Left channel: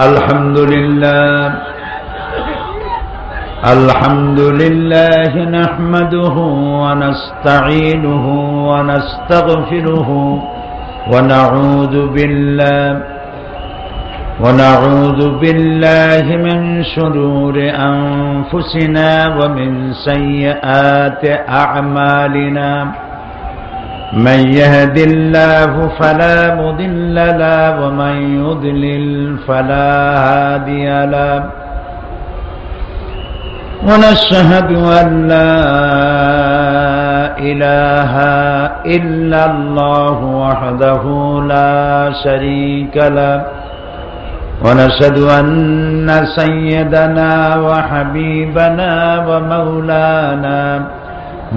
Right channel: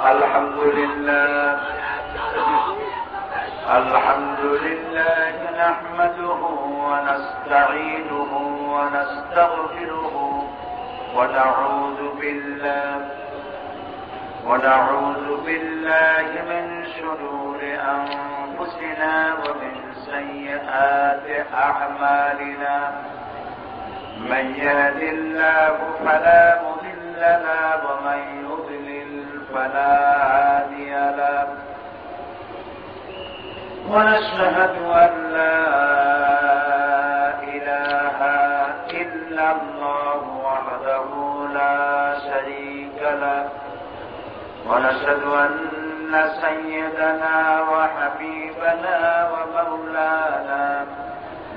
الحمد لله نحمده ونستعينه ونستغفره ونعوذ بالله من شرور أنفسنا ومن سيئات أعمالنا من يهد الله فلا مضل له ومن يضلل فلا هادي له ونشهد أن لا إله إلا الله وحده لا شريك له ونشهد أن سيدنا وحبيبنا ومولانا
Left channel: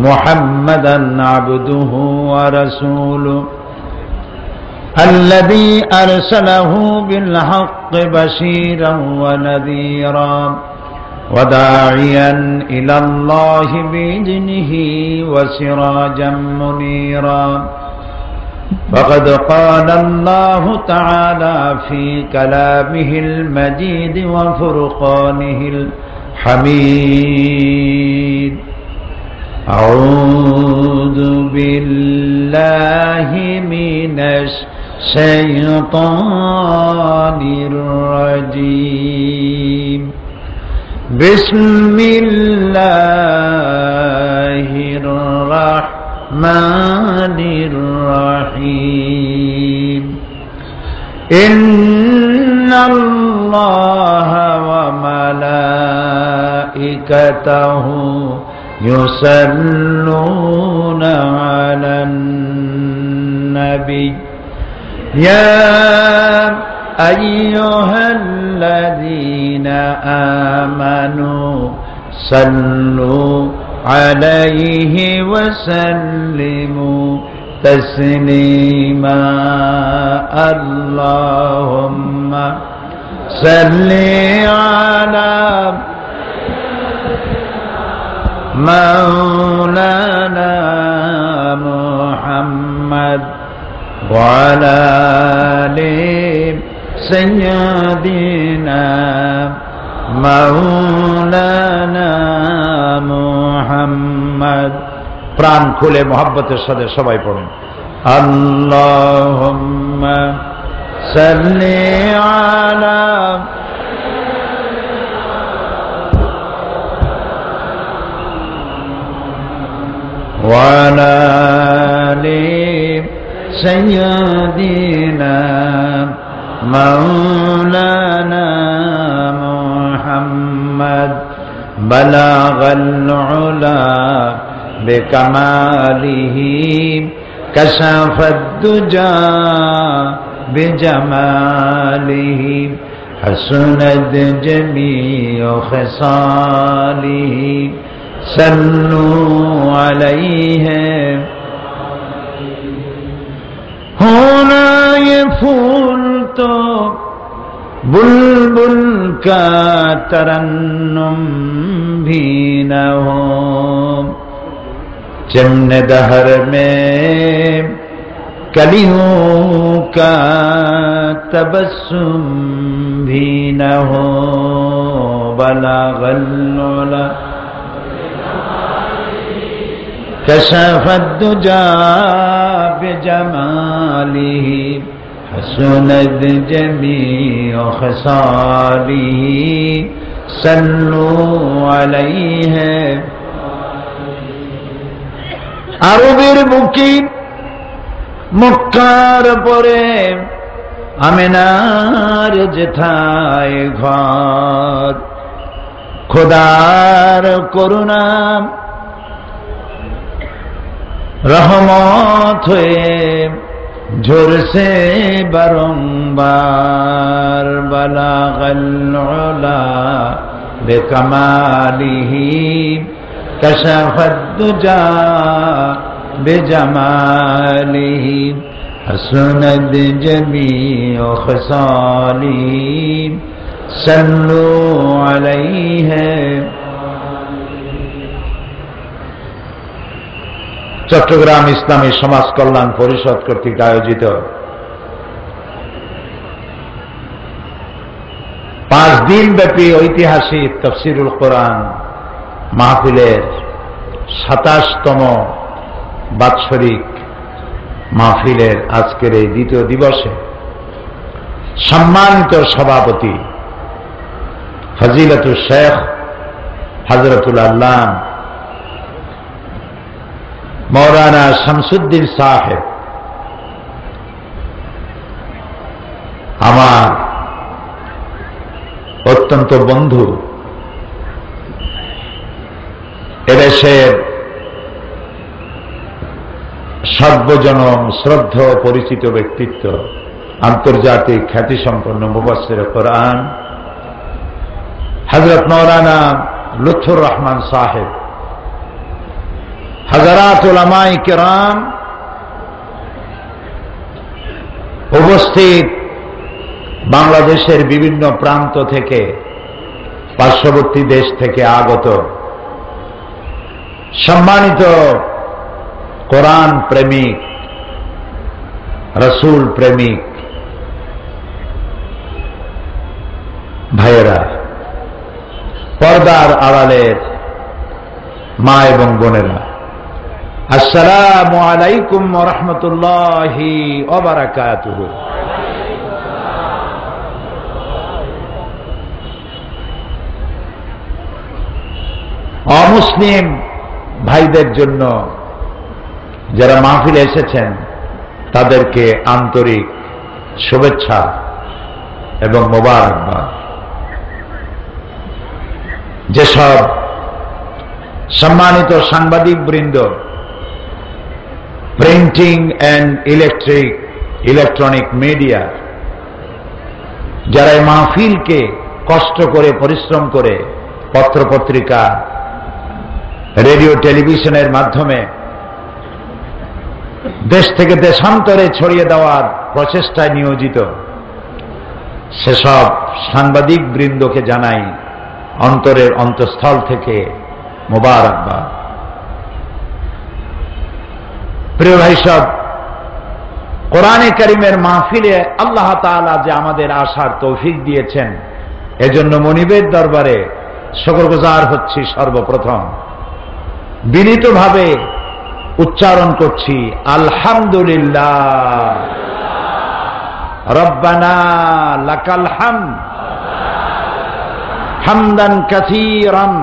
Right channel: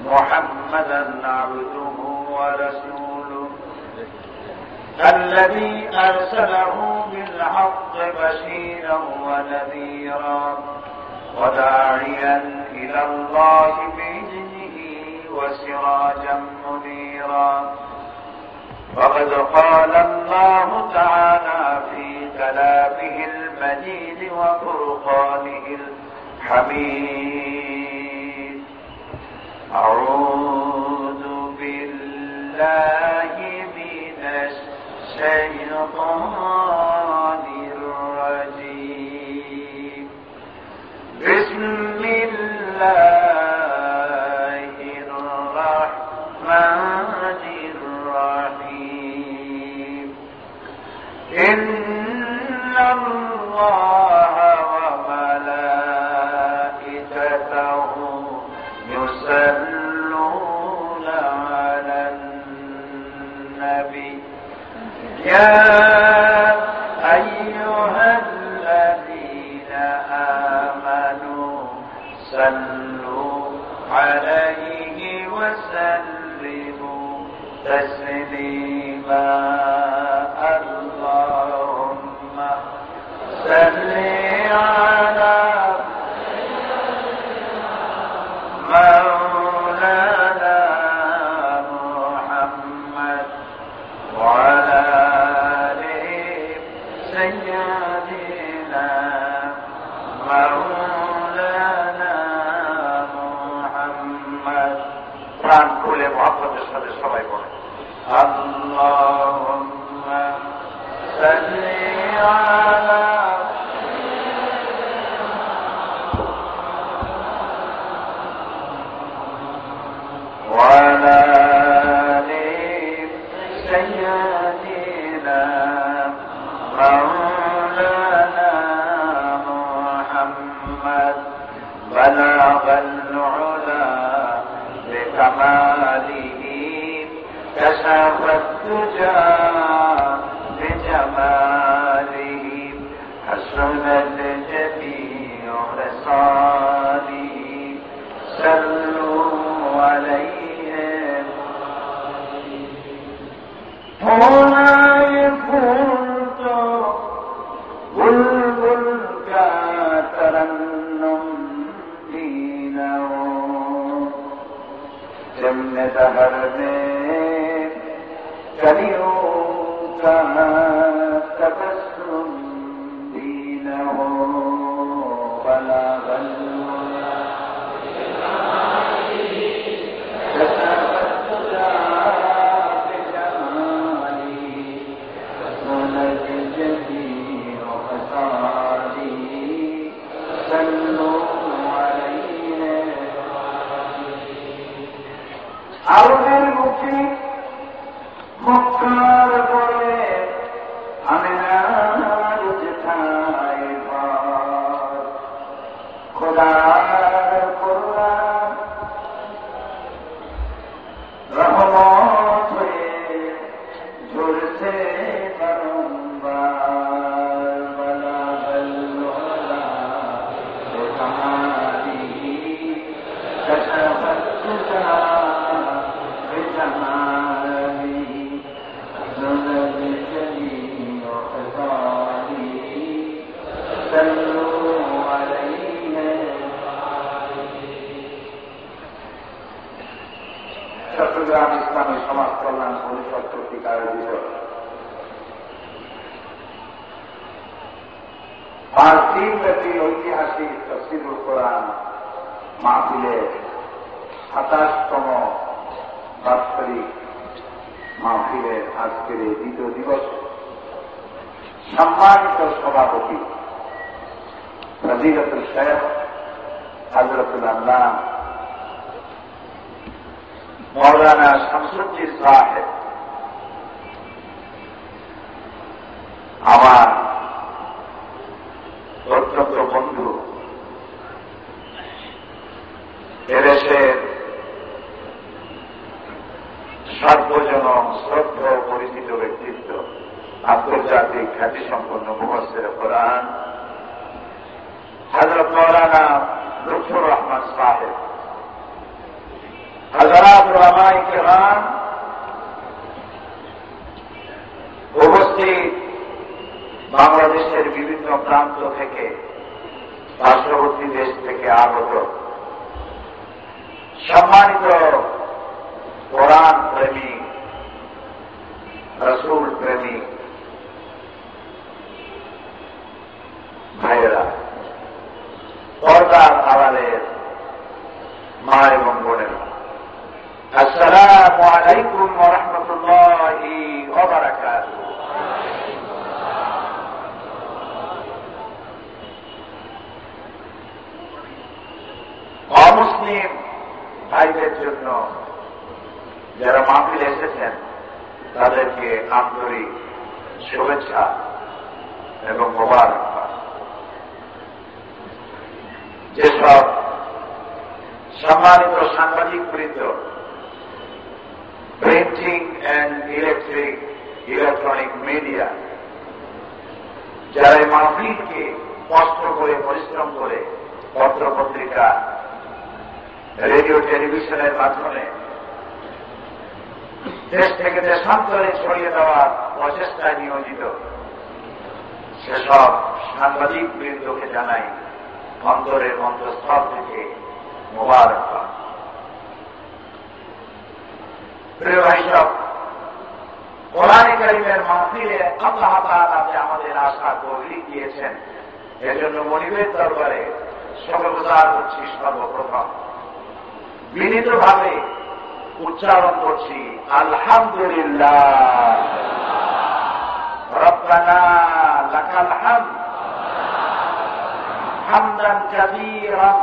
محمدا عبده ورسوله الذي أرسله بالحق بشيرا ونذيرا وداعيا إلى الله بإذنه وسراجا منيرا فقد قال الله تعالى في كلامه المجيد وفرقانه الحميد أعوذ بالله من الشيطان الرجيم بسم الله الرحمن الرحيم إن الله وملائكته يصلون على النبي يا أيها الذين آمنوا صلوا عليه وسلموا تسليما اللهم صل على مولانا محمد وعلى آل سيدنا مولانا محمد প্রাণ খুলে মহব্বতের সাথে সবাই পড়ুন আল্লাহুম্মা সাল্লি আলা وعلى آل سيدنا مولانا محمد بلغ العلا بكماله كشف الدجى بجماله حسنت جميع خصاله صلوا عليه ہونا یہ پھول تو بلبل کا ترنم بھی نہ ہو چمن دہر میں کلیوں کا تبسم بھی نہ ہو بلغ العلا كشف الدجى بجماله حسنت جميع خصاله صلوا عليه আরবের বুকে মক্কার পরে আমিনার যেথায় ঘর খোদার করুণা रहमत हुए झुरसे बारंबार बलागल उला बेकमालिही कशफत दुजा बेजमालिही हसनत जमीअ खसालिही सल्लु अलैहि চট্টগ্রাম ইসলামী সমাজ কল্যাণ পরিষদ কর্তৃক আয়োজিত 5 দিন ব্যাপী ঐতিহাসিক তাফসীরুল কোরআন মাহফিলের 27তম বাৎসরিক মাহফিলের আজকের এই দ্বিতীয় দিবসে সম্মানিত সভাপতি ফজিলাতুল শেখ হযরতুল আল্লামা মাওলানা শামসুদ্দিন সাহেব, আমার অত্যন্ত বন্ধু, এদেশের সর্বজনম শ্রদ্ধ পরিচিত ব্যক্তিত্ব, আন্তর্জাতিক খ্যাতিসম্পন্ন মুফাসসির কোরআন হযরত মাওলানা লুৎফুর রহমান সাহেব, হযরত উলামায়ে কিরাম, উপস্থিত বাংলাদেশের বিভিন্ন প্রান্ত থেকে, পার্শ্ববর্তী দেশ থেকে আগত সম্মানিত কোরআন প্রেমিক, রাসূল প্রেমিক ভাইয়েরা, পর্দার আড়ালের মা এবং বোনেরা, আসসালামু আলাইকুম ওয়া রাহমাতুল্লাহি ওয়া বারাকাতুহু। অমুসলিম ভাইদের জন্য যারা মাহফিলে এসেছেন তাদেরকে আন্তরিক শুভেচ্ছা এবং মোবারকবাদ। যেসব সম্মানিত সাংবাদিক বৃন্দ, প্রিন্টিং অ্যান্ড ইলেকট্রনিক মিডিয়া, যারা মাহফিলকে কষ্ট করে পরিশ্রম করে পত্রপত্রিকা, রেডিও টেলিভিশনের মাধ্যমে দেশ থেকে দেশান্তরে ছড়িয়ে দেওয়ার প্রচেষ্টায় নিয়োজিত, সেসব সাংবাদিক বৃন্দকে জানাই অন্তরের অন্তঃস্থল থেকে মোবারকবাদ। প্রিয় ভাই সব, কোরআনে কারিমের মাহফিলে আল্লাহ তাআলা যে আমাদের আসার তৌফিক দিয়েছেন, এজন্য মনিবের দরবারে শুকরগুজার হচ্ছি। সর্বপ্রথম বিনীতভাবে উচ্চারণ করছি আলহামদুলিল্লাহ, রব্বানা লাকাল হামদ হামদান কাসীরান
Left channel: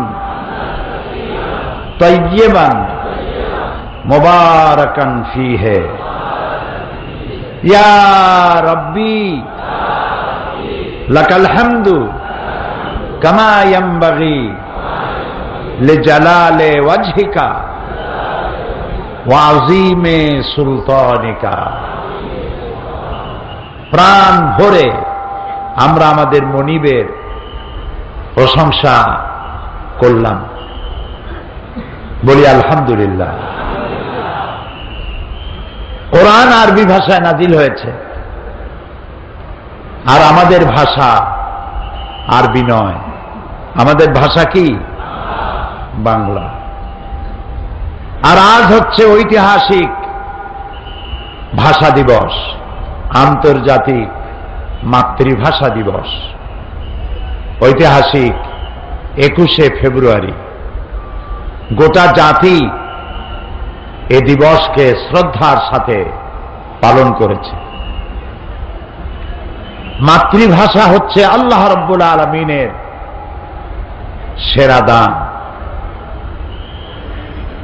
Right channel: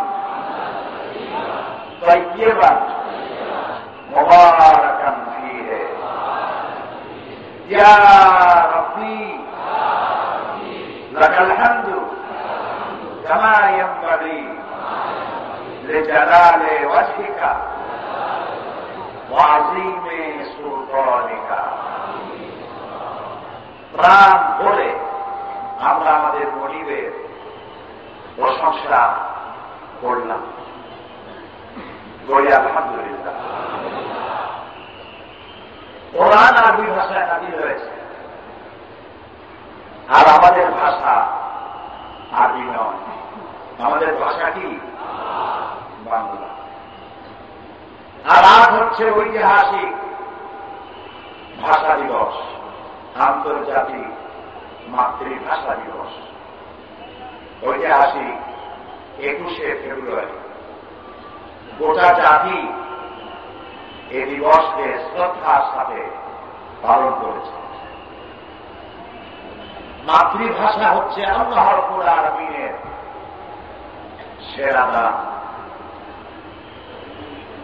তাইয়্যিবান মুবারাকান ফীহি ইয়া রাব্বি লাকাল হামদু কামা ইয়ানবাগি লিজালালি ওয়াজহিকা ওয়া আযীমি সুলতানিকা। প্রাণ ভরে আমরা আমাদের মনিবের প্রশংসা করলাম, বলি আলহামদুলিল্লাহ। কোরআন আরবি ভাষায় নাজিল হয়েছে, আর আমাদের ভাষা আরবি নয়, আমাদের ভাষা কি? বাংলা। আর আজ হচ্ছে ঐতিহাসিক ভাষা দিবস, আন্তর্জাতিক মাতৃভাষা দিবস, ঐতিহাসিক 21শে ফেব্রুয়ারি। গোটা জাতি এ দিবসকে শ্রদ্ধার সাথে পালন করেছে। মাতৃভাষা হচ্ছে আল্লাহ রাব্বুল আলামিনের সেরা দান।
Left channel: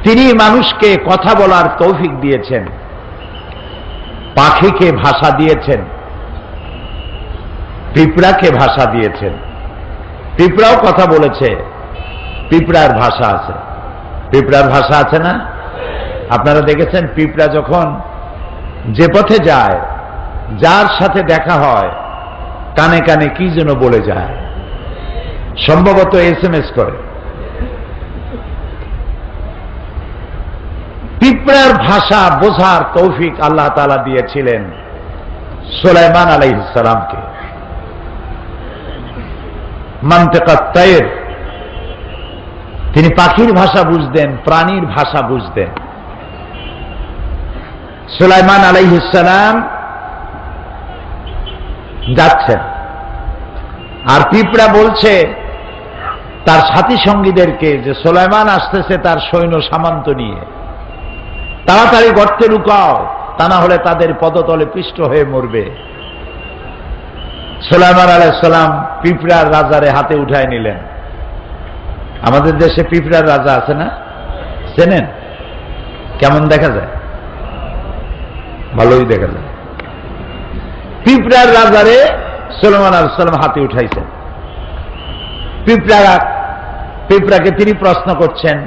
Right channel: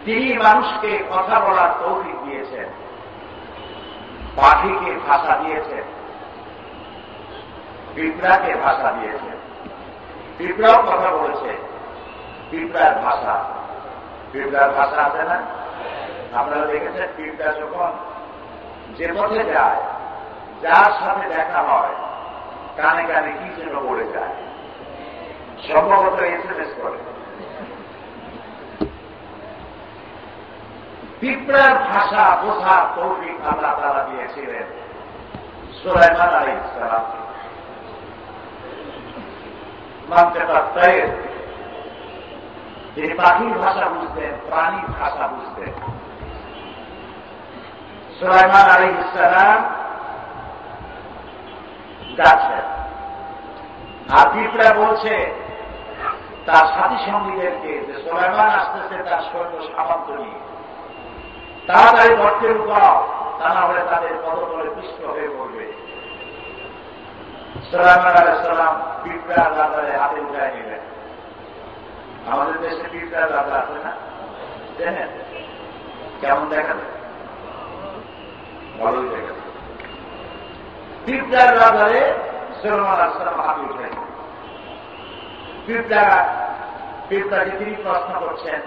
তিনি মানুষকে কথা বলার তৌফিক দিয়েছেন, পাখিকে ভাষা দিয়েছেন, পিঁপড়াকে ভাষা দিয়েছেন। পিঁপড়াও কথা বলেছে, পিঁপড়ার ভাষা আছে। পিঁপড়ার ভাষা আছে না? আপনারা দেখেছেন পিঁপড়া যখন যে পথে যায়, যার সাথে দেখা হয়, কানে কানে কি যেন বলে যায়, সম্ভবত SMS করে। পিঁপড়ার ভাষা বোঝার তৌফিক আল্লাহ তাআলা দিয়েছিলেন সুলাইমান আলাইহিস সালামকে। মানতিকাত তায়র, তিনি পাখির ভাষা বুঝতেন, প্রাণীর ভাষা বুঝতেন। সুলাইমান আলাইহিস সালাম যাচ্ছেন, আর পিঁপড়া বলছে তার সাথী সঙ্গীদেরকে যে সুলাইমান আসতেছে তার সৈন্য সামন্ত নিয়ে, তাড়াতাড়ি গর্তে লুকাও, তা না হলে তাদের পদতলে পিষ্ট হয়ে মরবে। সুলাইমান আলাইহিস সালাম পিঁপড়ার রাজারে হাতে উঠায় নিলেন। আমাদের দেশে পিঁপড়ার রাজা আছে না, চেনেন? কেমন দেখা যায়? ভালোই দেখা যায়। পিঁপড়ার রাজারে সুলাইমান আলাইহিস সালাম হাতে উঠাইছেন। পিঁপড়াকে তিনি প্রশ্ন করছেন,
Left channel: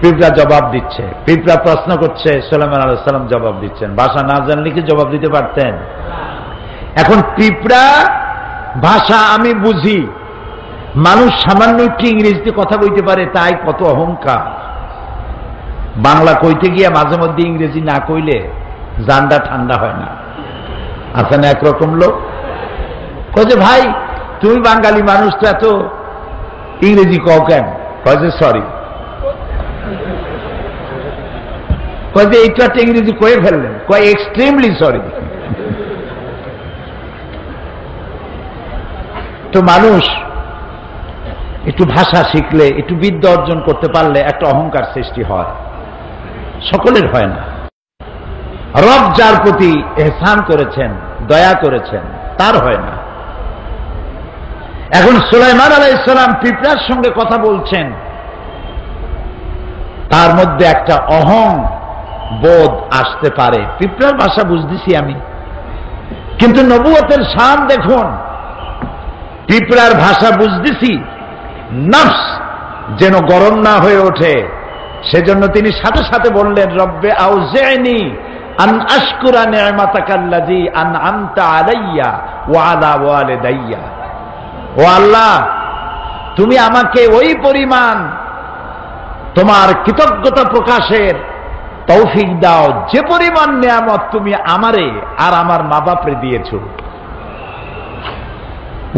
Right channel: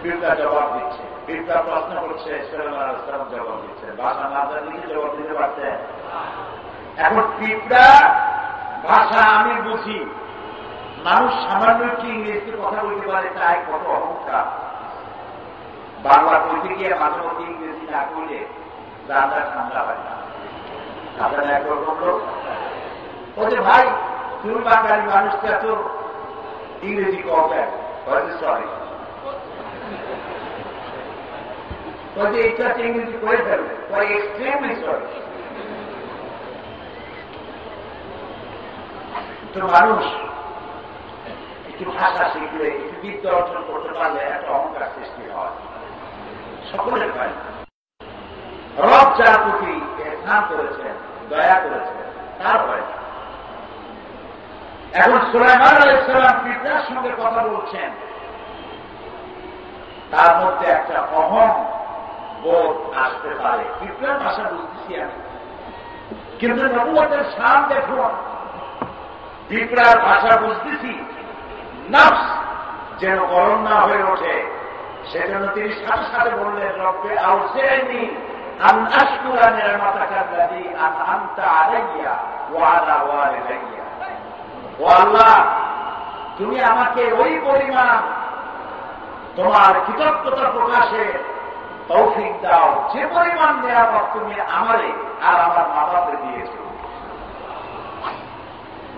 পিঁপড়া জবাব দিচ্ছে। পিঁপড়া প্রশ্ন করছে, সুলাইমান আলাইহিস সালাম জবাব দিচ্ছেন। ভাষা না জানলে কি জবাব দিতে পারতেন? এখন পিঁপড়া ভাষা আমি বুঝি, মানুষ সামান্য একটু ইংরেজিতে কথা বলতে পারে, তাই কত অহংকার। বাংলা কইতে গিয়ে মাঝে মধ্যে ইংরেজি না কইলে জানটা ঠান্ডা হয় না। আছে না একরকম লোক, কয়ে যে ভাই তুমি বাঙালি মানুষ তো এত ইংরেজি কও কেন? কয়ে যে সরি, কয়ে যে এইটা একটা ইংরেজি কয়ে ফেললেন, কয়ে এক্সট্রিমলি সরি। তো মানুষ একটু ভাষা শিখলে, একটু বিদ্যা অর্জন করতে পারলে একটা অহংকার সৃষ্টি হয়, সকলের হয় না। রব যার প্রতি এহসান করেছেন, দয়া করেছেন, তার হয় না। এখন সুলাইমান আলাইহিস সালাম পিঁপড়ার সঙ্গে কথা বলছেন, তার মধ্যে একটা অহং বোধ আসতে পারে। পিঁপড়ার ভাষা বুঝতেছি আমি, কিন্তু নবুয়তের শান দেখুন, পিঁপড়ার ভাষা বুঝতেছি, নফস যেন গরম না হয়ে ওঠে, সেজন্য তিনি সাথে সাথে বললেন, রব্বে আউজি'নি আন আশকুরা নি'মাতাকাল্লাযী আন'আমতা আলাইয়া ওয়া আলা ওয়ালিদাইয়া। ও আল্লাহ, তুমি আমাকে ওই পরিমাণ তোমার কৃতজ্ঞতা প্রকাশের তৌফিক দাও যে পরিমাণ নিয়ামত তুমি আমারে আর আমার মা বাপরে দিয়েছো।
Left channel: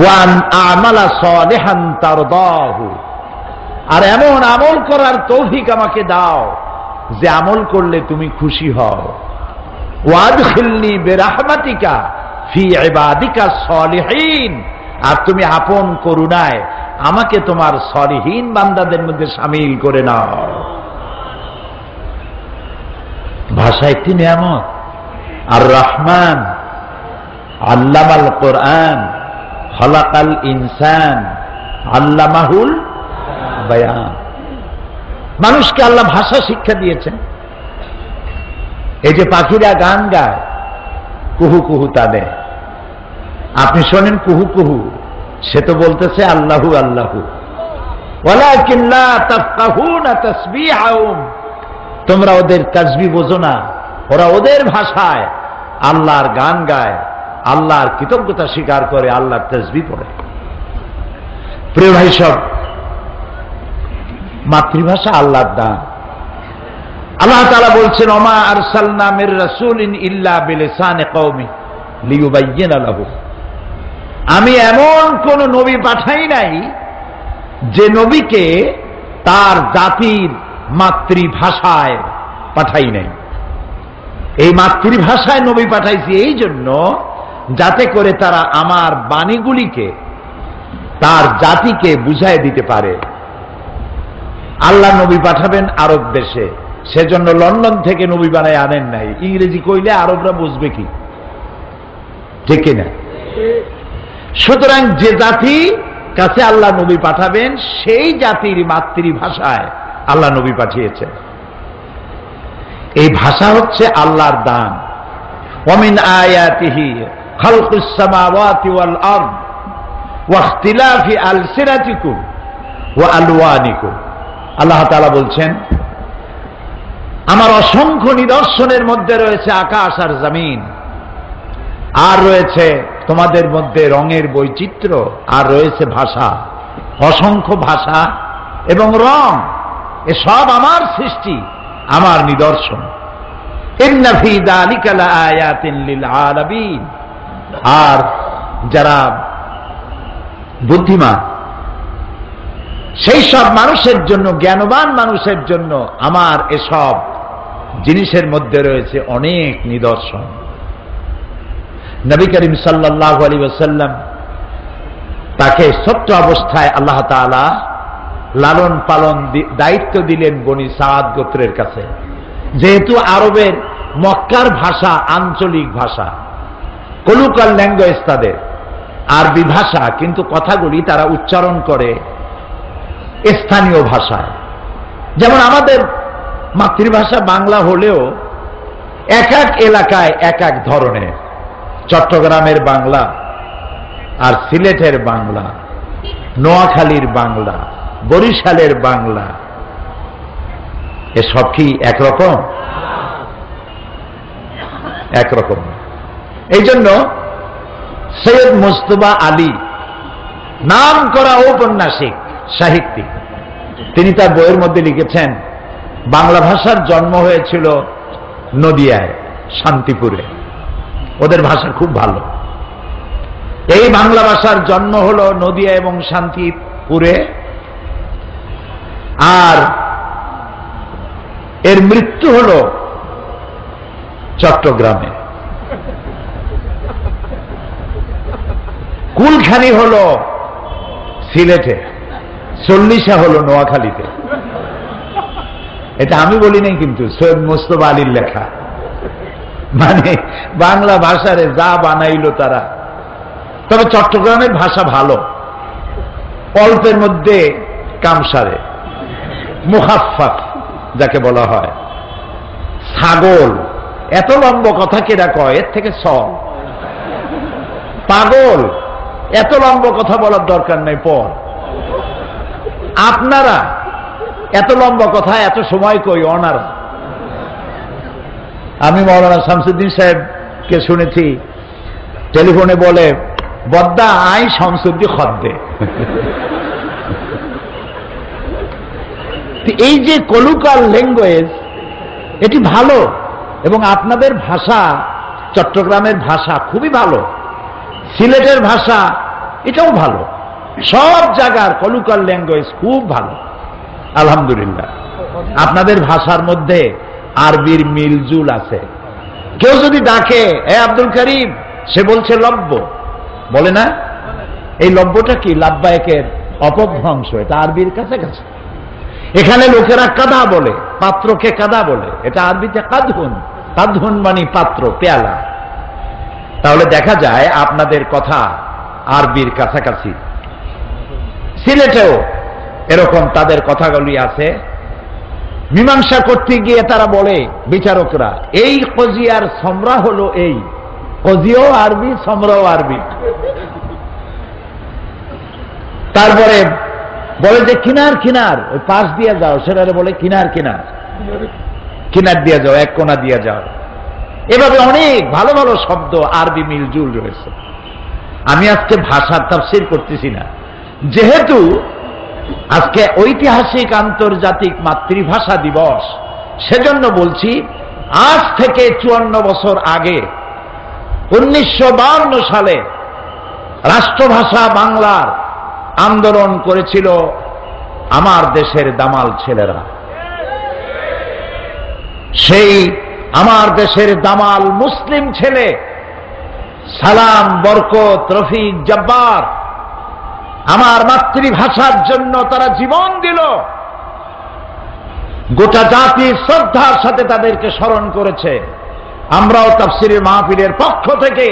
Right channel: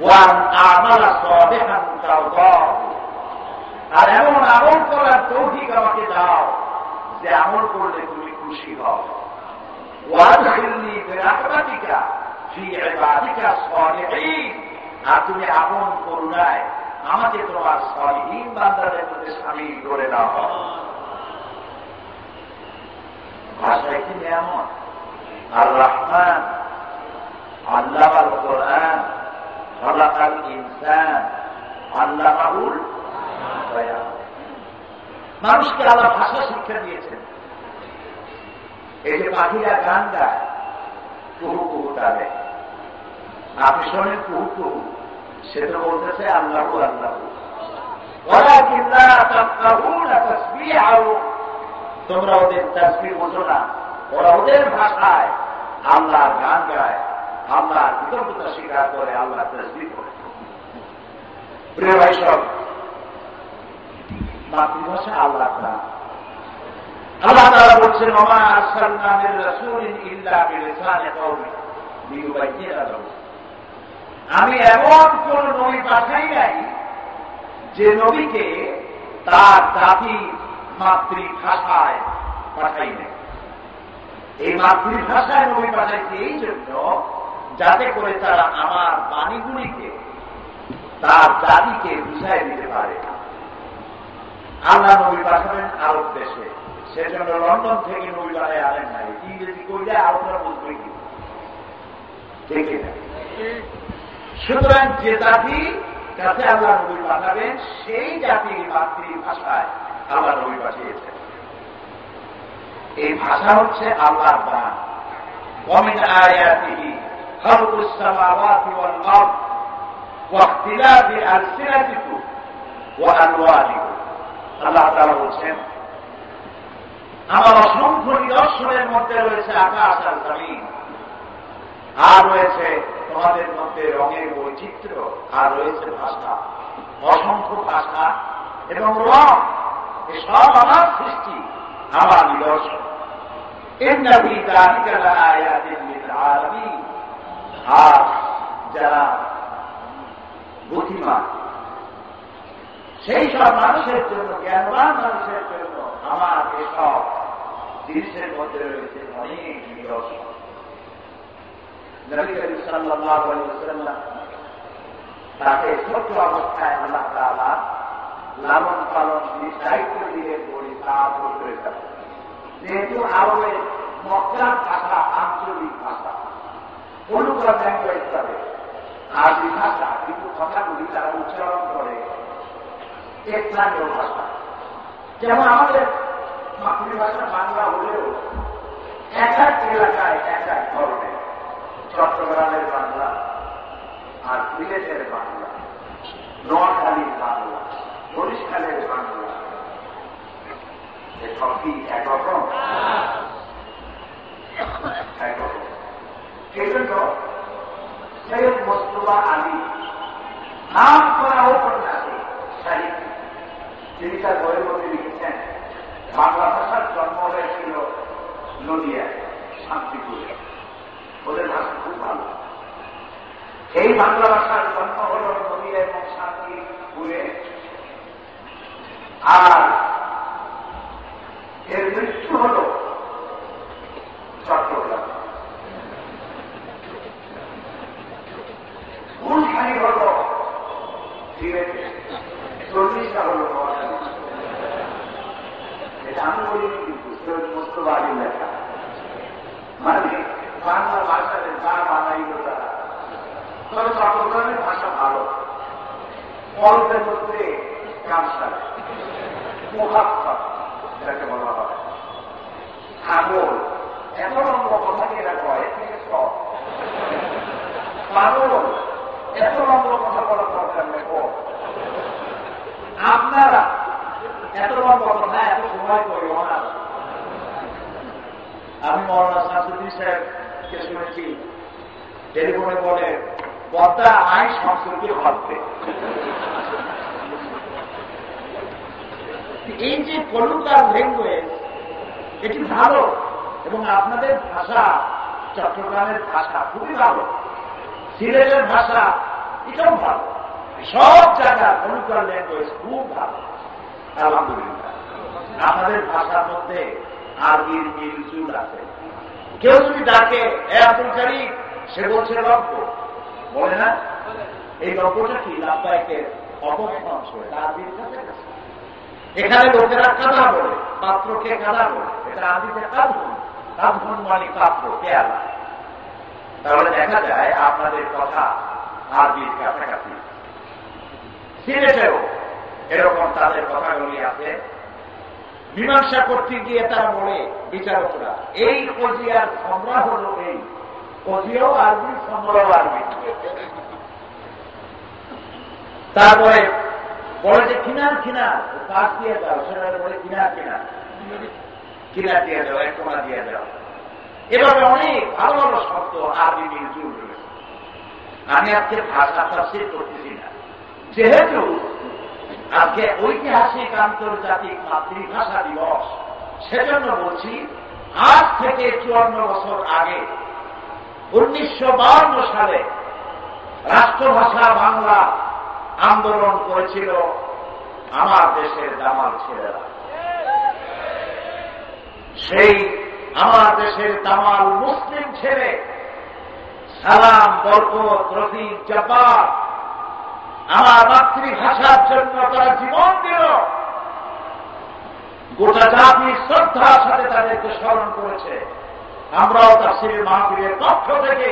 ওয়ান আমালা সালিহান তারদাহু, আর এমন আমল করার তৌফিক আমাকে দাও যে আমল করলে তুমি খুশি হও। ওয়াদখিলনি বিরাহমাতিকা ফি ইবাদিকা সালিহিন, আর তুমি আপন করুণায় আমাকে তোমার সলিহীন বান্দাদের মধ্যে শামিল করে নাও। ভাষা একটি নিয়ামত। আর রহমান আল্লামাল কোরআন খলাকাল ইনসান আল্লামাহুল বায়ান। মানুষকে আল্লাহ ভাষা শিক্ষা দিয়েছেন। এই যে পাখিরা গান গায়, কুহু কুহু তাদের, আপনি শোনেন কুহু কুহু, সে তো বলতেছে আল্লাহু আল্লাহু। ওয়ালাকিন লা তাফকাহুনা তাসবিহাহুম, তোমরা ওদের তাসবিহ বোঝো না। ওরা ওদের ভাষায় আল্লাহর গান গায়, আল্লাহর কৃতজ্ঞতা স্বীকার করে, আল্লাহর তাসবিহ পড়ে। প্রিয় ভাই সব, মাতৃভাষা আল্লাহর দান। আল্লাহ তাআলা বলছেন, ওমা আরসালনা মির রাসূলিন ইল্লা বিলিসানি কওমি লিয়ুবায়্যিনা লাহু। আমি এমন কোন নবী পাঠাই নাই যে নবীকে তার জাতির মাতৃভাষায় পাঠাই নাই। এই মাতৃভাষায় নবী পাঠাইছি এই জন্য যাতে করে তারা আমার বাণীগুলিকে তার জাতিকে বুঝায় দিতে পারে। আল্লাহ নবী পাঠাবেন আরব দেশে, সেজন্য লন্ডন থেকে নবী বানায় আনেন নাই। ইংরেজি কইলে আরবরা বুঝবে কি, ঠিক কিনা? সুতরাং যে জাতি কাছে আল্লাহ নবী পাঠাবেন সেই জাতির মাতৃভাষায় আল্লাহ নবী পাঠিয়েছেন। এই ভাষা হচ্ছে আল্লাহর দান। ওয়ামিন আয়াতিহি খালকুস সামাওয়াতি ওয়াল আরদ ওয়া ইখতিলাফি আলসিনাতিকুম ওয়া আলওয়ানিকুম। আল্লাহ তাআলা বলছেন, আমার অসংখ্য নিদর্শনের মধ্যে রয়েছে আকাশ আর জমিন, আর রয়েছে তোমাদের মধ্যে রঙের বৈচিত্র্য, আর রয়েছে ভাষা। অসংখ্য ভাষা এবং রং, এসব আমার সৃষ্টি, আমার নিদর্শন। ইন্না ফী যালিকা লাআয়াতিন লিল আলামিন। আর যারা বুদ্ধিমান সেই সব মানুষের জন্য, জ্ঞানবান মানুষের জন্য আমার এসব জিনিসের মধ্যে রয়েছে অনেক নিদর্শন। নবী করিম সাল্লাল্লাহু আলাইহি ওয়াসাল্লাম তাকে ছোট্ট অবস্থায় আল্লাহ তাআলা লালন পালন দায়িত্ব দিলেন বনি সাদ গোত্রের কাছে। যেহেতু আরবের মক্কার ভাষা আঞ্চলিক ভাষা, কলুকাল ল্যাঙ্গুয়েজ তাদের আরবি ভাষা, কিন্তু কথাগুলি তারা উচ্চারণ করে স্থানীয় ভাষায়। যেমন আমাদের মাতৃভাষা বাংলা হলেও এক এক এলাকায় এক এক ধরনের। চট্টগ্রামের বাংলা আর সিলেটের বাংলা, নোয়াখালীর বাংলা, বরিশালের বাংলা, এসব কি একরকম? একরকম। এই জন্য সৈয়দ মুজতবা আলী, নাম করা ঔপন্যাসিক সাহিত্যিক, তিনি তার বইয়ের মধ্যে লিখেছেন বাংলা ভাষার জন্ম হয়েছিল নদিয়ায়, শান্তিপুরে। ওদের ভাষা খুব ভালো। এই বাংলা ভাষার জন্ম হলো নদিয়া এবং শান্তিপুরে, আর এর মৃত্যু হলো চট্টগ্রামে। কুলখানি হলো সিলেটে, চল্লিশা হলো নোয়াখালীতে। এটা আমি বলি নাই, কিন্তু সৈয়দ মুজতবা আলীর লেখা। মানে বাংলা ভাষারে যা বানাইলো তারা। তবে চট্টগ্রামের ভাষা ভালো, অল্পের মধ্যে কামসারে, মুখাফফাফ যাকে বলা হয়। ছাগল, এত লম্বা কথা কেরা কয়, এর থেকে সব। পাগল, এত লম্বা কথা বলার দরকার নাই, পর। আপনারা এত লম্বা কথা এত সময় কই অনারা। আমি মৌলানা শামসুদ্দিন সাহেবকে শুনেছি টেলিফোনে বলে, বদ্দা আই শামসুদ্দি খদ্দে। এই যে কলুকাল ল্যাঙ্গুয়েজ, এটি ভালো, এবং আপনাদের ভাষা, চট্টগ্রামের ভাষা খুবই ভালো, সিলেটের ভাষা এটাও ভালো। সব জায়গার কলুকাল ল্যাঙ্গুয়েজ খুব ভালো, আলহামদুলিল্লাহ। আপনাদের ভাষার মধ্যে আরবির মিলজুল আছে। কেউ যদি ডাকে এ আব্দুল করিম, সে বলছে লব্য, বলে না? এই লব্যটা কি? লাব্বায়কের অপভ্রংশ, এটা আরবির কাছাকাছি। এখানে লোকেরা কাদা বলে, পাত্রকে কাদা বলে, এটা আরবিতে কাদহুন। কাদহুন মানে পাত্র, পেয়ালা। তাহলে দেখা যায় আপনাদের কথা আরবির কাছাকাছি। সিলেটেও এরকম তাদের কথাগুলি আছে। মীমাংসা করতে গিয়ে তারা বলে, বিচারকরা, এই কজিয়ার সমরা হলো এই। কজিও আরবি, সমরাও আরবি। তারপরে বলে যে কিনার কিনার, ওই পাশ দিয়ে যাও, সেটা বলে কিনার কিনার, কিনার দিয়ে যাও, এক কোনা দিয়ে যাও। এভাবে অনেক ভালো ভালো শব্দ আরবি মিলজুল রয়েছে। আমি আজকে ভাষার তাফসীর করতেছি না, যেহেতু আজকে ঐতিহাসিক আন্তর্জাতিক মাতৃভাষা দিবস, সেজন্য বলছি আজ থেকে 54 বছর আগে 1952 সালে রাষ্ট্রভাষা বাংলার আন্দোলন করেছিল আমার দেশের দামাল ছেলেরা। সেই আমার দেশের দামাল মুসলিম ছেলে সালাম, বরকত, রফিক, জব্বার আমার মাতৃভাষার জন্য তারা জীবন দিল। গোটা জাতির শ্রদ্ধার সাথে তাদেরকে স্মরণ করেছে। আমরাও তাফসীরের মাহফিলের পক্ষ থেকে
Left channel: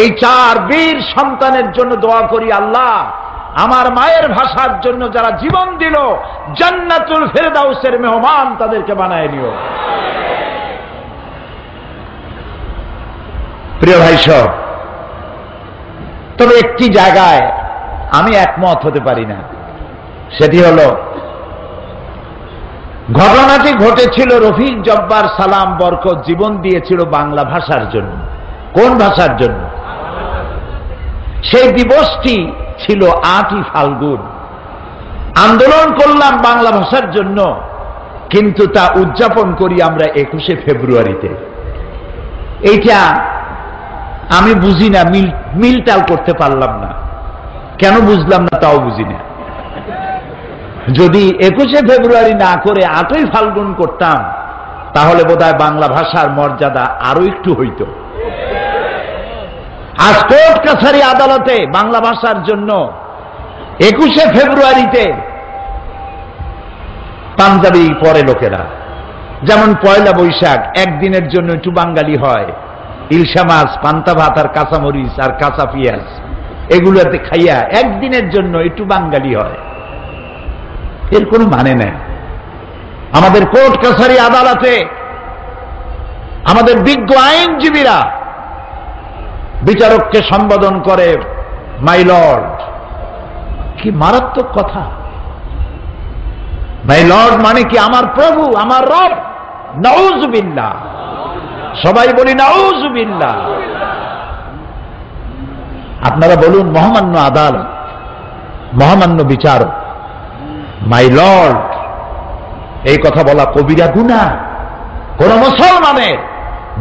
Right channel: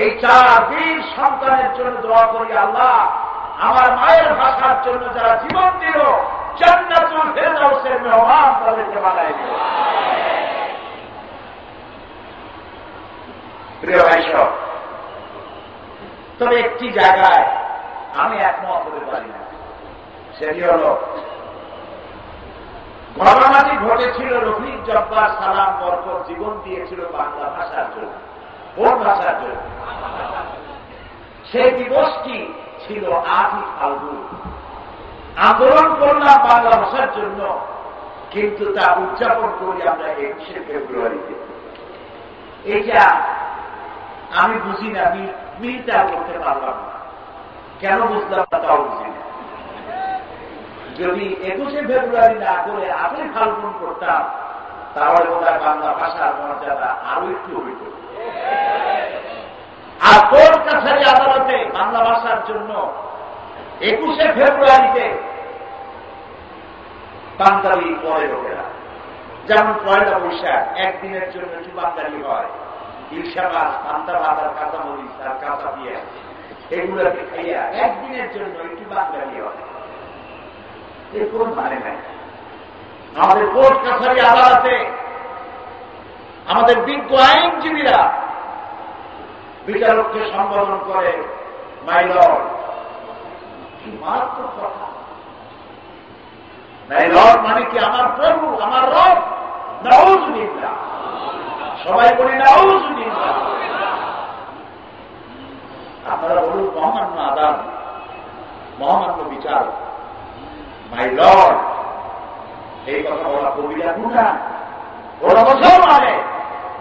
এই 4 বীর সন্তানের জন্য দোয়া করি, আল্লাহ আমার মায়ের ভাষার জন্য যারা জীবন দিল, জান্নাতুল ফেরদাউসের মেহমান তাদেরকে বানায় নিও। প্রিয় ভাই সব, তবে একটি জায়গায় আমি একমত হতে পারি না, সেটি হলো ঘটনাটি ঘটেছিল রফিক, জব্বার, সালাম, বরকত জীবন দিয়েছিল বাংলা ভাষার জন্য। কোন ভাষার জন্য? সেই দিবসটি ছিল 8ই ফাল্গুন। আন্দোলন করলাম বাংলা ভাষার জন্য, কিন্তু তা উদযাপন করি আমরা 21শে ফেব্রুয়ারিতে। এইটা আমি বুঝি না, মিলটাল করতে পারলাম না। কেন বুঝলাম না তাও বুঝি না। যদি 21শে ফেব্রুয়ারি না করে 8ই ফাল্গুন করতাম, তাহলে বোধহয় বাংলা ভাষার মর্যাদা আরো একটু হইত। আজ কোর্ট কাছারি আদালতে বাংলা ভাষার জন্য 21শে ফেব্রুয়ারিতে পাঞ্জাবি পরে লোকেরা, যেমন পয়লা বৈশাখ একদিনের জন্য একটু বাঙালি হয়, ইলশা মাছ, পান্তা ভাত আর কাঁচামরিচ আর কাঁচা পেঁয়াজ এগুলোতে খাইয়া একদিনের জন্য একটু বাঙালি হয়। এর কোনো মানে নেই। আমাদের কোর্ট কাছারি আদালতে আমাদের বিজ্ঞ আইনজীবীরা বিচারককে সম্বোধন করে মাই লর্ড। কি মারাত্মক কথা! মাই লর্ড মানে কি আমার প্রভু, আমার রব। নাউযুবিল্লাহ, সবাই বলি নাউযুবিল্লাহ। আপনারা বলুন মহামান্য আদালত, মহামান্য বিচারক, মাই লর্ড, এই কথা বলা কবিরা গুনাহ। কোন মুসলমানে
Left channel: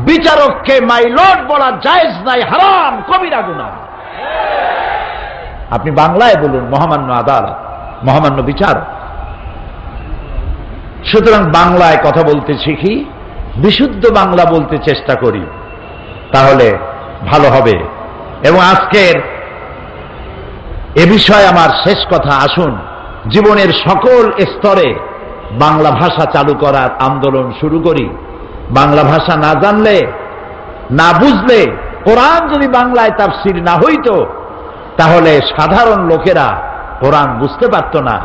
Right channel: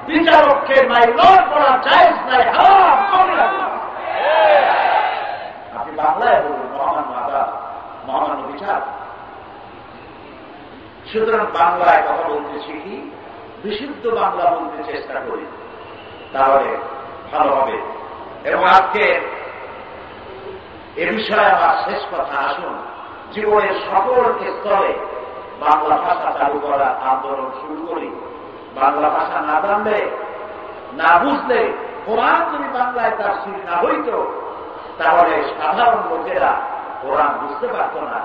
বিচারককে মাই লর্ড বলা জায়েজ নাই, হারাম, কবিরা গুনাহ। আপনি বাংলায় বলুন মহামান্য আদালত, মহামান্য বিচারক। সুতরাং বাংলায় কথা বলতে শিখি, বিশুদ্ধ বাংলা বলতে চেষ্টা করি, তাহলে ভালো হবে। এবং আজকের এ বিষয়ে আমার শেষ কথা, আসুন জীবনের সকল স্তরে বাংলা ভাষা চালু করার আন্দোলন শুরু করি। বাংলা ভাষা না জানলে, না বুঝলে, কোরআন যদি বাংলায় তাফসীর না হইতো তাহলে সাধারণ লোকেরা কোরআন বুঝতে পারত না।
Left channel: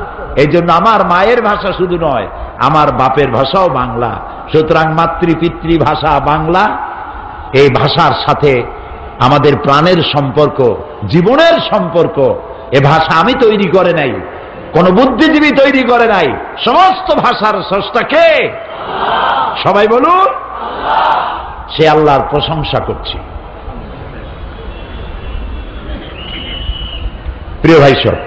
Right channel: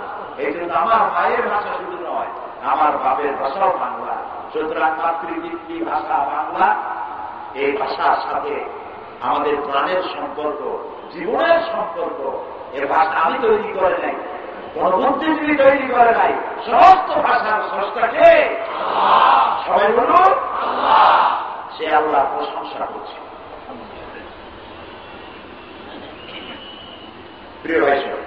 এই জন্য আমার মায়ের ভাষা শুধু নয়, আমার বাপের ভাষাও বাংলা। সুতরাং মাতৃপিতৃ ভাষা বাংলা। এই ভাষার সাথে আমাদের প্রাণের সম্পর্ক, জীবনের সম্পর্ক। এ ভাষা আমি তৈরি করে নাই, কোন বুদ্ধিজীবী তৈরি করে নাই। সমস্ত ভাষার স্রষ্টা কে? সবাই বলুন, সে আল্লাহর প্রশংসা করছি। প্রিয় ভাই সব,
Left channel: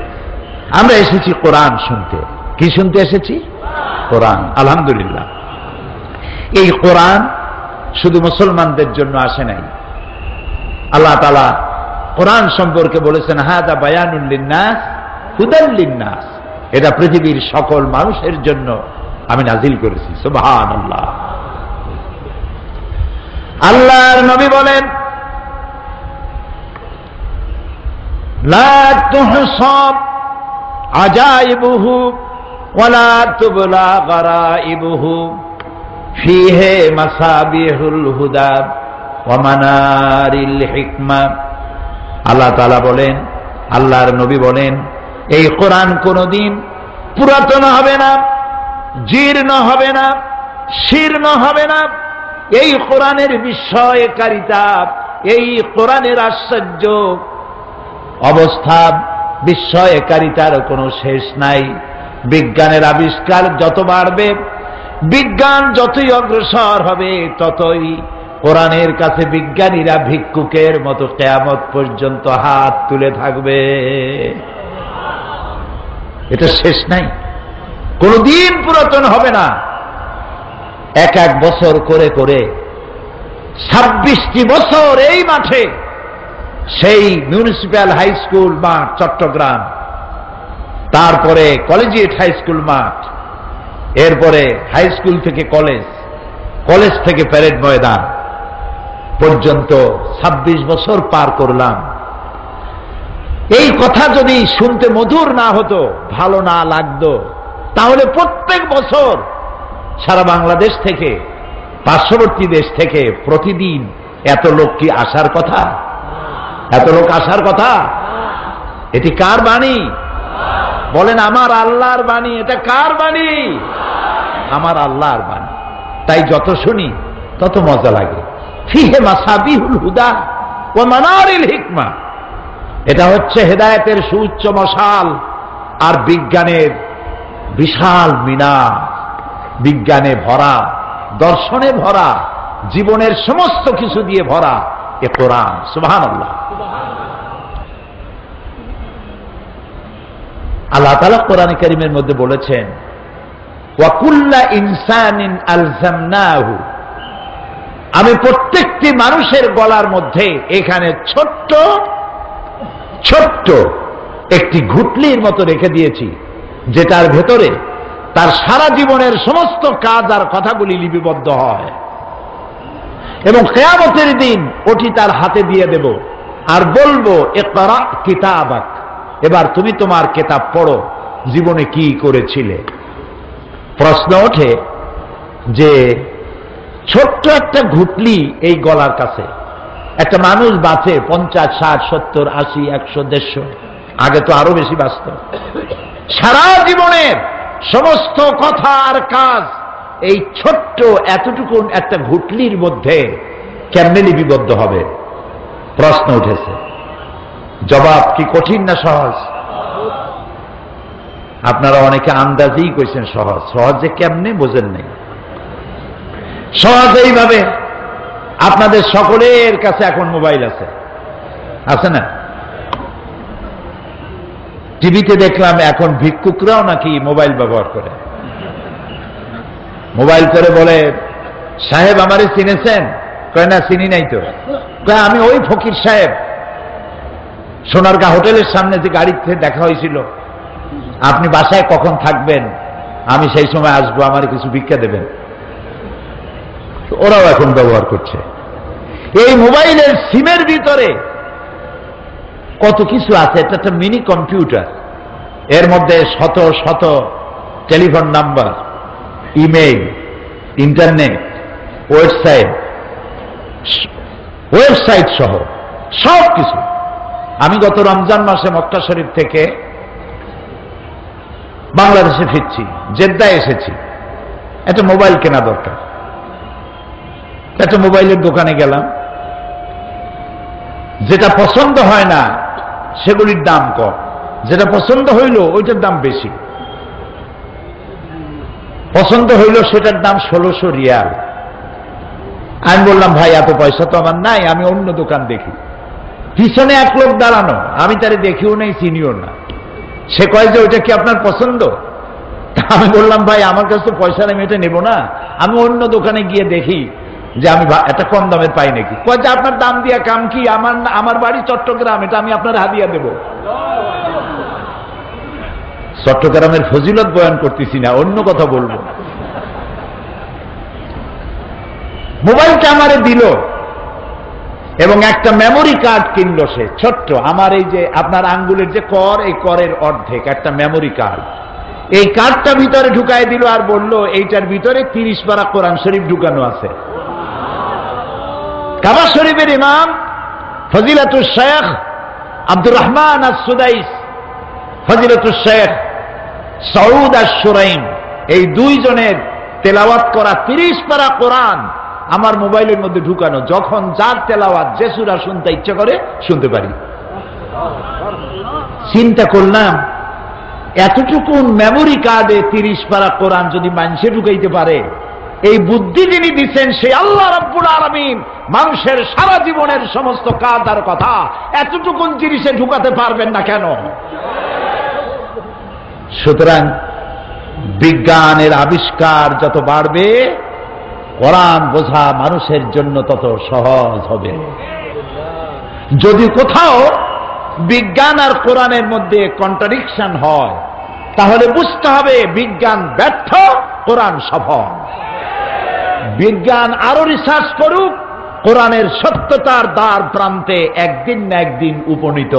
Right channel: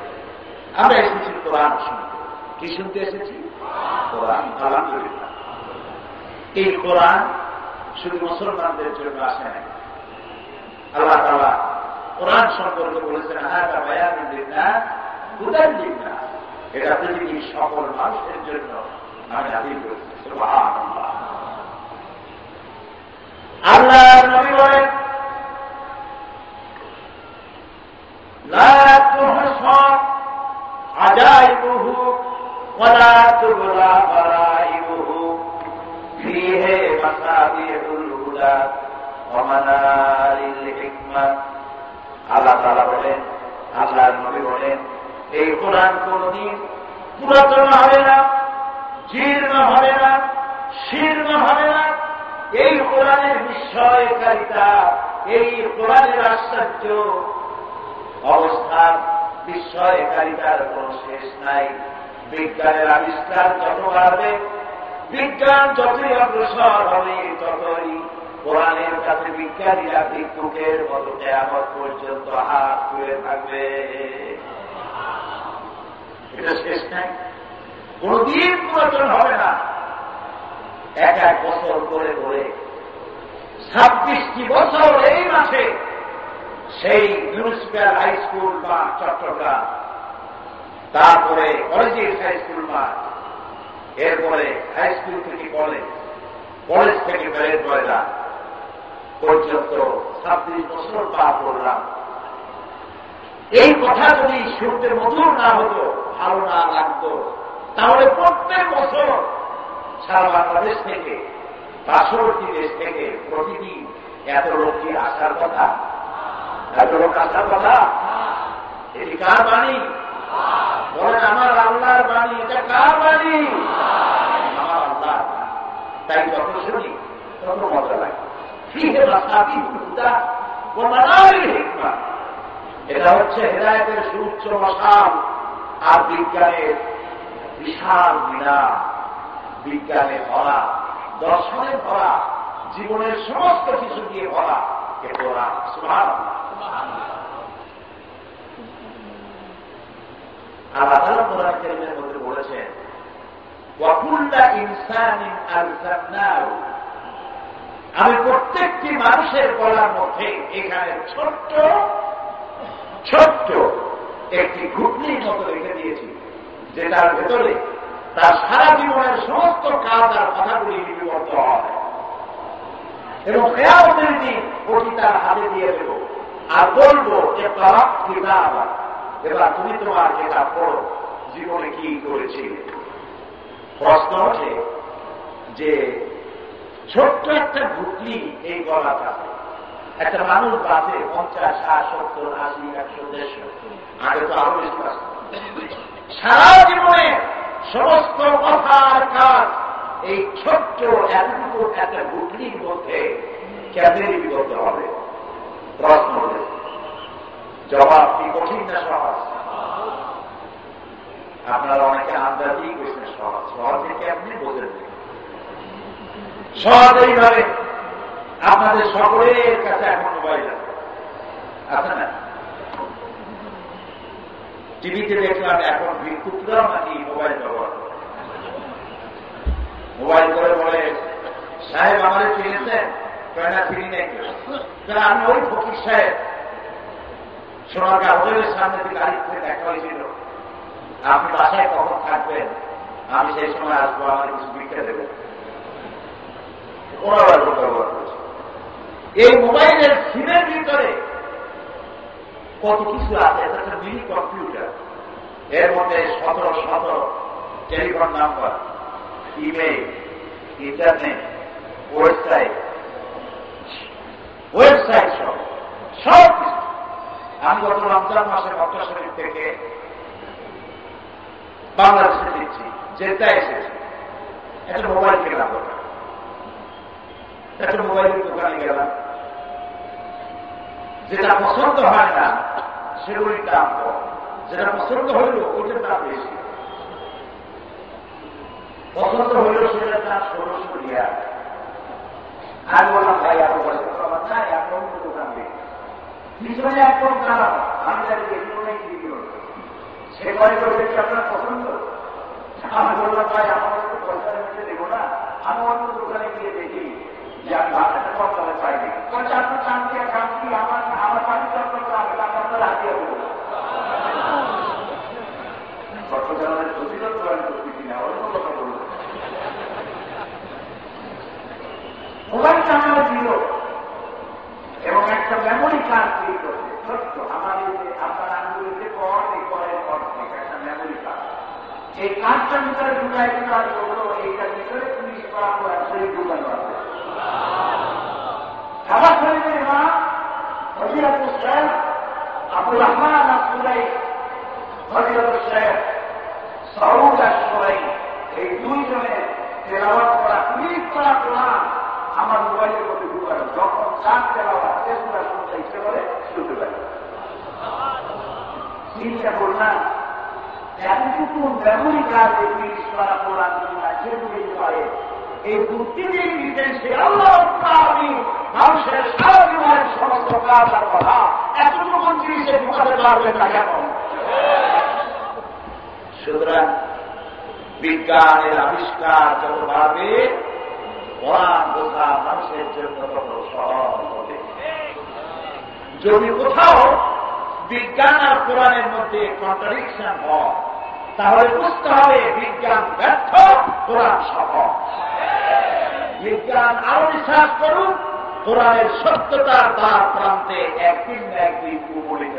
আমরা এসেছি কোরআন শুনতে। কি শুনতে এসেছি? কোরআন। আলহামদুলিল্লাহ, এই কোরআন শুধু মুসলমানদের জন্য আসে নাই। আল্লাহ তাআলা কোরআন সম্পর্কে বলেছেন, হাদা বায়ানুল লিন্নাস হুদাল লিন্নাস, এটা পৃথিবীর সকল মানুষের জন্য আমি নাজিল করেছি। সুবহানাল্লাহ। আল্লাহর নবী বলেন, লা তুহসাব আজাইবুহু ওয়ালা তুবলা গারাইবুহু ফীহি মাসাবিহুল হুদা ওয়া মানারিল হিকমা। আল্লাহ তাআলা বলেন, আল্লাহর নবী বলেন, এই কোরআন কোনদিন পুরাতন হবে না, জীর্ণ হবে না, শীর্ণ হবে না। এই কোরআনের বিস্ময়কারিতা, এই কোরআনের আশ্চর্য অবস্থা, বিস্ময়কারিতার কোনো শেষ নাই। বিজ্ঞানের আবিষ্কার যত বাড়বে, বিজ্ঞান যতই অগ্রসর হবে, ততই কোরআনের কাছে বিজ্ঞানীরা ভিক্ষুকের মতো কিয়ামত পর্যন্ত হাত তুলে থাকবে। এটা শেষ নাই, কোনদিন পুরাতন হবে না। এক এক বছর করে করে 26টি বছর এই মাঠে, সেই মিউনিসিপ্যাল হাই স্কুল মাঠ চট্টগ্রাম, তারপরে কলেজিয়েট হাই স্কুল মাঠ, এরপরে হাই স্কুল থেকে কলেজ, কলেজ থেকে প্যারেড ময়দান পর্যন্ত 26 বছর পার করলাম। এই কথা যদি শুনতে মধুর না হতো, ভালো না লাগতো, তাহলে প্রত্যেক বছর সারা বাংলাদেশ থেকে, পার্শ্ববর্তী দেশ থেকে প্রতিদিন এত লোক কি আসার কথা? এত লোক আসার কথা? এটি কার বাণী? বলেন, আমার আল্লাহর বাণী। এটা কার বাণী? আমার আল্লাহর বাণী। তাই যত শুনি তত মজা লাগে। ফিহে মাসাবিহুল হুদা ওয়া মানারিল হিকমা, এটা হচ্ছে হেদায়েতের সুউচ্চ মশাল আর বিজ্ঞানের বিশাল মিনার। বিজ্ঞানে ভরা, দর্শনে ভরা, জীবনের সমস্ত কিছু দিয়ে ভরা এ কোরআন। সুবহানাল্লাহ। আল্লাহ তাআলা কোরআনে কারীমের মধ্যে বলেছেন, ওয়া কুল্লা ইনসানিন আলজামনাহু, আমি প্রত্যেকটি মানুষের গলার মধ্যে এখানে ছোট্ট ছোট্ট একটি ঘুটলির মতো রেখে দিয়েছি, যেটার ভেতরে তার সারা জীবনের সমস্ত কাজ আর কথাগুলি লিপিবদ্ধ হয়। এবং কিয়ামতের দিন ওটি তার হাতে দিয়ে দেব আর বলবো, ইকরা কিতাবাক এবার তুমি তোমার কিতাব পড়ো, জীবনে কি করেছিলে। প্রশ্ন ওঠে যে ছোট্ট একটা ঘুটলি এই গলার কাছে একটা মানুষ বাঁচে 50, 60, 70, 80, 100, 150, আগে তো আরো বেশি বাঁচত। সারা জীবনের সমস্ত কথা আর কাজ এই ছোট্ট এতটুকু একটা ঘুটলির মধ্যে কেমনে লিপিবদ্ধ হবে? প্রশ্ন উঠেছে। জবাব কি কঠিন না সহজ? আপনারা অনেকে আন্দাজেই কইছেন সহজ। সহজ যে কেমনে বোঝেন নাই। সহজ এইভাবে, আপনাদের সকলের কাছে এখন মোবাইল আছে, আছে না? টিভিতে দেখলাম এখন ভিক্ষুকরাও নাকি মোবাইল ব্যবহার করে। মোবাইল করে বলে, সাহেব আমারে চিনেছেন? কয় না, চিনি নাই তো। কয় আমি ওই ফকির সাহেব, সোনারগাঁ হোটেলের সামনে যে গাড়িতে দেখা হয়েছিল, আপনি বাসায় কখন থাকবেন, আমি সেই সময় আসবো, আমার কিছু ভিক্ষা দেবেন। ওরাও এখন ব্যবহার করছে। এই মোবাইলের সিমের ভিতরে কত কিছু আছে। এটা একটা মিনি কম্পিউটার, এর মধ্যে শত শত telephone number, email, internet, website সহ সব কিছু। আমি গত রমজান মাসে মক্কা শরীফ থেকে বাংলাদেশে ফিরছি, জেদ্দায় এসেছি। একটা মোবাইল কেনা দরকার। একটা মোবাইলের দোকানে গেলাম, যেটা পছন্দ হয় না সেগুলির দাম কম, যেটা পছন্দ হইল ওইটার দাম বেশি। পছন্দ হইল সেটার দাম 1600 রিয়াল। আমি বললাম, ভাই এত পয়সা তো আমার নাই, আমি অন্য দোকান দেখি। পিছনে এক লোক দাঁড়ানো, আমি তারে দেখিও নাই, চিনিও না। সে কয় যে ওইটা কি আপনার পছন্দ? আমি বললাম, ভাই আমার কাছে তো পয়সা নেই, এটা নেবো না, আমি অন্য দোকানে গিয়ে দেখি যে আমি একটা কম দামের পাই নাকি। কয় যে আপনার দাম দিয়া কাম কি, আমার বাড়ি চট্টগ্রাম, এটা আমি আপনার হাদিয়া দেব। চট্টগ্রামের ফজিলত বয়ান করতেছি না, অন্য কথা বলবো। মোবাইলটা আমারে দিল এবং একটা মেমোরি কার্ড কিনলো সে, ছোট্ট, আমার এই যে আপনার আঙ্গুলের যে কর, এই করের অর্ধেক একটা মেমোরি কার্ড। এই কার্ডটা ভিতরে ঢুকায় দিল আর বলল এইটার ভিতরে 30 পারা কোরআন শরীফ ঢুকানো আছে। কাবা শরীফের ইমাম ফজিলাতুল শেখ আব্দুর রহমান আস-সুদাইস, ফজিলাতুল শেখ সৌদ আশ-শুরাইম, এই দুইজনের তেলাওয়াত করা 30 পারা কোরআন আমার মোবাইলের মধ্যে ঢুকানো। যখন যার তেলাওয়াত যে সূরা শুনতে ইচ্ছা করে শুনতে পারি। চিন্তা করলাম, এতটুকু মেমোরি কার্ডে 30 পারা কোরআন যদি মানুষে ঢুকাইতে পারে, এই বুদ্ধি যিনি দিচ্ছেন সেই আল্লাহ রাব্বুল আলামিন মানুষের সারা জীবনের সমস্ত কাজ আর কথা এতটুকু জিনিসে ঢুকাতে পারবেন না কেন? সুতরাং বিজ্ঞানের আবিষ্কার যত বাড়বে, কোরআন বোঝা মানুষের জন্য তত সহজ হবে। যদি কোথাও বিজ্ঞান আর কোরআনের মধ্যে কন্ট্রাডিকশন হয়, তাহলে বুঝতে হবে বিজ্ঞান ব্যর্থ, কোরআন সফল। বিজ্ঞান আরো রিসার্চ করুক, কোরআনের সত্যতার দ্বার প্রান্তে একদিন না একদিন উপনীত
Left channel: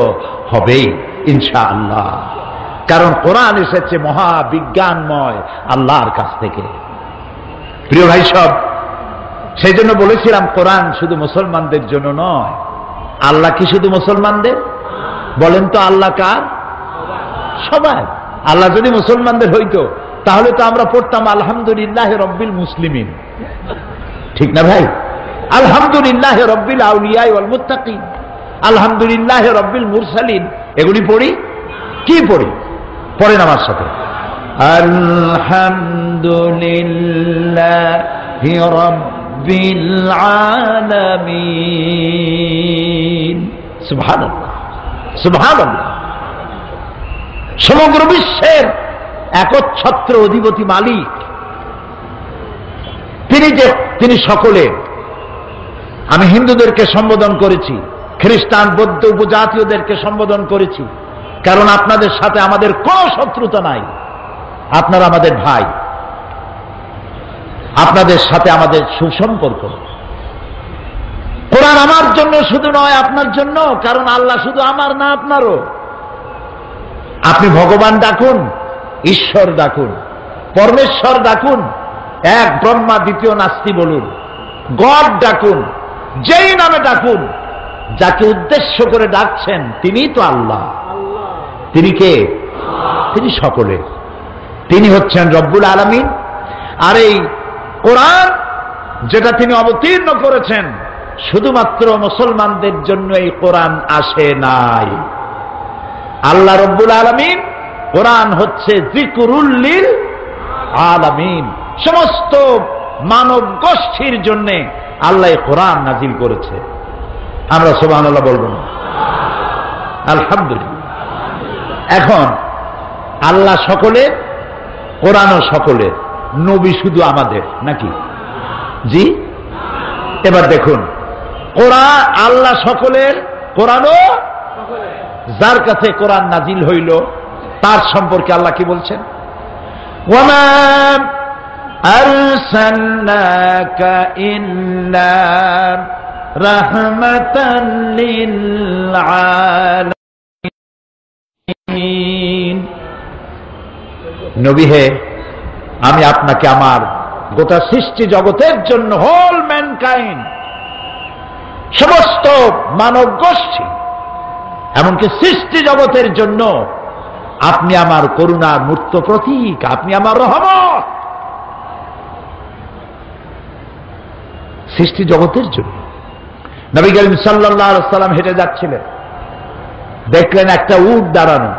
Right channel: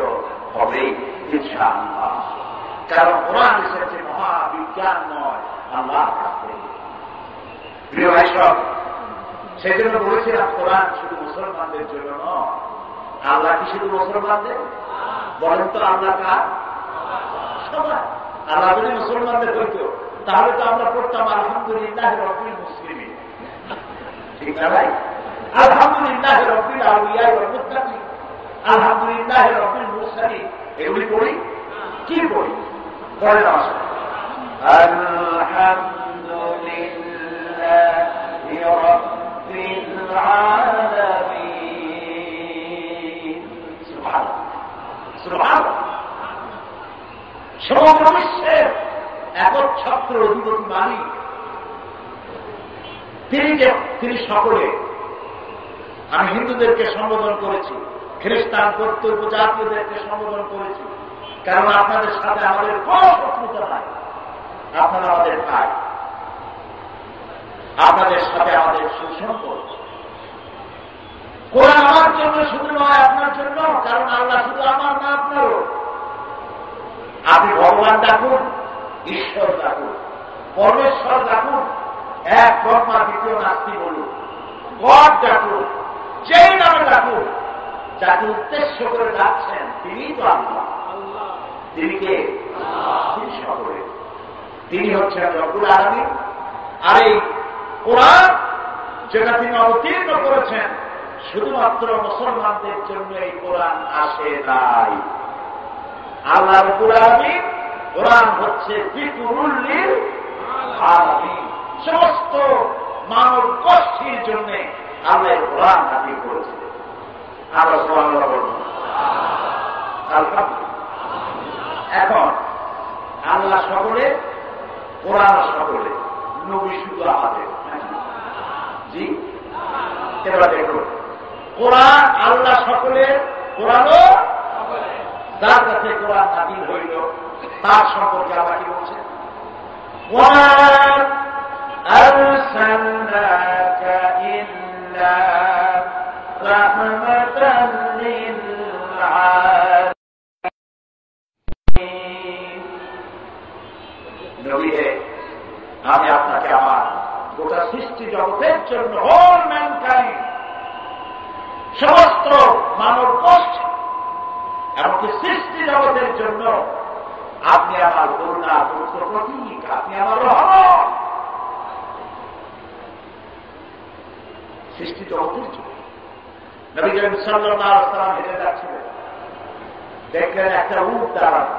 হবেই ইনশাআল্লাহ। কারণ কোরআন এসেছে মহাবিজ্ঞানময় আল্লাহর কাছ থেকে। প্রিয় ভাই সব, সেই জন্য বলেছিলাম কোরআন শুধু মুসলমানদের জন্য নয়। আল্লাহ কি শুধু মুসলমানদের? বলেন তো আল্লাহ কার? সবাই। আল্লাহ যদি মুসলমানদের হইতো তাহলে তো আমরা পড়তাম আলহামদুলিল্লাহ রব্বিল মুসলিমিন, ঠিক না ভাই? আলহামদুলিল্লাহ রব্বিল আউলিয়া ওয়াল মুত্তাকিন, আলহামদুলিল্লাহ রব্বিল মুরসালিন, এগুলি পড়ি। কি পড়ি? পড়েন আমার সাথে, আলহামদুলিল্লাহি রব্বিল আলামিন। সুবহানাল্লাহ, সুবহানাল্লাহ। সমগ্র বিশ্বের একচ্ছত্র অধিপতি মালিক তিনি সকলের। আমি হিন্দুদেরকে সম্বোধন করেছি, খ্রিস্টান, বৌদ্ধ, উপজাতীয়দেরকে সম্বোধন করেছি, কারণ আপনাদের সাথে আমাদের কোনো শত্রুতা নাই। আপনারা আমাদের ভাই, আপনাদের সাথে আমাদের সুসম্পর্ক। কোরআন আমার জন্য শুধু নয়, আপনার জন্য, কারণ আল্লাহ শুধু আমার না আপনারও। আপনি ভগবান ডাকুন, ঈশ্বর ডাকুন, পরমেশ্বর ডাকুন, এক ব্রহ্মা দ্বিতীয় নাস্তি বলুন, গড ডাকুন, যেই নামে ডাকুন, যাকে উদ্দেশ্য করে ডাকছেন তিনি তো আল্লাহ। তিনি কে? তিনি সকলে, তিনি হচ্ছেন রব্বুল আলামিন। আর এই কোরআন যেটা তিনি অবতীর্ণ করেছেন শুধুমাত্র মুসলমানদের জন্য এই কোরআন আসে নাই। আল্লাহ রব্বুল আলামিন, কোরআন হচ্ছে যিকরুল লিল আলামিন, সমস্ত মানব গোষ্ঠীর জন্য আল্লাহ কোরআন নাজিল করেছে। আমরা সুবহানাল্লাহ বলবো না? আলহামদুলিল্লাহ। এখন আল্লাহ সকলের, কোরআনও সকলের, নবী শুধু আমাদের নাকি? জি। এবার দেখুন, কোরআন আল্লাহ সকলের, কোরআনও যার কাছে কোরআন নাজিল হইল তার সম্পর্কে আল্লাহ কি বলছেন? ওয়ামা আরসালনাকা ইল্লা রাহমাতাল লিল আলামিন। নবী হে, আমি আপনাকে আমার গোটা সৃষ্টি জগতের জন্য, হোল ম্যানকাইন্ড, সমস্ত মানব গোষ্ঠী, এমনকি সৃষ্টি জগতের জন্য আপনি আমার করুণার মূর্ত প্রতীক, আপনি আমার রহমত। সৃষ্টি জগতের জন্য। নবী করিম সাল্লাল্লাহু আলাইহি সাল্লাম হেঁটে যাচ্ছিলেন, দেখলেন একটা উট দাঁড়ানো,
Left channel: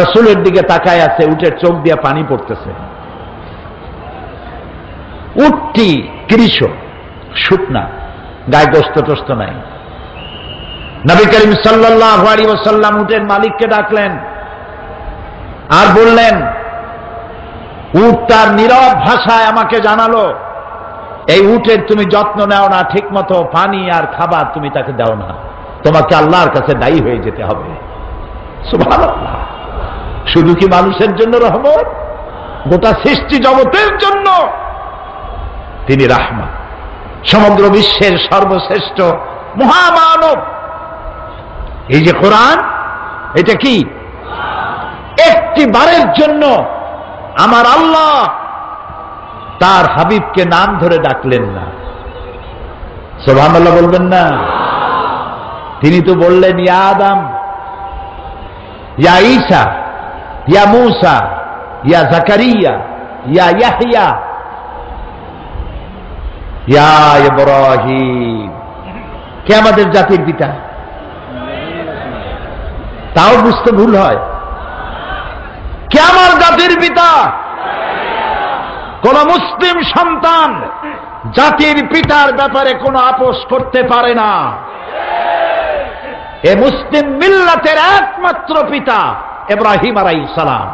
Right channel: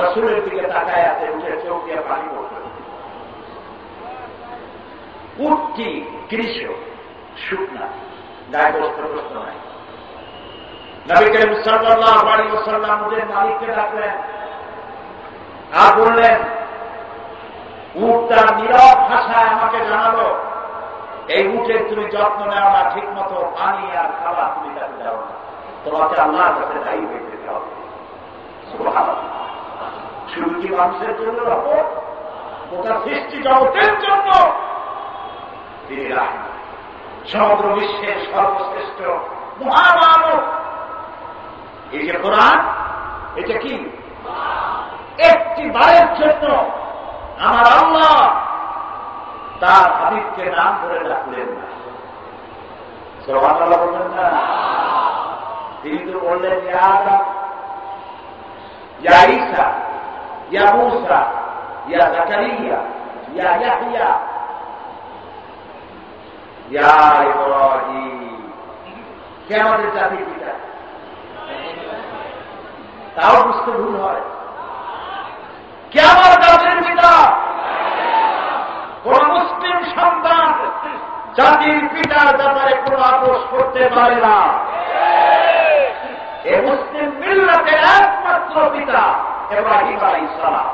রাসূলের দিকে তাকায় আছে, উটের চোখ দিয়ে পানি পড়তেছে। উটটি কৃষ, শুকনা, গায়ে গোস্ত টোস্ত নাই। নবী করিম সাল্লাল্লাহু আলাইহি ওয়াসাল্লাম উটের মালিককে ডাকলেন আর বললেন, উট তার নীরব ভাষায় আমাকে জানালো এই উটের তুমি যত্ন নেও না, ঠিক মতো পানি আর খাবার তুমি তাকে দাও না, তোমাকে আল্লাহর কাছে দায়ী হয়ে যেতে হবে। সুবহানাল্লাহ। শুধু কি মানুষের জন্য রহমত? গোটা সৃষ্টি জগতের জন্য তিনি রাহমত। সমগ্র বিশ্বের সর্বশ্রেষ্ঠ মহামানব। এই যে কোরআন, এটা কি? একটি বারের জন্য আমার আল্লাহ তার হাবিবকে নাম ধরে ডাকলেন না। সুবহানাল্লাহ বলবেন না? তিনি তো বললেন, ইয়া আদম, ইয়া ঈসা, ইয়া মূসা, ইয়া জাকারিয়া, ইয়া ইয়াহইয়া, ইয়া ইব্রাহিম। কে আমাদের জাতির পিতা? তাও বুঝতে ভুল হয়। কে আমার জাতির পিতা? কোন মুসলিম সন্তান জাতির পিতার ব্যাপারে কোনো আপোষ করতে পারে না। এ মুসলিম মিল্লাতের একমাত্র পিতা ইব্রাহিম আলাইহিস সালাম।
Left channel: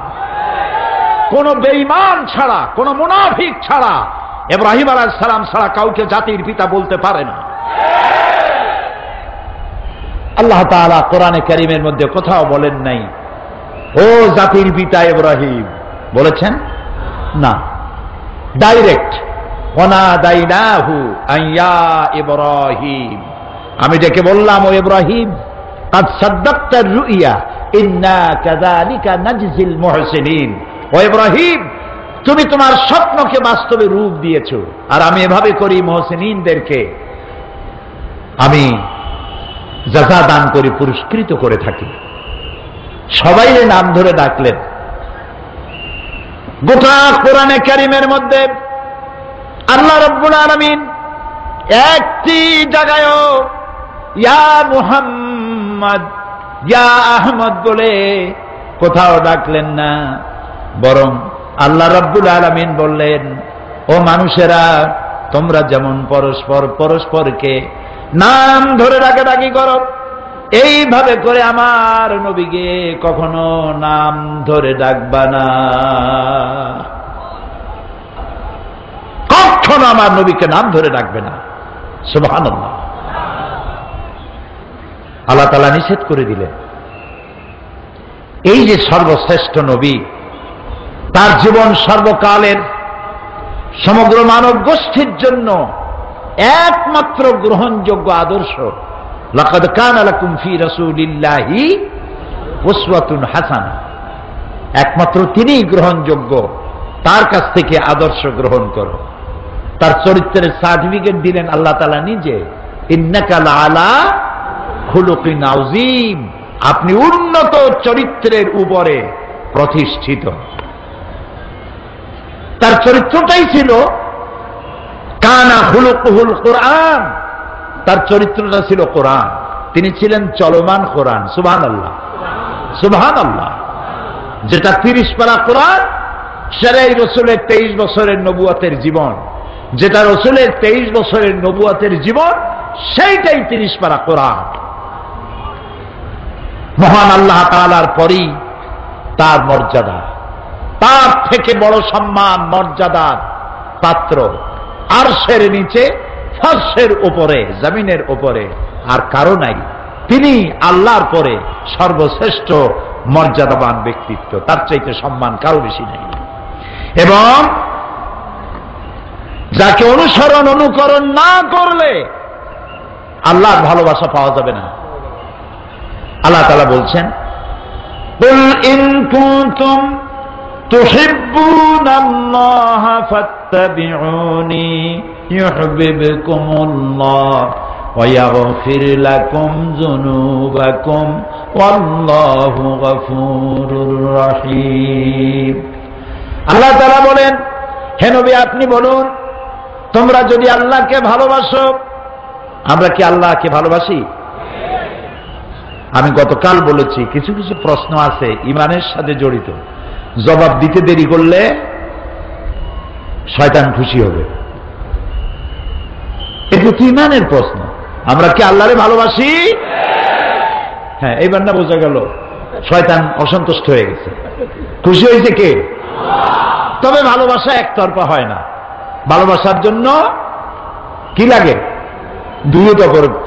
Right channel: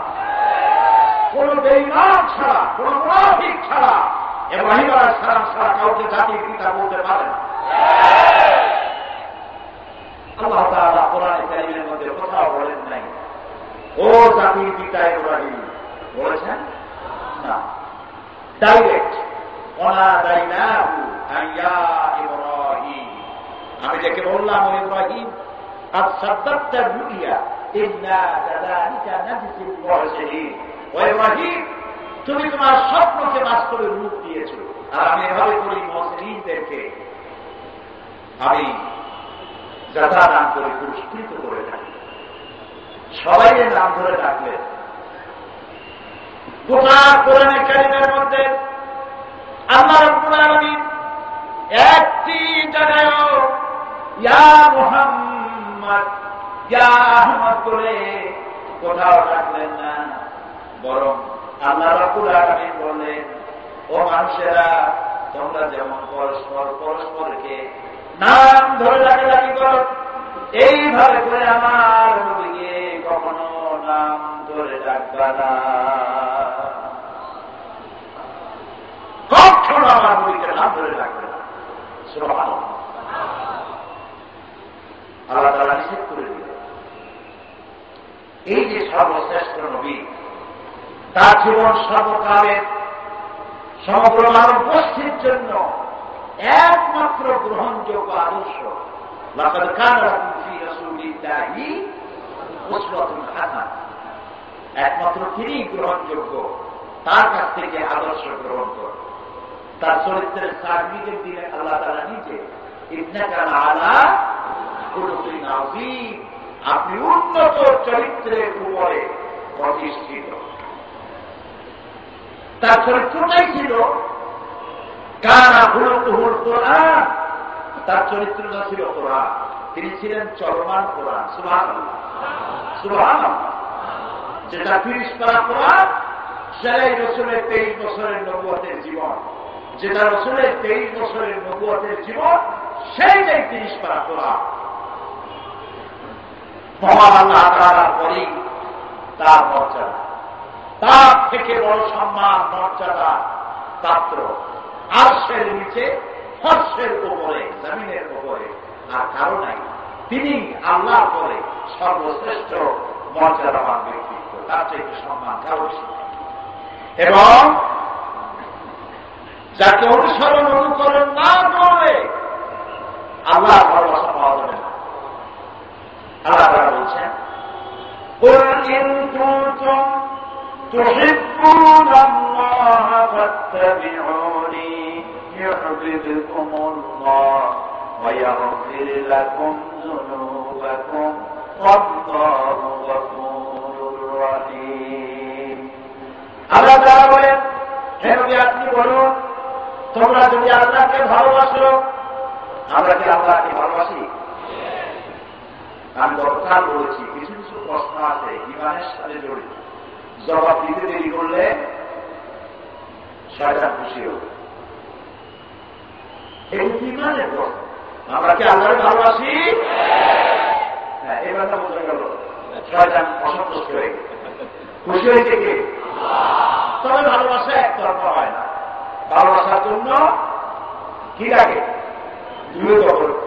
কোন বেঈমান ছাড়া, কোন মুনাফিক ছাড়া, ইব্রাহিম আলাইহিস সালাম ছাড়া কাউকে জাতির পিতা বলতে পারে না। আল্লাহ তাআলা কোরআনে কারীমের মধ্যে কোথাও বলেন নাই ও জাতির পিতা ইব্রাহিম, বলেছেন না। ডাইরেক্ট, ওয়ানাদাইনাহু আইয়া ইব্রাহিম, আমি ডেকে বললাম, ও ইব্রাহিম, কাদ সাদ্দাকতা রুইয়া ইন্না কাযালিকা নাজজিল মুহসিনিন। ও ইব্রাহিম, তুমি তোমার স্বপ্নকে বাস্তবে রূপ দিয়েছো, আর আমি এভাবে করি মুহসিনিনদেরকে আমি জাযা দান করি, পুরস্কৃত করে থাকি। সবাই নাম ধরে ডাকলেন। গোটা কোরআনে কারীমের মধ্যে আল্লাহ রাব্বুল আলামিন একটি জায়গায়ও ইয়া মুহাম্মদ, ইয়া আহমদ বলে কোথাও ডাকলেন না, বরং আল্লাহ রাব্বুল আলামিন বললেন, ও মানুষেরা, তোমরা যেমন পরস্পর পরস্পরকে নাম ধরে ডাকাডাকি করো, এইভাবে করে আমার নবীকে কখনো নাম ধরে ডাকবা না। কখনো আমার নবীকে নাম ধরে ডাকবে না। সুবহানাল্লাহ। আল্লাহ তাআলা নিষেধ করে দিলেন। এই যে সর্বশ্রেষ্ঠ নবী, তার জীবন সর্বকালের সমগ্র মানব গোষ্ঠীর জন্য একমাত্র গ্রহণযোগ্য আদর্শ। লাকাদ কানা লাকুম ফি রাসূলিল্লাহি উসওয়াতুন হাসানা, একমাত্র তিনিই গ্রহণযোগ্য, তার কাছ থেকে আদর্শ গ্রহণ করো। তার চরিত্রের সার্টিফিকেট দিলেন আল্লাহ তাআলা নিজে, ইন্নাকা লাআলা খুলুকিন আযীম, আপনি উন্নত চরিত্রের উপরে প্রতিষ্ঠিত। তার চরিত্রটাই ছিল কানা খুলুকুহুল কোরআন, তার চরিত্রটা ছিল কোরআন, তিনি ছিলেন চলমান কোরআন। সুবহানাল্লাহ, সুবহানাল্লাহ। যেটা 30 পারা কোরআন, সেটাই রাসূলের 23 বছরের নবুয়তের জীবন, যেটা রাসূলের 23 বছরের নবুয়তের জীবন, সেইটাই 30 পারা কোরআন। মহান আল্লাহ তাআলার পরই তার মর্যাদা, তার থেকে বড় সম্মান মর্যাদার পাত্র আরশের নিচে, ফারশের উপরে, জমিনের উপরে আর কারো নাই। তিনি আল্লাহর পরে সর্বশ্রেষ্ঠ মর্যাদাবান ব্যক্তিত্ব, তার চাইতে সম্মান কারো বেশি নাই। এবং যাকে অনুসরণ অনুকরণ না করলে আল্লাহর ভালোবাসা পাওয়া যাবে না। আল্লাহ তাআলা বলছেন, কুল ইন কুনতুম তুহিব্বুনাল্লাহা ফাত্তাবিউনি ইউহিব্বুকুমুল্লাহ ওয়া ইয়াগফির লাকুম যুনুবাকুম ওয়াল্লাহু গফুরুর রহিম। আল্লাহ তাআলা বলেন, হে নবী আপনি বলুন, তোমরা যদি আল্লাহকে ভালোবাসো, আমরা কি আল্লাহকে ভালোবাসি? আমি গতকাল বলেছি কিছু কিছু প্রশ্ন আছে ঈমানের সাথে জড়িত, জবাব দিতে দেরি করলে শয়তান খুশি হবে। এগুলো তো ঈমানের প্রশ্ন। আমরা কি আল্লাহরে ভালোবাসি? হ্যাঁ, এইবার না বোঝা গেল শয়তান অসন্তুষ্ট হয়ে গেছে। খুশি হয়েছে কে? তবে ভালোবাসা একতরফা হয় না, ভালোবাসার জন্য কি লাগে? দুই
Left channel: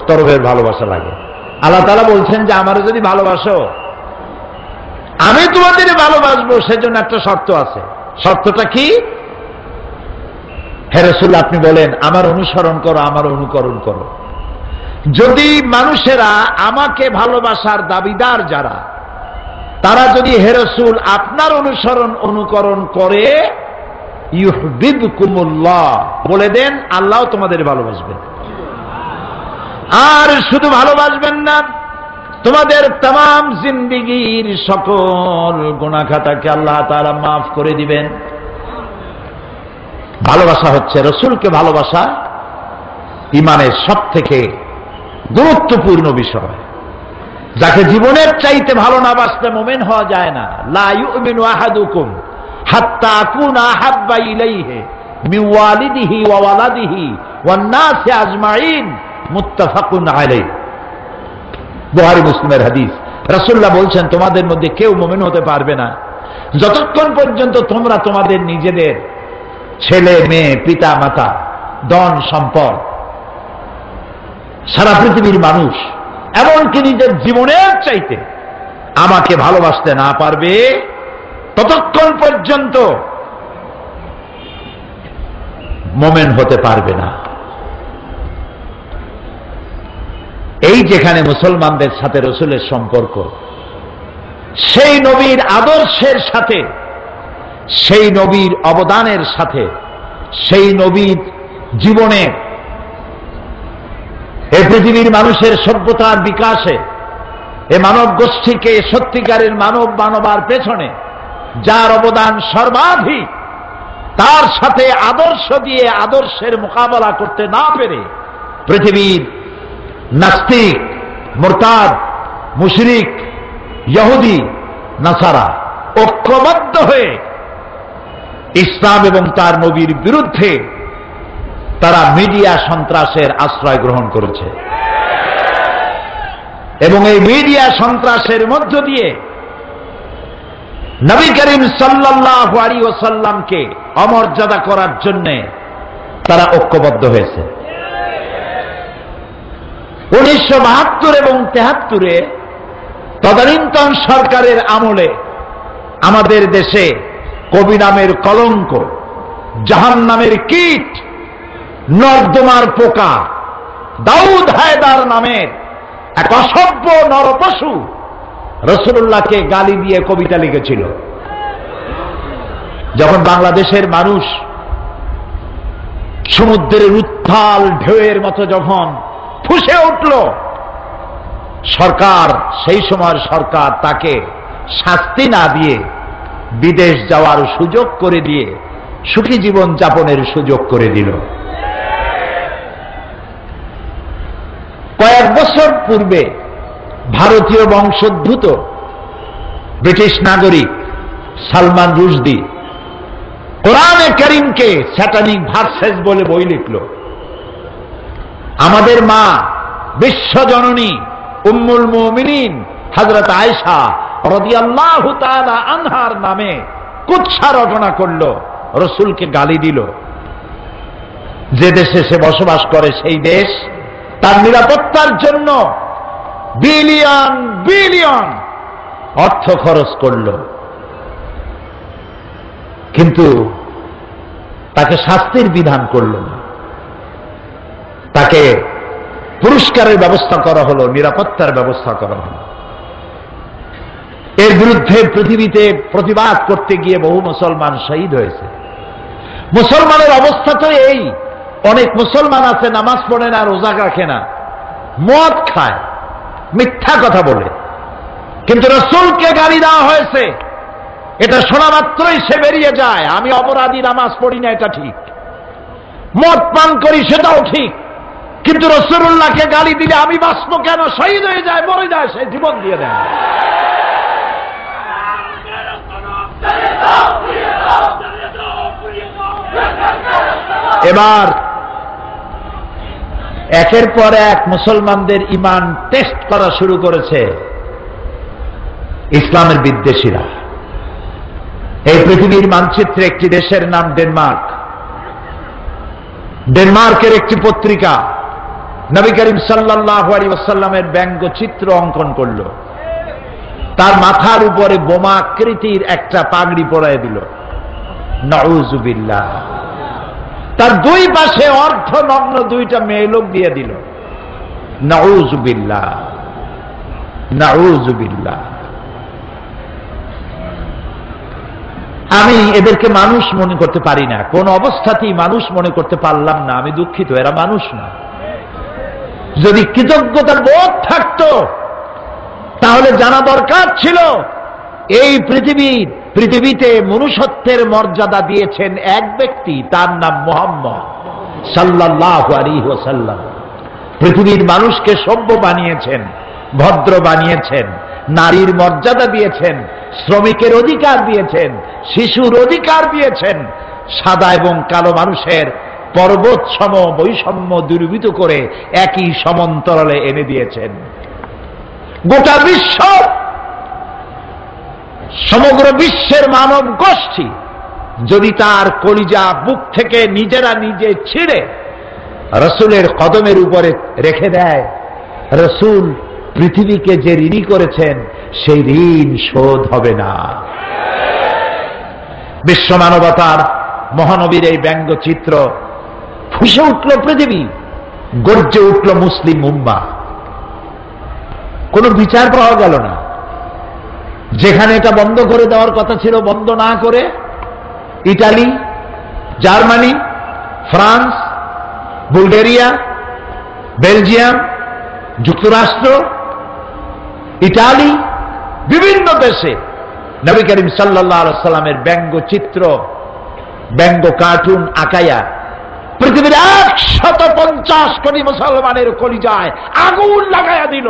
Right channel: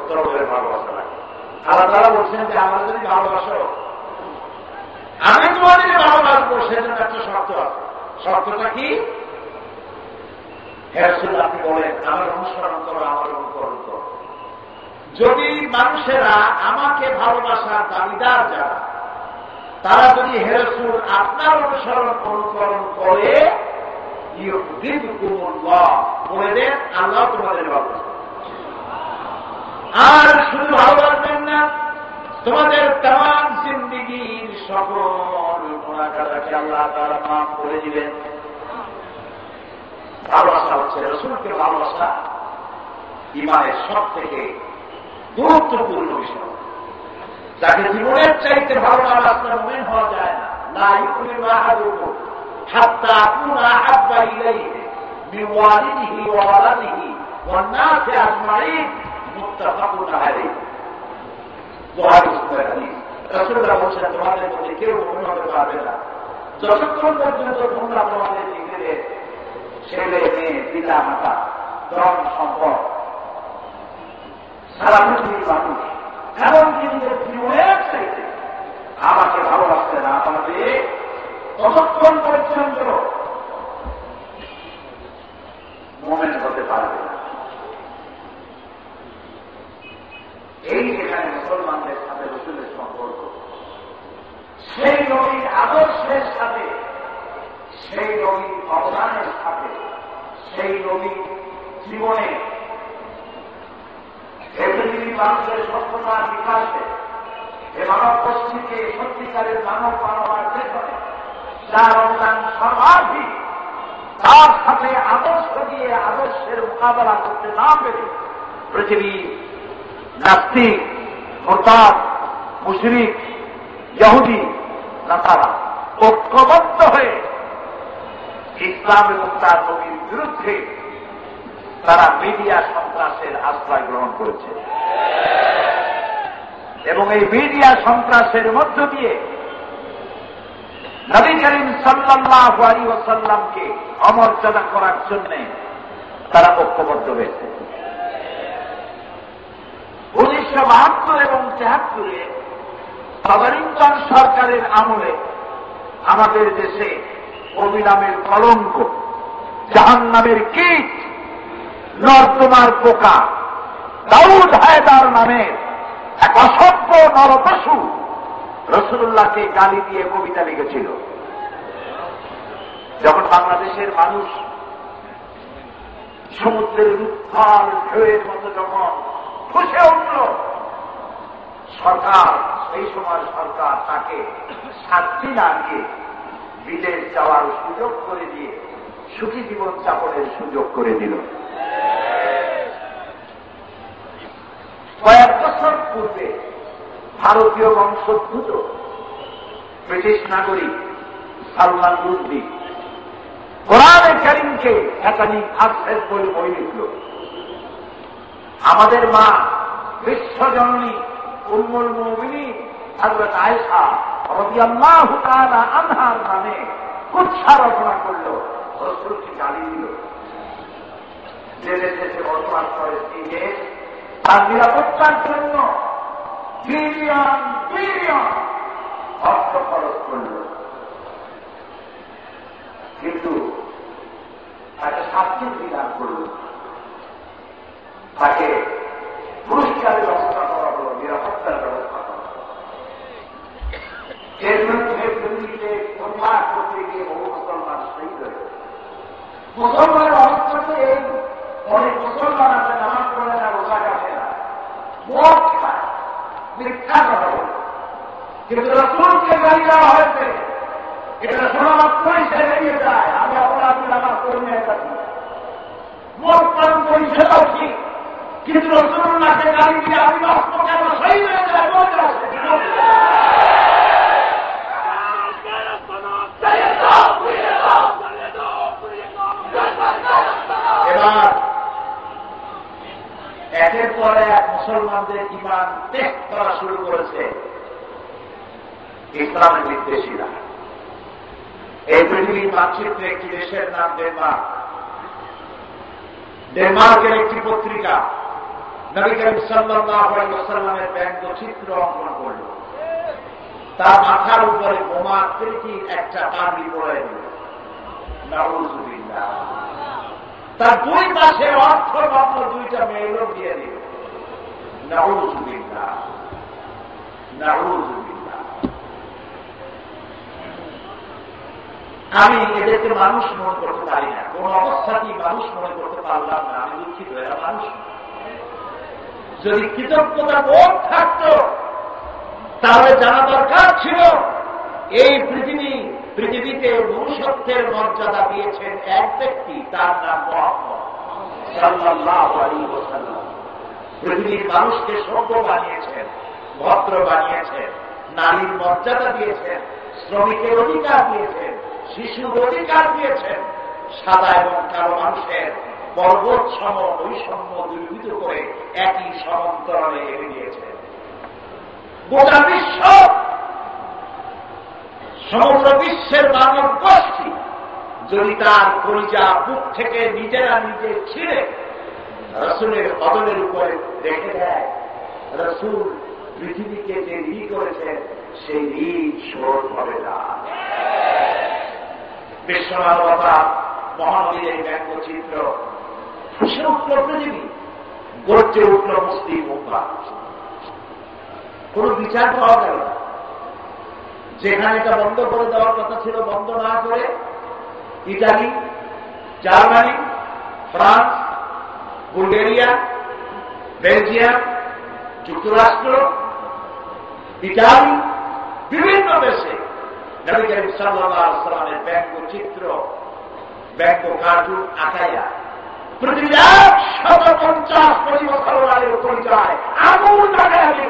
তরফের ভালোবাসা লাগে। আল্লাহ তাআলা বলছেন যে আমারে যদি ভালোবাসো, আমি তোমাদের ভালোবাসবো, সেজন্য একটা শর্ত আছে। শর্তটা কি? হে রাসূল আপনি বলেন আমার অনুসরণ করো, আমার অনুকরণ করো। যদি মানুষেরা আমাকে ভালোবাসার দাবিদার যারা, তারা যদি হে রাসূল আপনার অনুসরণ অনুকরণ করে, ইউহিব্বুকুমুল্লাহ বলে দেন, আল্লাহ তোমাদের ভালোবাসবেন। আর শুধু ভালোবাসবেন না, তোমাদের तमाम জিন্দেগীর সকল গুনাহ খাতাকে আল্লাহ তাআলা মাফ করে দিবেন। ভালোবাসা হচ্ছে, রাসূলকে ভালোবাসা ঈমানের সবথেকে গুরুত্বপূর্ণ বিষয়। যাকে জীবনের চাইতে ভালো না বাসতে মুমিন হওয়া যায় না। লা ইউমিনু আহাদুকুম হাত্তা আকুনা আহাব্বা ইলাইহি মিন ওয়ালিদিহি ওয়া ওয়ালাদিহি ওয়ান নাসি আজমাইন, মুত্তাফাকুন আলাইহি। বুখারী মুসলিমের হাদিস। রাসূলুল্লাহ বলছেন তোমাদের মধ্যে কেউ মুমিন হতে পারবে না যতক্ষণ পর্যন্ত তোমরা তোমাদের নিজেদের ছেলে মেয়ে, পিতা মাতা, ধন সম্পদ, সারা পৃথিবীর মানুষ, এমনকি নিজের জীবনের চাইতে আমাকে ভালোবাসতে না পারবে, ততক্ষণ পর্যন্ত মুমিন হতে পারবে না। এই যেখানে মুসলমানদের সাথে রাসূলের সম্পর্ক, সেই নবীর আদর্শের সাথে, সেই নবীর অবদানের সাথে, সেই নবীর জীবনে এই পৃথিবীর মানুষের সভ্যতার বিকাশে, এ মানব গোষ্ঠীকে সত্যিকারের মানবার পেছনে যার অবদান সর্বাধিক, তার সাথে আদর্শ দিয়ে আদর্শের মোকাবেলা করতে না পেরে পৃথিবীর নাস্তিক, মুরতাদ, মুশরিক, ইহুদি, নাসারা ঐক্যবদ্ধ হয়ে ইসলাম এবং তার নবীর বিরুদ্ধে তারা মিডিয়া সন্ত্রাসের আশ্রয় গ্রহণ করেছে। এবং এই মিডিয়া সন্ত্রাসের মধ্য দিয়ে নবী করিম সাল্লাল্লাহু আলাইহি ওয়াসাল্লামকে অমর্যাদা করার জন্য তারা ঐক্যবদ্ধ হয়েছে। 1972 এবং 73-এ তদানীন্তন সরকারের আমলে আমাদের দেশে কবি নামের কলঙ্ক, জাহান নামের কীট, নর্দমার পোকা, দাউদ হায়দার নামে এক অসভ্য নরপশু রাসূলুল্লাহকে গালি দিয়ে কবিতা লিখেছিল। যখন বাংলাদেশের মানুষ সমুদ্রের উত্তাল ঢেউয়ের মতো যখন ফুঁসে উঠল, সরকার, সেই সময়ের সরকার তাকে শাস্তি না দিয়ে বিদেশ যাওয়ার সুযোগ করে দিয়ে সুখী জীবন যাপনের সুযোগ করে দিল। কয়েক বছর পূর্বে ভারতীয় বংশোদ্ভূত ব্রিটিশ নাগরিক সালমান রুশদি কোরআনে কারীমকে স্যাটানিক ভার্সেস বলে বই লিখল। আমাদের মা বিশ্বজননী উম্মুল মুমিনিন হযরত আয়েশা রাদিয়াল্লাহু তাআলা আনহার নামে কুৎসা রচনা করল, রাসূলকে গালি দিল। যে দেশে সে বসবাস করে সেই দেশ তার নিরাপত্তার জন্য বিলিয়ন বিলিয়ন অর্থ খরচ করল, কিন্তু তাকে শাস্তির বিধান করল না। তাকে পুরস্কারের ব্যবস্থা করা হলো, নিরাপত্তার ব্যবস্থা করা হলো। এর বিরুদ্ধে পৃথিবীতে প্রতিবাদ করতে গিয়ে বহু মুসলমান শহীদ হয়েছে। মুসলমানের অবস্থা তো এই, অনেক মুসলমান আছে নামাজ পড়ে না, রোজা রাখে না, মদ খায়, মিথ্যা কথা বলে, কিন্তু রাসূলকে গালি দেওয়া হয়েছে, এটা শোনা মাত্রই সে বেরিয়ে যায়। আমি অপরাধী, নামাজ পড়ি না, এটা ঠিক, মদ পান করি সেটাও ঠিক, কিন্তু রাসূলুল্লাহকে গালি দিলে আমি বাঁচব কেন? শহীদ হয়ে যায়, মরে যায়, সে জীবন দিয়ে দেয়। এবার একের পর এক মুসলমানদের ঈমান টেস্ট করা শুরু করেছে ইসলামের বিদ্বেষীরা। এই পৃথিবীর মানচিত্রে একটি দেশের নাম ডেনমার্ক। ডেনমার্কের একটি পত্রিকা নবী করিম সাল্লাল্লাহু আলাইহি ওয়াসাল্লামের ব্যঙ্গচিত্র অঙ্কন করল, তার মাথার উপরে বোমা আকৃতির একটা পাগড়ি পরায় দিল, নাউযুবিল্লাহ। তার দুই পাশে অর্ধনগ্ন দুইটা মেয়ে লোক দিয়ে দিল, নাউযুবিল্লাহ, নাউযুবিল্লাহ। আমি এদেরকে মানুষ মনে করতে পারি না, কোন অবস্থাতেই মানুষ মনে করতে পারলাম না। আমি দুঃখিত, এরা মানুষ না। যদি কৃতজ্ঞতা বোধ থাকতো তাহলে জানা দরকার ছিল এই পৃথিবীতে মনুষ্যত্বের মর্যাদা দিয়েছেন এক ব্যক্তি, তার নাম মুহাম্মদ সাল্লাল্লাহু আলাইহি ওয়াসাল্লাম। পৃথিবীর মানুষকে সভ্য বানিয়েছেন, ভদ্র বানিয়েছেন, নারীর মর্যাদা দিয়েছেন, শ্রমিকের অধিকার দিয়েছেন, শিশুর অধিকার দিয়েছেন, সাদা এবং কালো মানুষের পর্বত সম বৈষম্য দূরীভূত করে একই সমান্তরালে এনে দিয়েছেন। গোটা বিশ্ব, সমগ্র বিশ্বের মানব গোষ্ঠী যদি তার কলিজা বুক থেকে নিজেরা নিজে ছিঁড়ে রাসূলের কদমের উপরে রেখে দেয়, রাসূল পৃথিবীকে যে ঋণী করেছেন সেই ঋণ শোধ হবে না। বিশ্ব মানবতার মহানবীর এই ব্যঙ্গচিত্র ফুঁসে উঠল পৃথিবী, গর্জে উঠল মুসলিম উম্মাহ। কোনো বিচার পাওয়া গেল না। যেখানে এটা বন্ধ করে দেওয়ার কথা ছিল বন্ধ না করে Italy, Germany, France, Bulgaria, Belgium, যুক্তরাষ্ট্র, ইটালি, বিভিন্ন দেশে নবী করিম সাল্লাল্লাহু আলাইহি ওয়াসাল্লামের ব্যঙ্গচিত্র, ব্যঙ্গ কার্টুন আঁকাইয়া পৃথিবীর 150 কোটি মুসলমানের কলিজায় আগুন লাগাইয়া দিল।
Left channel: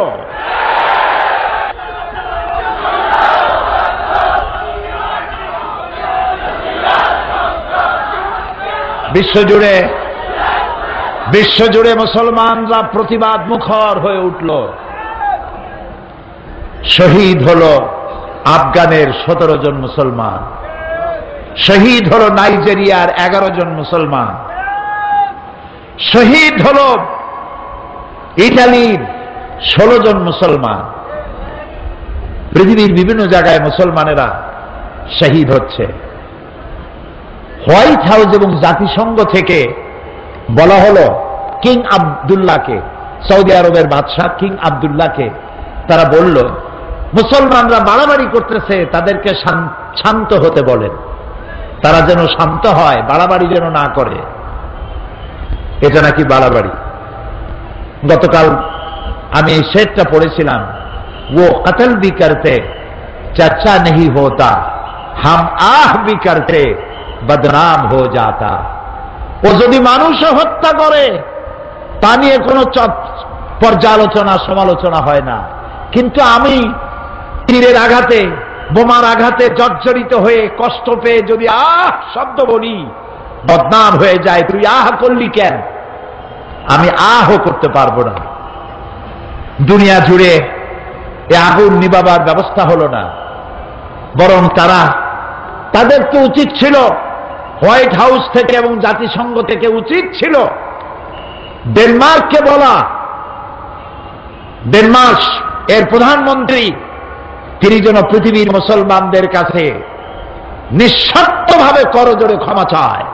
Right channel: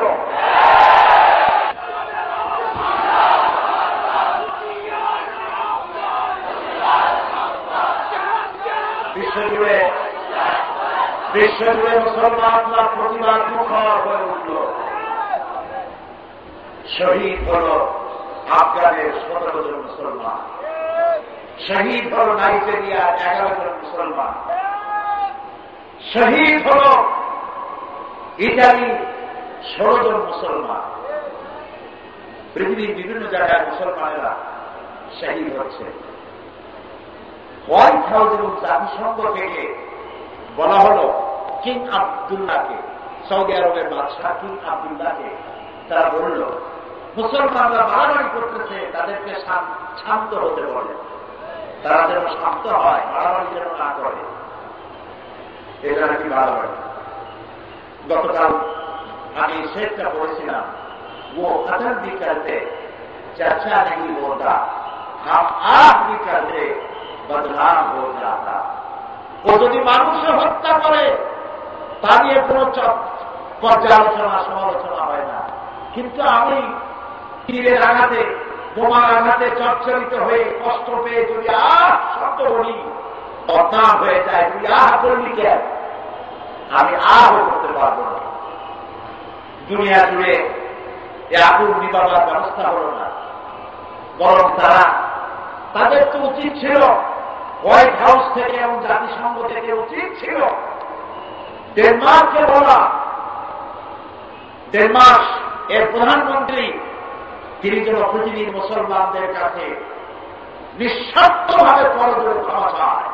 বিশ্বজুড়ে মুসলমানরা প্রতিবাদ মুখর হয়ে উঠল। শহীদ হল আফগানের 17 জন মুসলমান, শহীদ হল নাইজেরিয়ার 11 জন মুসলমান, শহীদ হল ইটালির 16 জন মুসলমান। পৃথিবীর বিভিন্ন জায়গায় মুসলমানেরা শহীদ হচ্ছে। হোয়াইট হাউস এবং জাতিসংঘ থেকে বলা হলো কিং আব্দুল্লাহকে, সৌদি আরবের বাদশাহ কিং আব্দুল্লাহকে, তারা বলল মুসলমানরা বাড়াবাড়ি করতেছে, তাদেরকে শান্ত হতে বলেন, তারা যেন শান্ত হয়, বাড়াবাড়ি যেন না করে। এটা নাকি বাড়াবাড়ি। গতকাল আমি এই শেরটা পড়েছিলাম, ও কতল ভি করতে চর্চা नहीं होता, हम आह भी करते बदनाम हो जाता। ও যদি মানুষও হত্যা করে তা নিয়ে কোনো পর্যালোচনা সমালোচনা হয় না, কিন্তু আমি তীরের আঘাতে বোমার আঘাতে জর্জরিত হয়ে কষ্ট পেয়ে যদি আহ শব্দ বলি, বদনাম হয়ে যায়। তুই আহ করলি কেন? আমি আহ করতে পারবো না। দুনিয়া জুড়ে এ আগুন নিবাবার ব্যবস্থা হলো না, বরং তাদেরকে উচিত ছিল, হোয়াইট হাউস থেকে এবং জাতিসংঘ থেকে উচিত ছিল ডেনমার্ককে বলা, ডেনমার্ক এর প্রধানমন্ত্রী তিনি যেন পৃথিবীর মুসলমানদের কাছে নিঃস্বার্থভাবে করজোড়ে ক্ষমা চায়,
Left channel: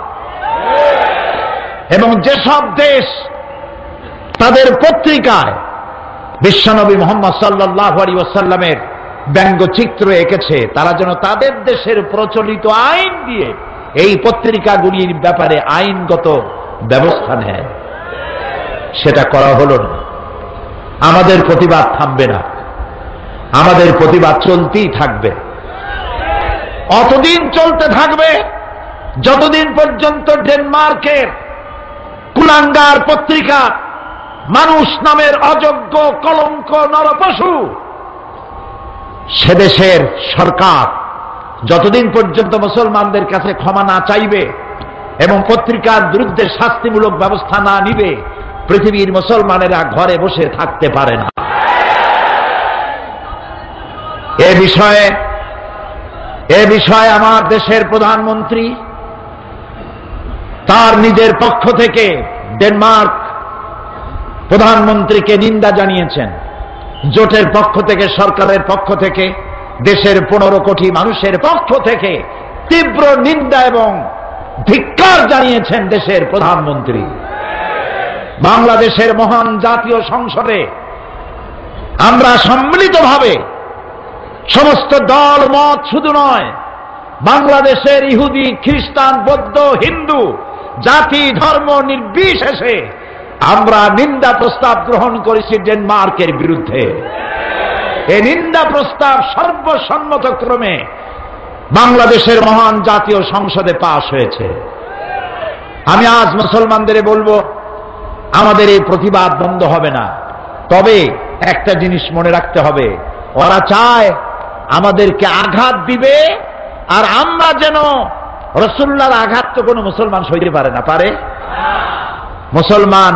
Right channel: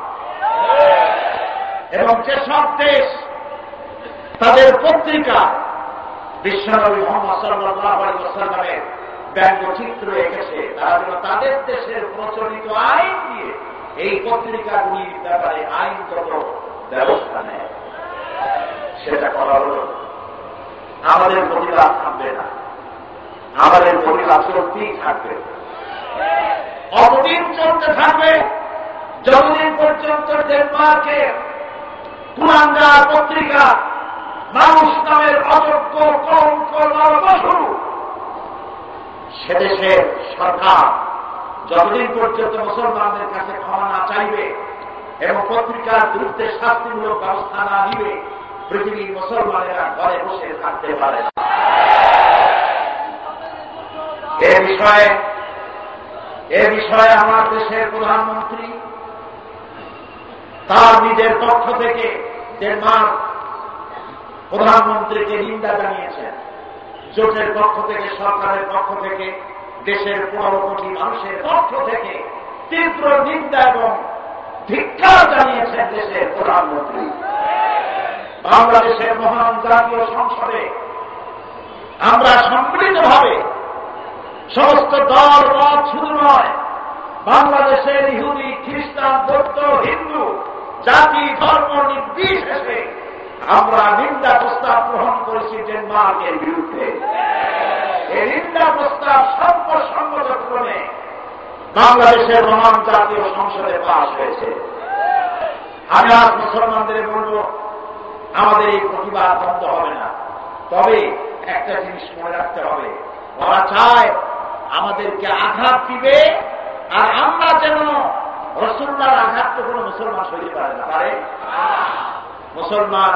এবং যেসব দেশ তাদের পত্রিকায় বিশ্বনবী মুহাম্মদ সাল্লাল্লাহু আলাইহি ওয়াসাল্লামের ব্যঙ্গচিত্র এঁকেছে, তারা যেন তাদের দেশের প্রচলিত আইন দিয়ে এই পত্রিকাগুলির ব্যাপারে আইনগত ব্যবস্থা নেয়। সেটা করা হলো না। আমাদের প্রতিবাদ থামবে না, আমাদের প্রতিবাদ চলতেই থাকবে। অতদিন চলতে থাকবে যতদিন পর্যন্ত ডেনমার্কের কুলাঙ্গার পত্রিকা মানুষ নামের অযোগ্য কলঙ্ক নরপশু সে দেশের সরকার যতদিন পর্যন্ত মুসলমানদের কাছে ক্ষমা না চাইবে এবং পত্রিকার বিরুদ্ধে শাস্তিমূলক ব্যবস্থা না নিবে, পৃথিবীর মুসলমানেরা ঘরে বসে থাকতে পারে না। এ বিষয়ে আমার দেশের প্রধানমন্ত্রী তার নিজের পক্ষ থেকে ডেনমার্ক প্রধানমন্ত্রীকে নিন্দা জানিয়েছেন। জোটের পক্ষ থেকে, সরকারের পক্ষ থেকে, দেশের 15 কোটি মানুষের পক্ষ থেকে তীব্র নিন্দা এবং ধিক্কার জানিয়েছেন দেশের প্রধানমন্ত্রী। বাংলাদেশের মহান জাতীয় সংসদে আমরা সম্মিলিতভাবে সমস্ত দল মত শুধু নয়, বাংলাদেশের ইহুদি, খ্রিস্টান, বৌদ্ধ, হিন্দু, জাতি ধর্ম নির্বিশেষে আমরা নিন্দা প্রস্তাব গ্রহণ করেছি ডেনমার্কের বিরুদ্ধে। এই নিন্দা প্রস্তাব সর্বসম্মতক্রমে বাংলাদেশের মহান জাতীয় সংসদে পাশ হয়েছে। আমি আজ মুসলমানদের বলবো, আমাদের এই প্রতিবাদ বন্ধ হবে না। তবে একটা জিনিস মনে রাখতে হবে, ওরা চায় আমাদেরকে আঘাত দিবে, আর আমরা যেন রাসূলুল্লাহর আঘাত তো কোনো মুসলমান সইতে পারে না। পারে? মুসলমান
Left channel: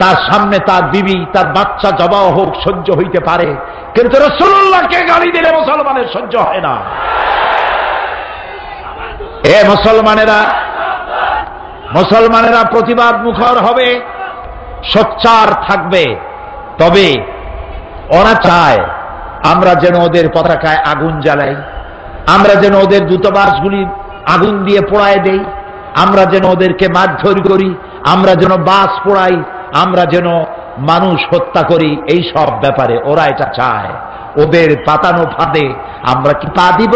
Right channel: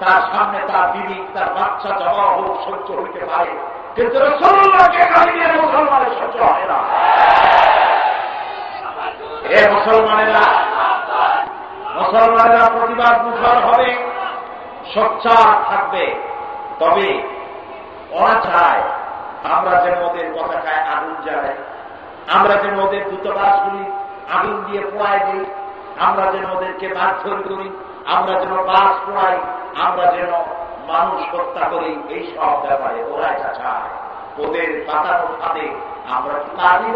তার সামনে তার বিবি, তার বাচ্চা জবাহ হোক সহ্য হইতে পারে, কিন্তু রাসূলুল্লাহকে গালি দিলে মুসলমানের সহ্য হয় না। এ মুসলমানেরা প্রতিবাদ মুখর হবে, সোচ্চার থাকবে। তবে ওরা চায় আমরা যেন ওদের পতাকায় আগুন জ্বালাই, আমরা যেন ওদের দূতাবাসগুলি আগুন দিয়ে পোড়ায় দেই, আমরা যেন ওদেরকে মারধর করি, আমরা যেন বাস পোড়াই, আমরা যেন মানুষ হত্যা করি। এই সব ব্যাপারে ওরা এটা চায়। ওদের পাতানো ফাঁদে আমরা কি পা দিব?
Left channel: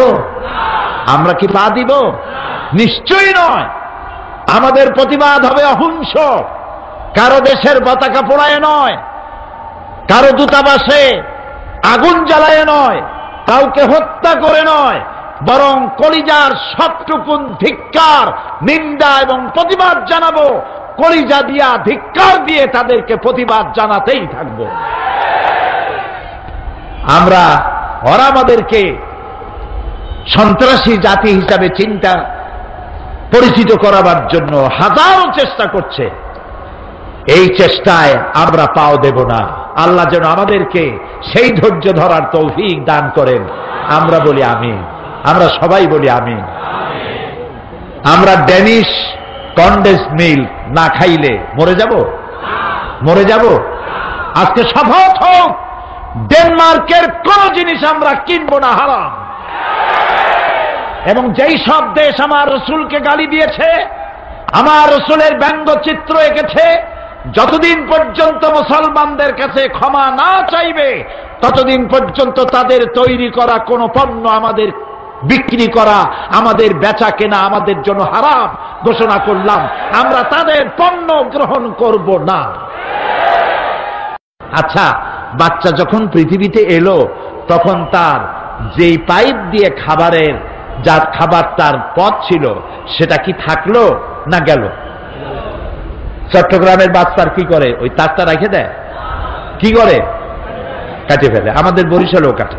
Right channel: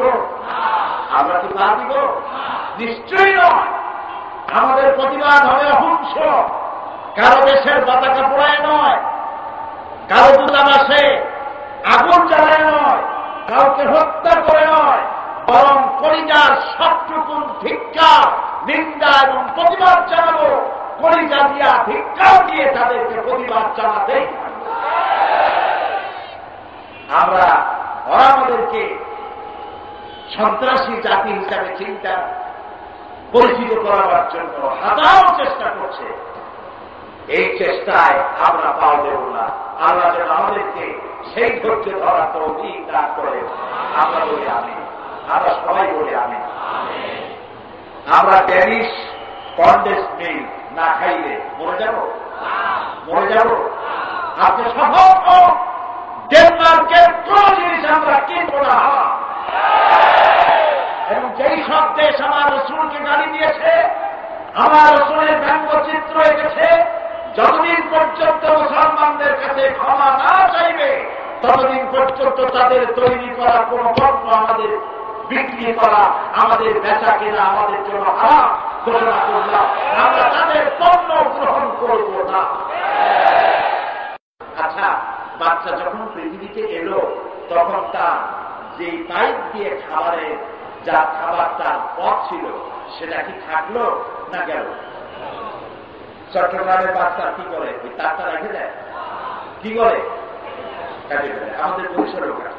আমরা কি পা দিব? নিশ্চয়ই নয়। আমাদের প্রতিবাদ হবে অহিংস, কারো দেশের পতাকা পোড়ায় নয়, কারো দূতাবাসে আগুন জ্বালায় নয়, কাউকে হত্যা করে নয়, বরং কলিজার সবটুকুন ধিক্কার, নিন্দা এবং প্রতিবাদ জানাবো। কলিজা দিয়া ধিক্কার দিয়ে তাদেরকে প্রতিবাদ জানাতেই থাকবো। ওরা আমাদেরকে সন্ত্রাসী জাতি হিসাবে চিন্তা পরিচিত করাবার জন্য হাজারো চেষ্টা করছে। এই চেষ্টায় আমরা পাও দেব না। আল্লাহ যেন আমাদেরকে সেই ধৈর্য ধরার তৌফিক দান করেন। আমরা বলি আমিন, আমরা সবাই বলি আমিন। আমরা ড্যানিশ কন্ডেন্স মিল্ক না খাইলে মরে যাব। আজকে শপথ হোক, ডেনমার্কের কোন জিনিস আমরা কিনবো না, হারাম। এবং যেই সব দেশ আমার রসুলকে গালি দিয়েছে, আমার রসুলের ব্যঙ্গচিত্র এঁকেছে, যতদিন পর্যন্ত মুসলমানদের কাছে ক্ষমা না চাইবে ততদিন পর্যন্ত তাদের তৈরি করা কোন পণ্য আমাদের বিক্রি করা, আমাদের বেচা কেনা আমাদের জন্য হারাম ঘোষণা করলাম। আমরা তাদের পণ্য গ্রহণ করব না। আচ্ছা, বাচ্চা যখন পৃথিবীতে এলো তখন তার যেই পাইপ দিয়ে খাবারের যার খাবার তার পথ ছিল সেটা কি থাকলো না গেল? চট্টগ্রামের বাচ্চার কি করে? ওই তারটা রেখে দেয়, কি করে? কাটে ফেলে। আমাদের বরিশালেও কাটে,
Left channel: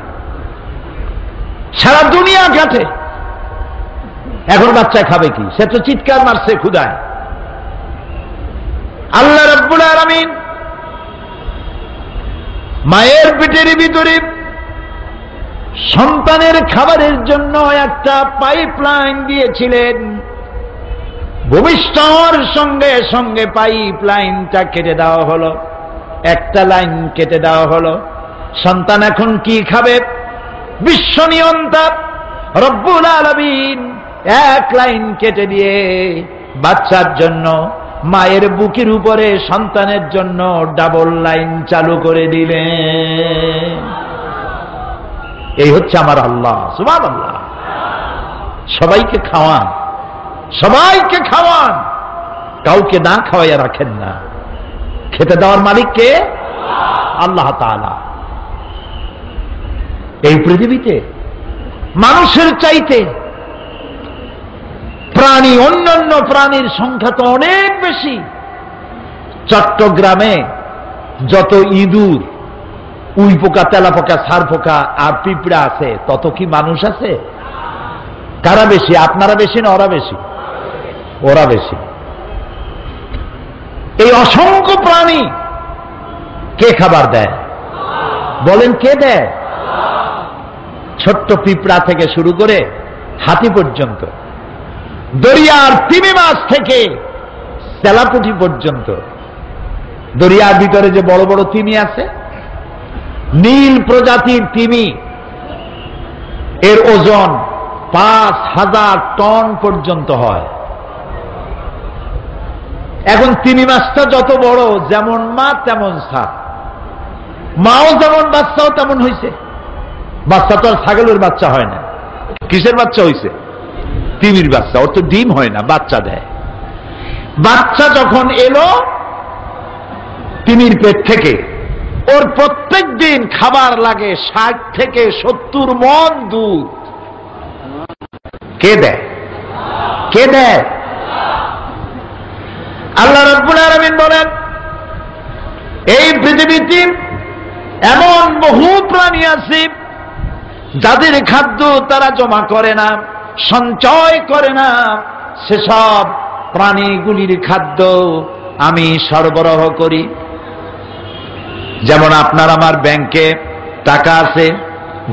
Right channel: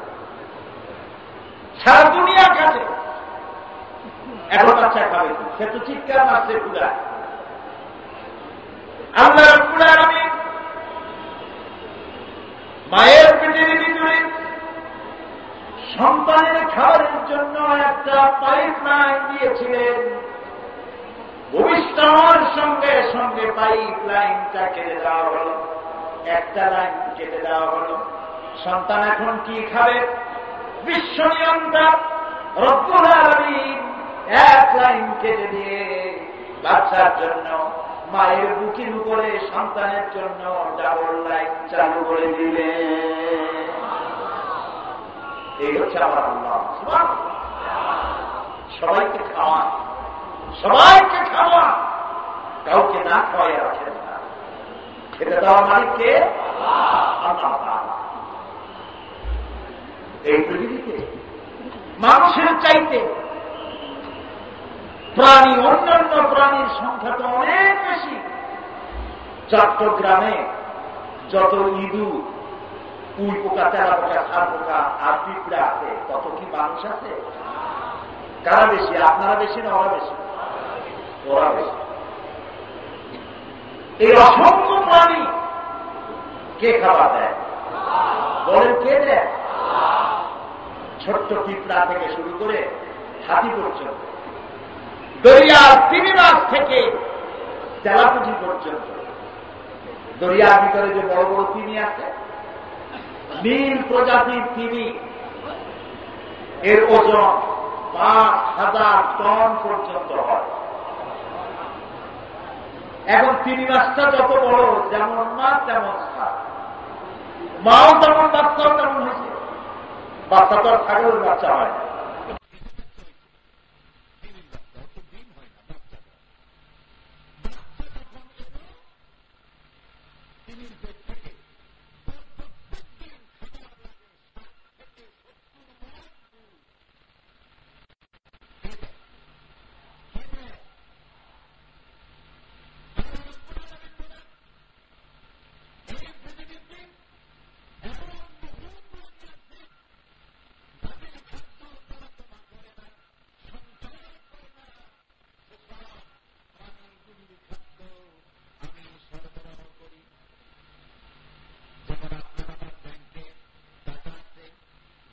সারা দুনিয়া কাটে। এখন বাচ্চা খাবে কি? সে তো চিৎকার মারছে ক্ষুধায়। আল্লাহ রাব্বুল আলামিন মায়ের পেটের ভিতরে সন্তানের খাবারের জন্য একটা পাইপলাইন দিয়েছিলেন। ভূমিষ্ঠর সঙ্গে সঙ্গে পাইপলাইনটা কেটে দেওয়া হলো, একটা লাইন কেটে দেওয়া হলো। সন্তান এখন কি খাবে? বিশ্ব নিয়ন্তা রব্বুল আলামিন এক লাইন কেটে দিয়ে বাচ্চার জন্য মায়ের বুকের উপরে সন্তানের জন্য ডাবল লাইন চালু করে দিলেন। এই হচ্ছে আমার আল্লাহ, সুবহানাল্লাহ। সবাইকে খাওয়ান, সবাইকে খাওয়ান, কাউকে না খাওয়াইয়া রাখেন না। খেতে দেওয়ার মালিক কে? আল্লাহ তাআলা। এই পৃথিবীতে মানুষের চাইতে প্রাণী, অন্যান্য প্রাণীর সংখ্যা তো অনেক বেশি। চট্টগ্রামে যত ইঁদুর, উই পোকা, তেলা পোকা, সার পোকা আর পিঁপড়া আছে তত কি মানুষ আছে? কারা বেশি? আপনারা বেশি না ওরা বেশি? ওরা বেশি। এই অসংখ্য প্রাণী কে খাবার দেয়? বলেন কে দেয়? ছোট্ট পিঁপড়া থেকে শুরু করে হাতি পর্যন্ত, দরিয়ার তিমি মাছ থেকে তেলাপুঁটি পর্যন্ত। দরিয়ার ভিতরে যে বড় বড় তিমি আছে, নীল প্রজাতির তিমি, এর ওজন ৫,০০০ টন পর্যন্ত হয়। এখন তিমি মাছটা যত বড়, যেমন মা তেমন সা, মাও যেমন বাচ্চাও তেমন হয়েছে। বাচ্চা তো আর ছাগলের বাচ্চা হয় না। কিসের বাচ্চা হয়েছে? তিমির বাচ্চা। ওর তো ডিম হয় না, বাচ্চা দেয়। বাচ্চা যখন এলো তিমির পেট থেকে, ওর প্রত্যেক দিন খাবার লাগে ৬০ থেকে ৭০ মণ দুধ। কে দেয়? কে দেয়? আল্লাহ রাব্বুল আলামিন বলেন, এই পৃথিবীতে এমন বহু প্রাণী আছে যাদের খাদ্য তারা জমা করে না, সঞ্চয় করে না। সেসব প্রাণীগুলির খাদ্য আমি সরবরাহ করি। যেমন আপনার আমার ব্যাংকে টাকা আছে,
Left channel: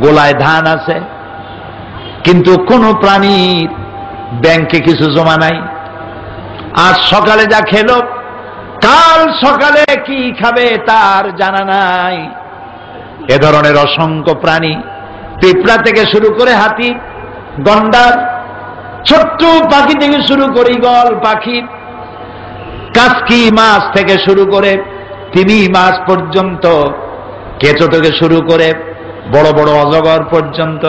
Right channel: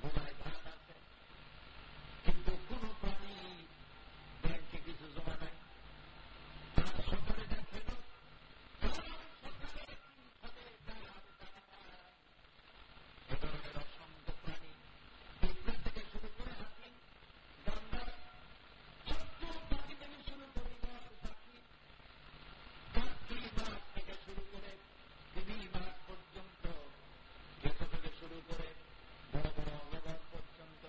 গোলায় ধান আছে, কিন্তু কোন প্রাণীর ব্যাংকে কিছু জমা নাই। আজ সকালে যা খেলো, কাল সকালে কি খাবে তার জানা নাই। এ ধরনের অসংখ্য প্রাণী, পিঁপড়া থেকে শুরু করে হাতি, গন্ডার, ছোট্ট পাখি থেকে শুরু করে ঈগল পাখি, কাসকি মাছ থেকে শুরু করে তিমি মাছ পর্যন্ত, কেঁচো থেকে শুরু করে বড় বড় অজগর পর্যন্ত,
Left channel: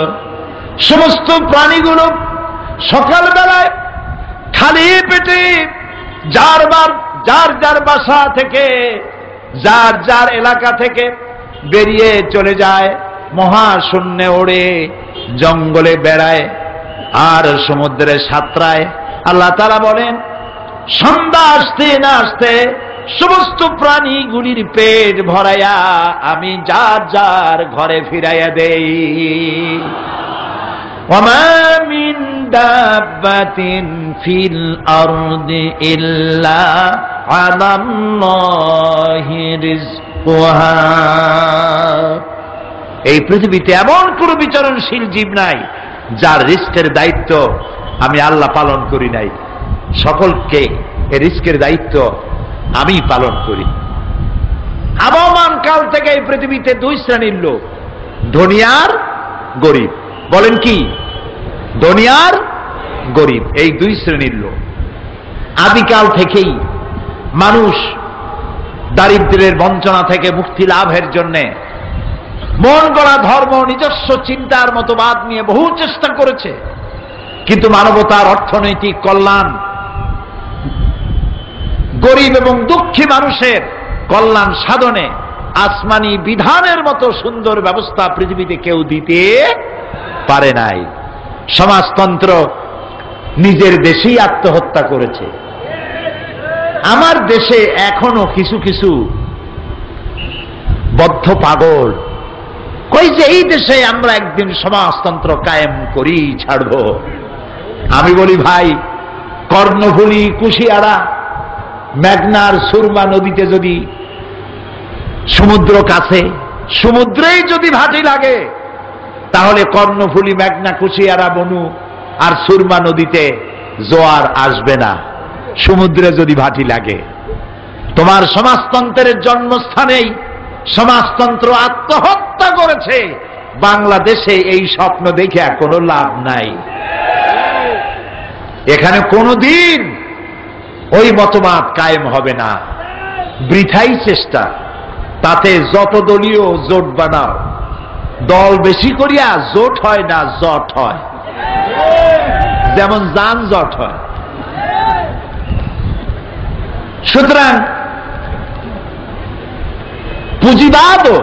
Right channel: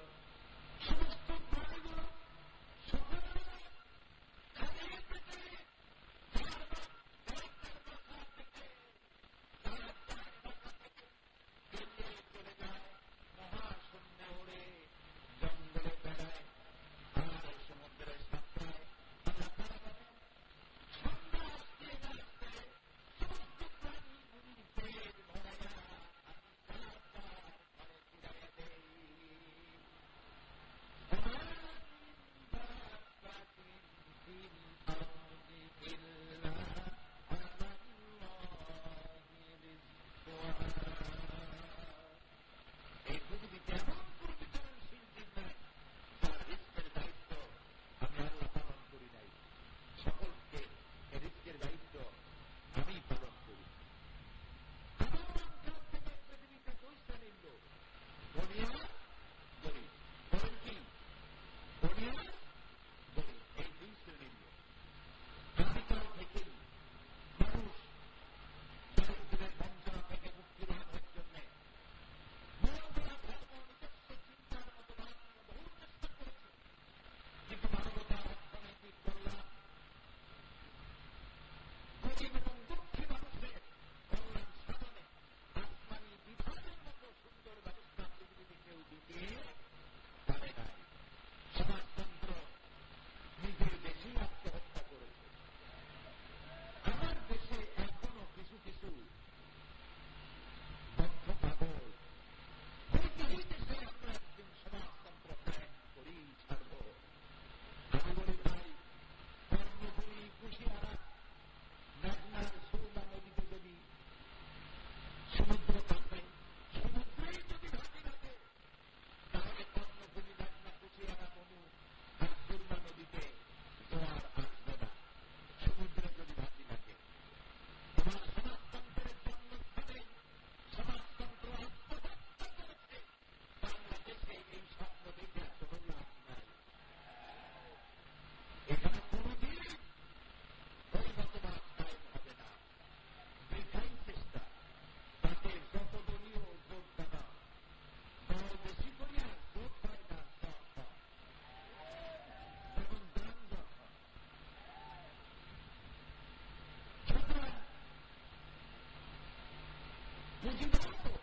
সমস্ত প্রাণীগুলো সকালবেলায় খালি পেটে যার যার বাসা থেকে, যার যার এলাকা থেকে বেরিয়ে চলে যায়, মহাশূন্যে ওড়ে, জঙ্গলে বেড়ায় আর সমুদ্রে সাঁতরায়। আল্লাহ তাআলা বলেন, সন্ধ্যা আসতে না আসতে সমস্ত প্রাণীগুলির পেট ভরাইয়া আমি যার যার ঘরে ফিরাইয়া দেই। ওয়ামা মিন দাব্বাতিন ফিল আরদি ইল্লা আলাল্লাহি রিজকুহা। এই পৃথিবীতে এমন কোন বিচরণশীল জীব নাই যার রিস্কের দায়িত্ব আমি আল্লাহ পালন করি নাই। সকলকে এই রিস্কের দায়িত্ব আমি পালন করি। আবহমান কাল থেকে এই পৃথিবীতে দুই শ্রেণীর লোক, ধনী আর গরিব। বলেন কি? ধনী আর গরিব, এই দুই শ্রেণীর লোক। আদিকাল থেকেই মানুষ দারিদ্র্যের বঞ্চনা থেকে মুক্তি লাভের জন্য মন গড়া ধর্ম, নিজস্ব চিন্তার মতবাদ নিয়ে বহু চেষ্টা করেছে, কিন্তু মানবতার অর্থনৈতিক কল্যাণ, গরিব এবং দুঃখী মানুষের কল্যাণ সাধনে আসমানি বিধানের মতো সুন্দর ব্যবস্থা পৃথিবীতে কেউ দিতে পারে নাই। সমাজতন্ত্র নিজের দেশেই আত্মহত্যা করেছে। আমার দেশে এখনো কিছু কিছু বদ্ধ পাগল কই যে এই দেশে আমরা একদিন সমাজতন্ত্র কায়েম করি, ছাড়ব। আমি বলি ভাই, কর্ণফুলী, কুশিয়ারা, মেঘনার সুরমা নদীতে যদি সমুদ্র কাছে, সমুদ্রেই যদি ভাটি লাগে, তাহলে কর্ণফুলী, মেঘনা, কুশিয়ারা, বনু আর সুরমা নদীতে জোয়ার আসবে না, সমুদ্রে যদি ভাটি লাগে। তোমার সমাজতন্ত্রের জন্মস্থানেই সমাজতন্ত্র আত্মহত্যা করেছে। বাংলাদেশে এই স্বপ্ন দেখে কোনো লাভ নাই। এখানে কোনোদিন ওই মতবাদ কায়েম হবে না, বৃথাই চেষ্টা। তাতে যত দলীয় জোট বানাও, দল বেশি করিয়া জোট হয় না, জট হয়, যেমন যানজট হয়। সুতরাং পুঁজিবাদও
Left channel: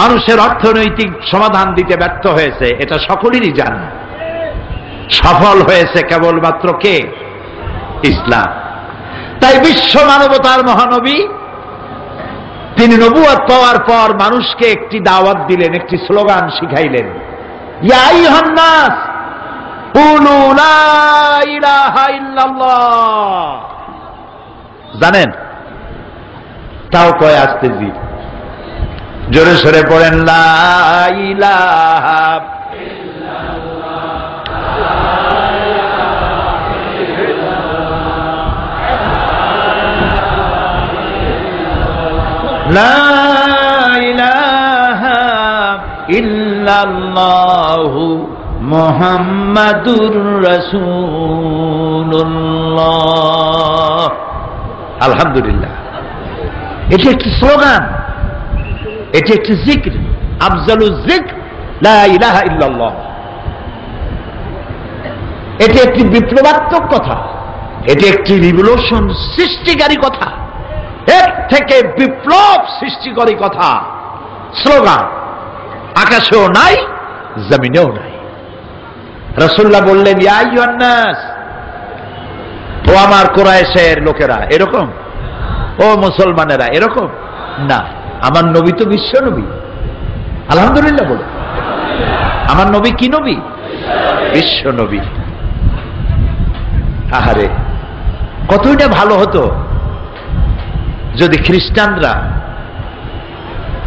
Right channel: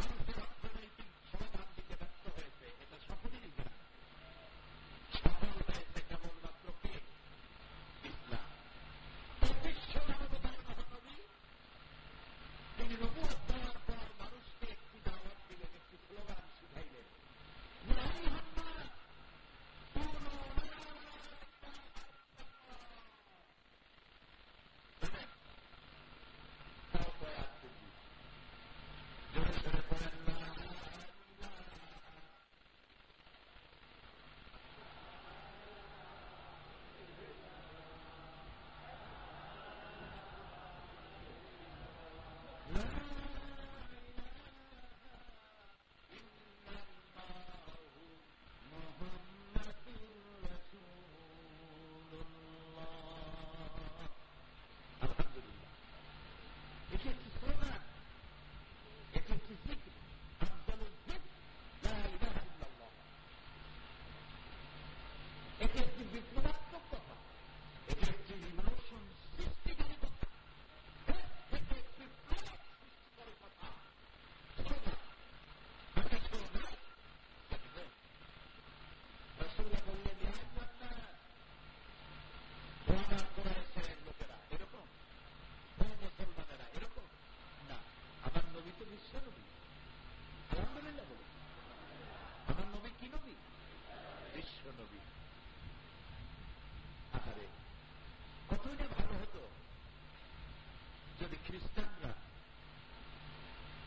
মানুষের অর্থনৈতিক সমাধান দিতে ব্যর্থ হয়েছে, এটা সকলেরই জানে। সফল হয়েছে কেবলমাত্র কে? ইসলাম। তাই বিশ্ব মানবতার মহানবী তিনি নবুয়ত পাওয়ার পর মানুষকে একটি দাওয়াত দিলেন, একটি স্লোগান শিখাইলেন, ইয়া আইয়ুহান নাস কুলু লা ইলাহা ইল্লাল্লাহ। জানেন? তাও কয় আস্তে জি, জোরে সরে পড়েন, লা ইলাহা লা ইলাহা ইল্লাল্লাহু মুহাম্মাদুর রাসূলুল্লাহ। আলহামদুলিল্লাহ, এটি একটি স্লোগান, এটি একটি জিক্র, আফজালুজ জিক্র লা ইলাহা ইল্লাল্লাহ। এটি একটি বিপ্লবাত্মক কথা, এটি একটি রিভলিউশন সৃষ্টিকারী কথা, এর থেকে বিপ্লব সৃষ্টিকারী কথা, স্লোগান আকাশেও নাই, জমিনেও নাই। রাসূলুল্লাহ বললেন, ইয়া আইয়ুহান নাস, ও আমার কুরাইশের লোকেরা, এরকম, ও মুসলমানেরা এরকম না। আমার নবী তো বিশ্ব নবী। আলহামদুলিল্লাহ বলে, আমার নবী কি নবী? বিশ্ব নবী। আহারে, কতটা ভালো হতো যদি খ্রিস্টানরা,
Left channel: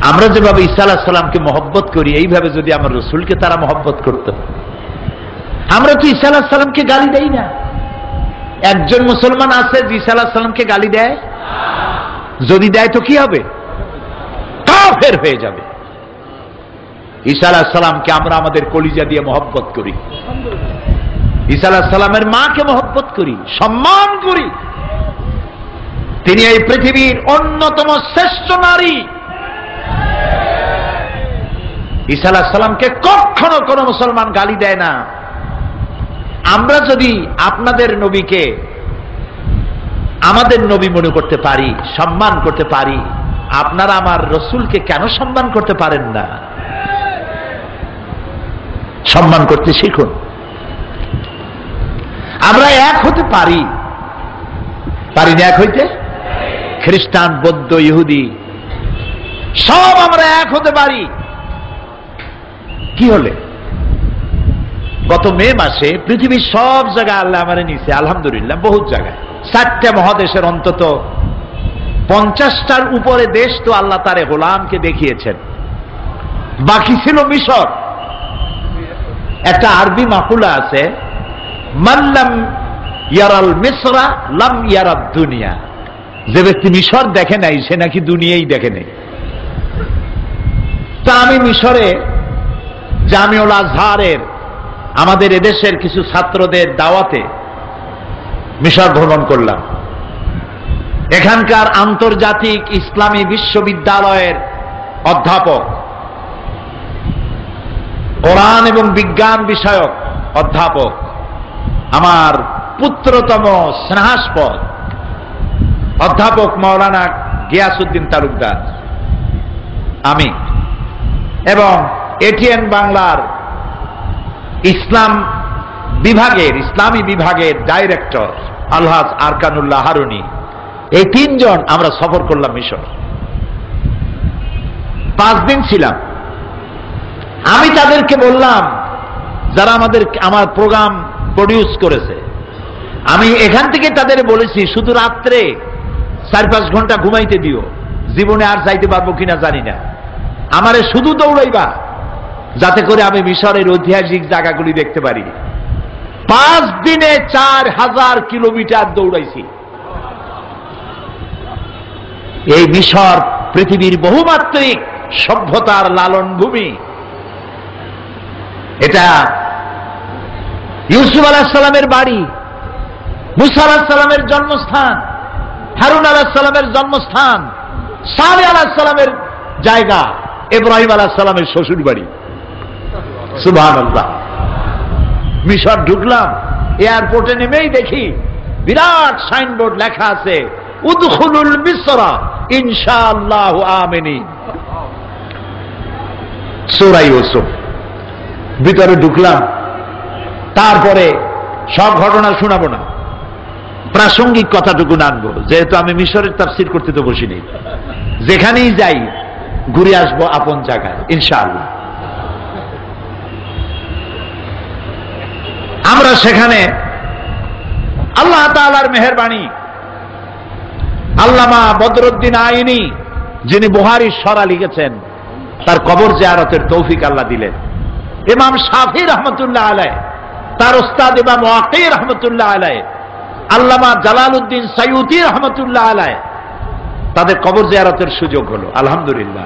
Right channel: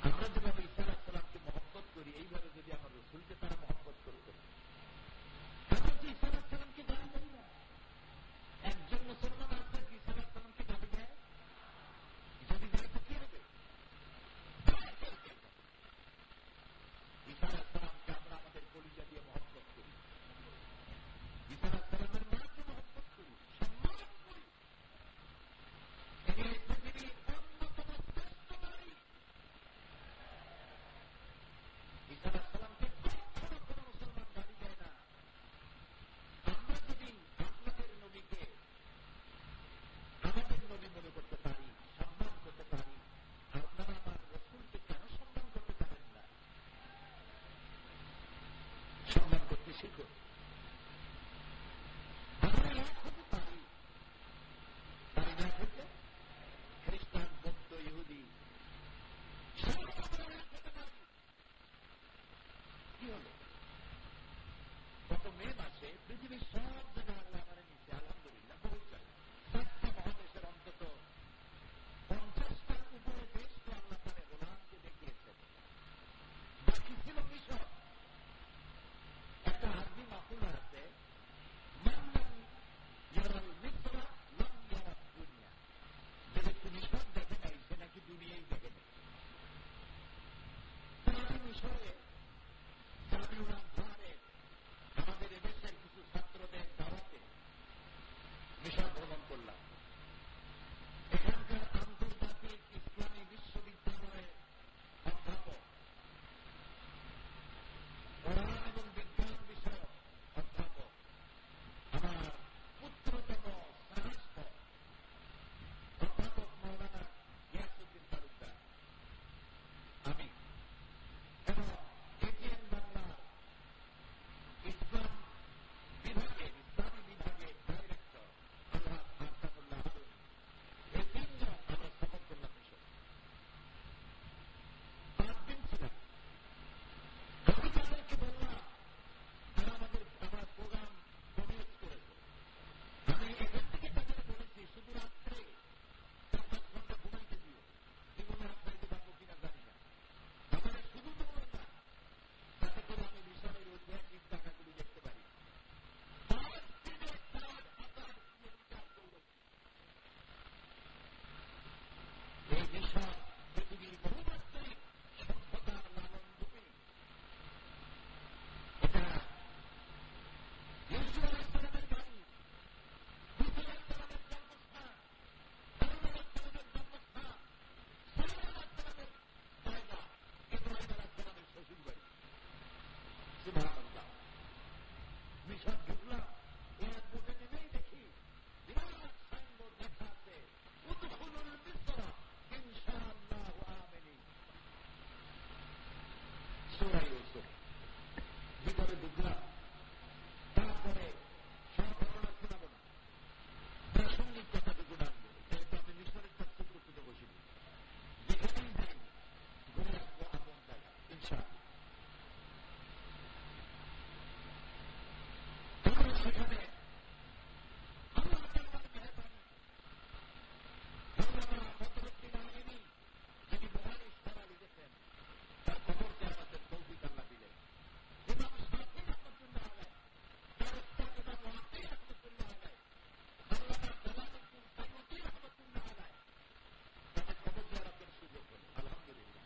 আমরা যেভাবে ঈসা আলাইহিস সালামকে মহব্বত করি, এইভাবে যদি আমার রসুলকে তারা মহব্বত করত। আমরা তো ঈসা আলাইহিস সালামকে গালি দেই না। একজন মুসলমান আছে যে ঈসা আলাইহিস সালামকে গালি দেয়? যদি দেয় তো কি হবে? কাফের হয়ে যাবে। ঈসা আলাইহিস সালামকে আমরা আমাদের কলিজা দিয়ে মহব্বত করি, ঈসা আলাইহিস সালামের মাকে মহব্বত করি, সম্মান করি। তিনি এই পৃথিবীর অন্যতম শ্রেষ্ঠ নারী। ঈসা আলাইহিস সালামকে কখনো কোনো মুসলমান গালি দেয় না। আমরা যদি আপনাদের নবীকে আমাদের নবী মনে করতে পারি, সম্মান করতে পারি, আপনারা আমার রসুলকে কেন সম্মান করতে পারেন না? সম্মান করতে শিখুন। আমরা এক হতে পারি, পারি না এক হইতে? খ্রিস্টান, বৌদ্ধ, ইহুদি সব আমরা এক হতে পারি। কি হলে? গত মে মাসে পৃথিবীর সব জায়গায় আল্লাহ আমারে নিছে, আলহামদুলিল্লাহ, বহুত জায়গায়, 4টা মহাদেশের অন্তত 50টার উপরে দেশ তো আল্লাহ তারে গোলামকে দেখিয়েছেন। বাকি ছিল মিশর। একটা আরবি মাকুলা আছে, মাল্লাম ইয়ারাল মিসরা লাম ইয়ারাদ দুনিয়া। যে ব্যক্তি মিশর দেখে নাই সে নাকি দুনিয়াই দেখে নাই। তা আমি মিশরে জামিউল আজহারের আমাদের এদেশের কিছু ছাত্রদের দাওয়াতে মিশর ভ্রমণ করলাম। এখানকার আন্তর্জাতিক ইসলামী বিশ্ববিদ্যালয়ের অধ্যাপক, কোরআন এবং বিজ্ঞান বিষয়ক অধ্যাপক, আমার পুত্রতম স্নেহাস্পদ অধ্যাপক মাওলানা গিয়াসউদ্দিন তালুকদার, আমি এবং এটিএন বাংলার ইসলামী বিভাগের ডাইরেক্টর আলহাজ আরকানুল্লাহ হারুনি, এই তিনজন আমরা সফর করলাম মিশর। 5 দিন ছিলাম। আমি তাদেরকে বললাম, যারা আমার প্রোগ্রাম প্রডিউস করেছে, আমি এখান থেকে তাদের বলেছি শুধু রাত্রে 4-5 ঘন্টা ঘুমাইতে দিও, জীবনে আর যাইতে পারবো কিনা জানি না, আমারে শুধু দৌড়াইবা যাতে করে আমি মিশরের ঐতিহাসিক জায়গাগুলি দেখতে পারি। 5 দিনে 4000 কিলোমিটার দৌড়াইছি। এই মিশর পৃথিবীর বহুমাত্রিক সভ্যতার লালন ভূমি। এটা ইউসুফ আলাইহিস সালামের বাড়ি, মুসা আলাইহিস সালামের জন্মস্থান, হারুন আলাইহিস সালামের জন্মস্থান, সালেহ আলাইহিস সালামের জায়গা, ইব্রাহিম আলাইহিস সালামের শ্বশুর বাড়ি। সুবহানাল্লাহ। মিশর ঢুকলাম, এয়ারপোর্টে নেমেই দেখি বিরাট সাইনবোর্ড লেখা আছে, উদখুলুল মিসরা ইনশাআল্লাহু আমিনিন। সূরা ইউসুফ। ভিতরে ঢুকলাম, তারপরে সব ঘটনা শোনাবো না, প্রাসঙ্গিক কথাটুকু আনবো, যেহেতু আমি মিশরের তাফসীর করতে তো বসিনি। যেখানেই যাই ঘুরে আসবো আপন জায়গায় ইনশাআল্লাহ। আমরা সেখানে আল্লাহ তাআলার মেহেরবানি, আল্লামা বদরুদ্দিন আইনি যিনি বুখারীর সরা লিখেছেন, তার কবর জিয়ারতের তৌফিক আল্লাহ দিলেন। ইমাম শাফি রহমতুল্লাহ আলাইহি, তার উস্তাদ ইমাম ওয়াকি রহমতুল্লাহ আলাইহি, আল্লামা জালালউদ্দিন সাইয়ুতি রহমতুল্লাহ আলাইহি, তাদের কবর জিয়ারতের সুযোগ হলো আলহামদুলিল্লাহ।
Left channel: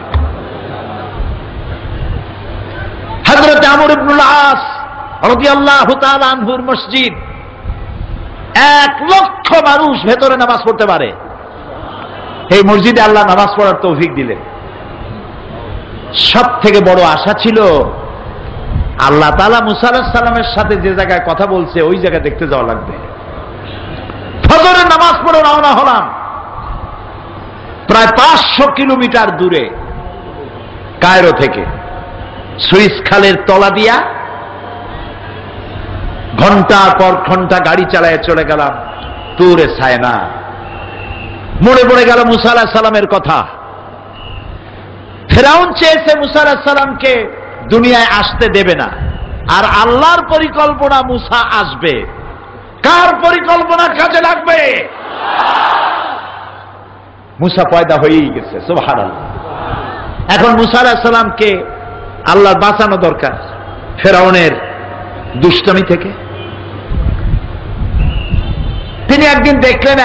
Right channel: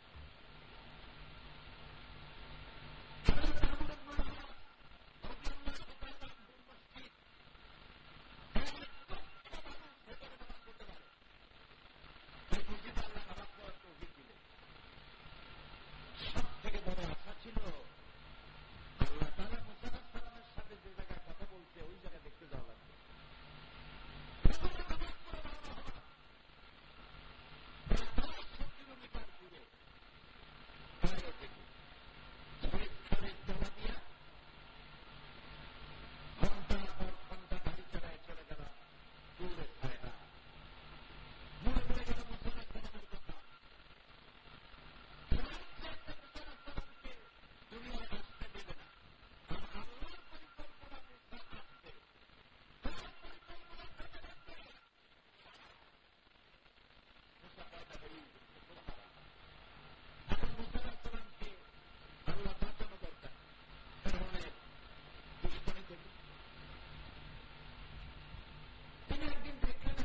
হযরত আমর ইবনুল আস রাদিয়াল্লাহু তাআলা আনহুর মসজিদ, 1 লক্ষ মানুষ ভেতরে নামাজ পড়তে পারে। এই মসজিদে আল্লাহ নামাজ পড়ার তৌফিক দিলেন। সব থেকে বড় আশা ছিল আল্লাহ তাআলা মুসা আলাইহিস সালামের সাথে যে জায়গায় কথা বলছে ওই জায়গা দেখতে যাওয়া লাগবে। ফজরের নামাজ পড়ে রওনা হলাম। প্রায় 500 কিলোমিটার দূরে কায়রো থেকে সুইস খালের তলা দিয়া ঘন্টার পর ঘন্টা গাড়ি চালায় চলে গেলাম তুরে সায়না। মনে পড়ে গেল মুসা আলাইহিস সালামের কথা। ফেরাউন চেয়েছে মুসা আলাইহিস সালামকে দুনিয়ায় আসতে দেবে না, আর আল্লাহর পরিকল্পনা মুসা আসবে। কার পরিকল্পনা কাজে লাগবে? মুসা পয়দা হয়েই গেছে। সুবহানাল্লাহ। এখন মুসা আলাইহিস সালামকে আল্লাহর বাঁচানো দরকার ফেরাউনের দুষ্টমি থেকে। তিনি একদিন দেখলেন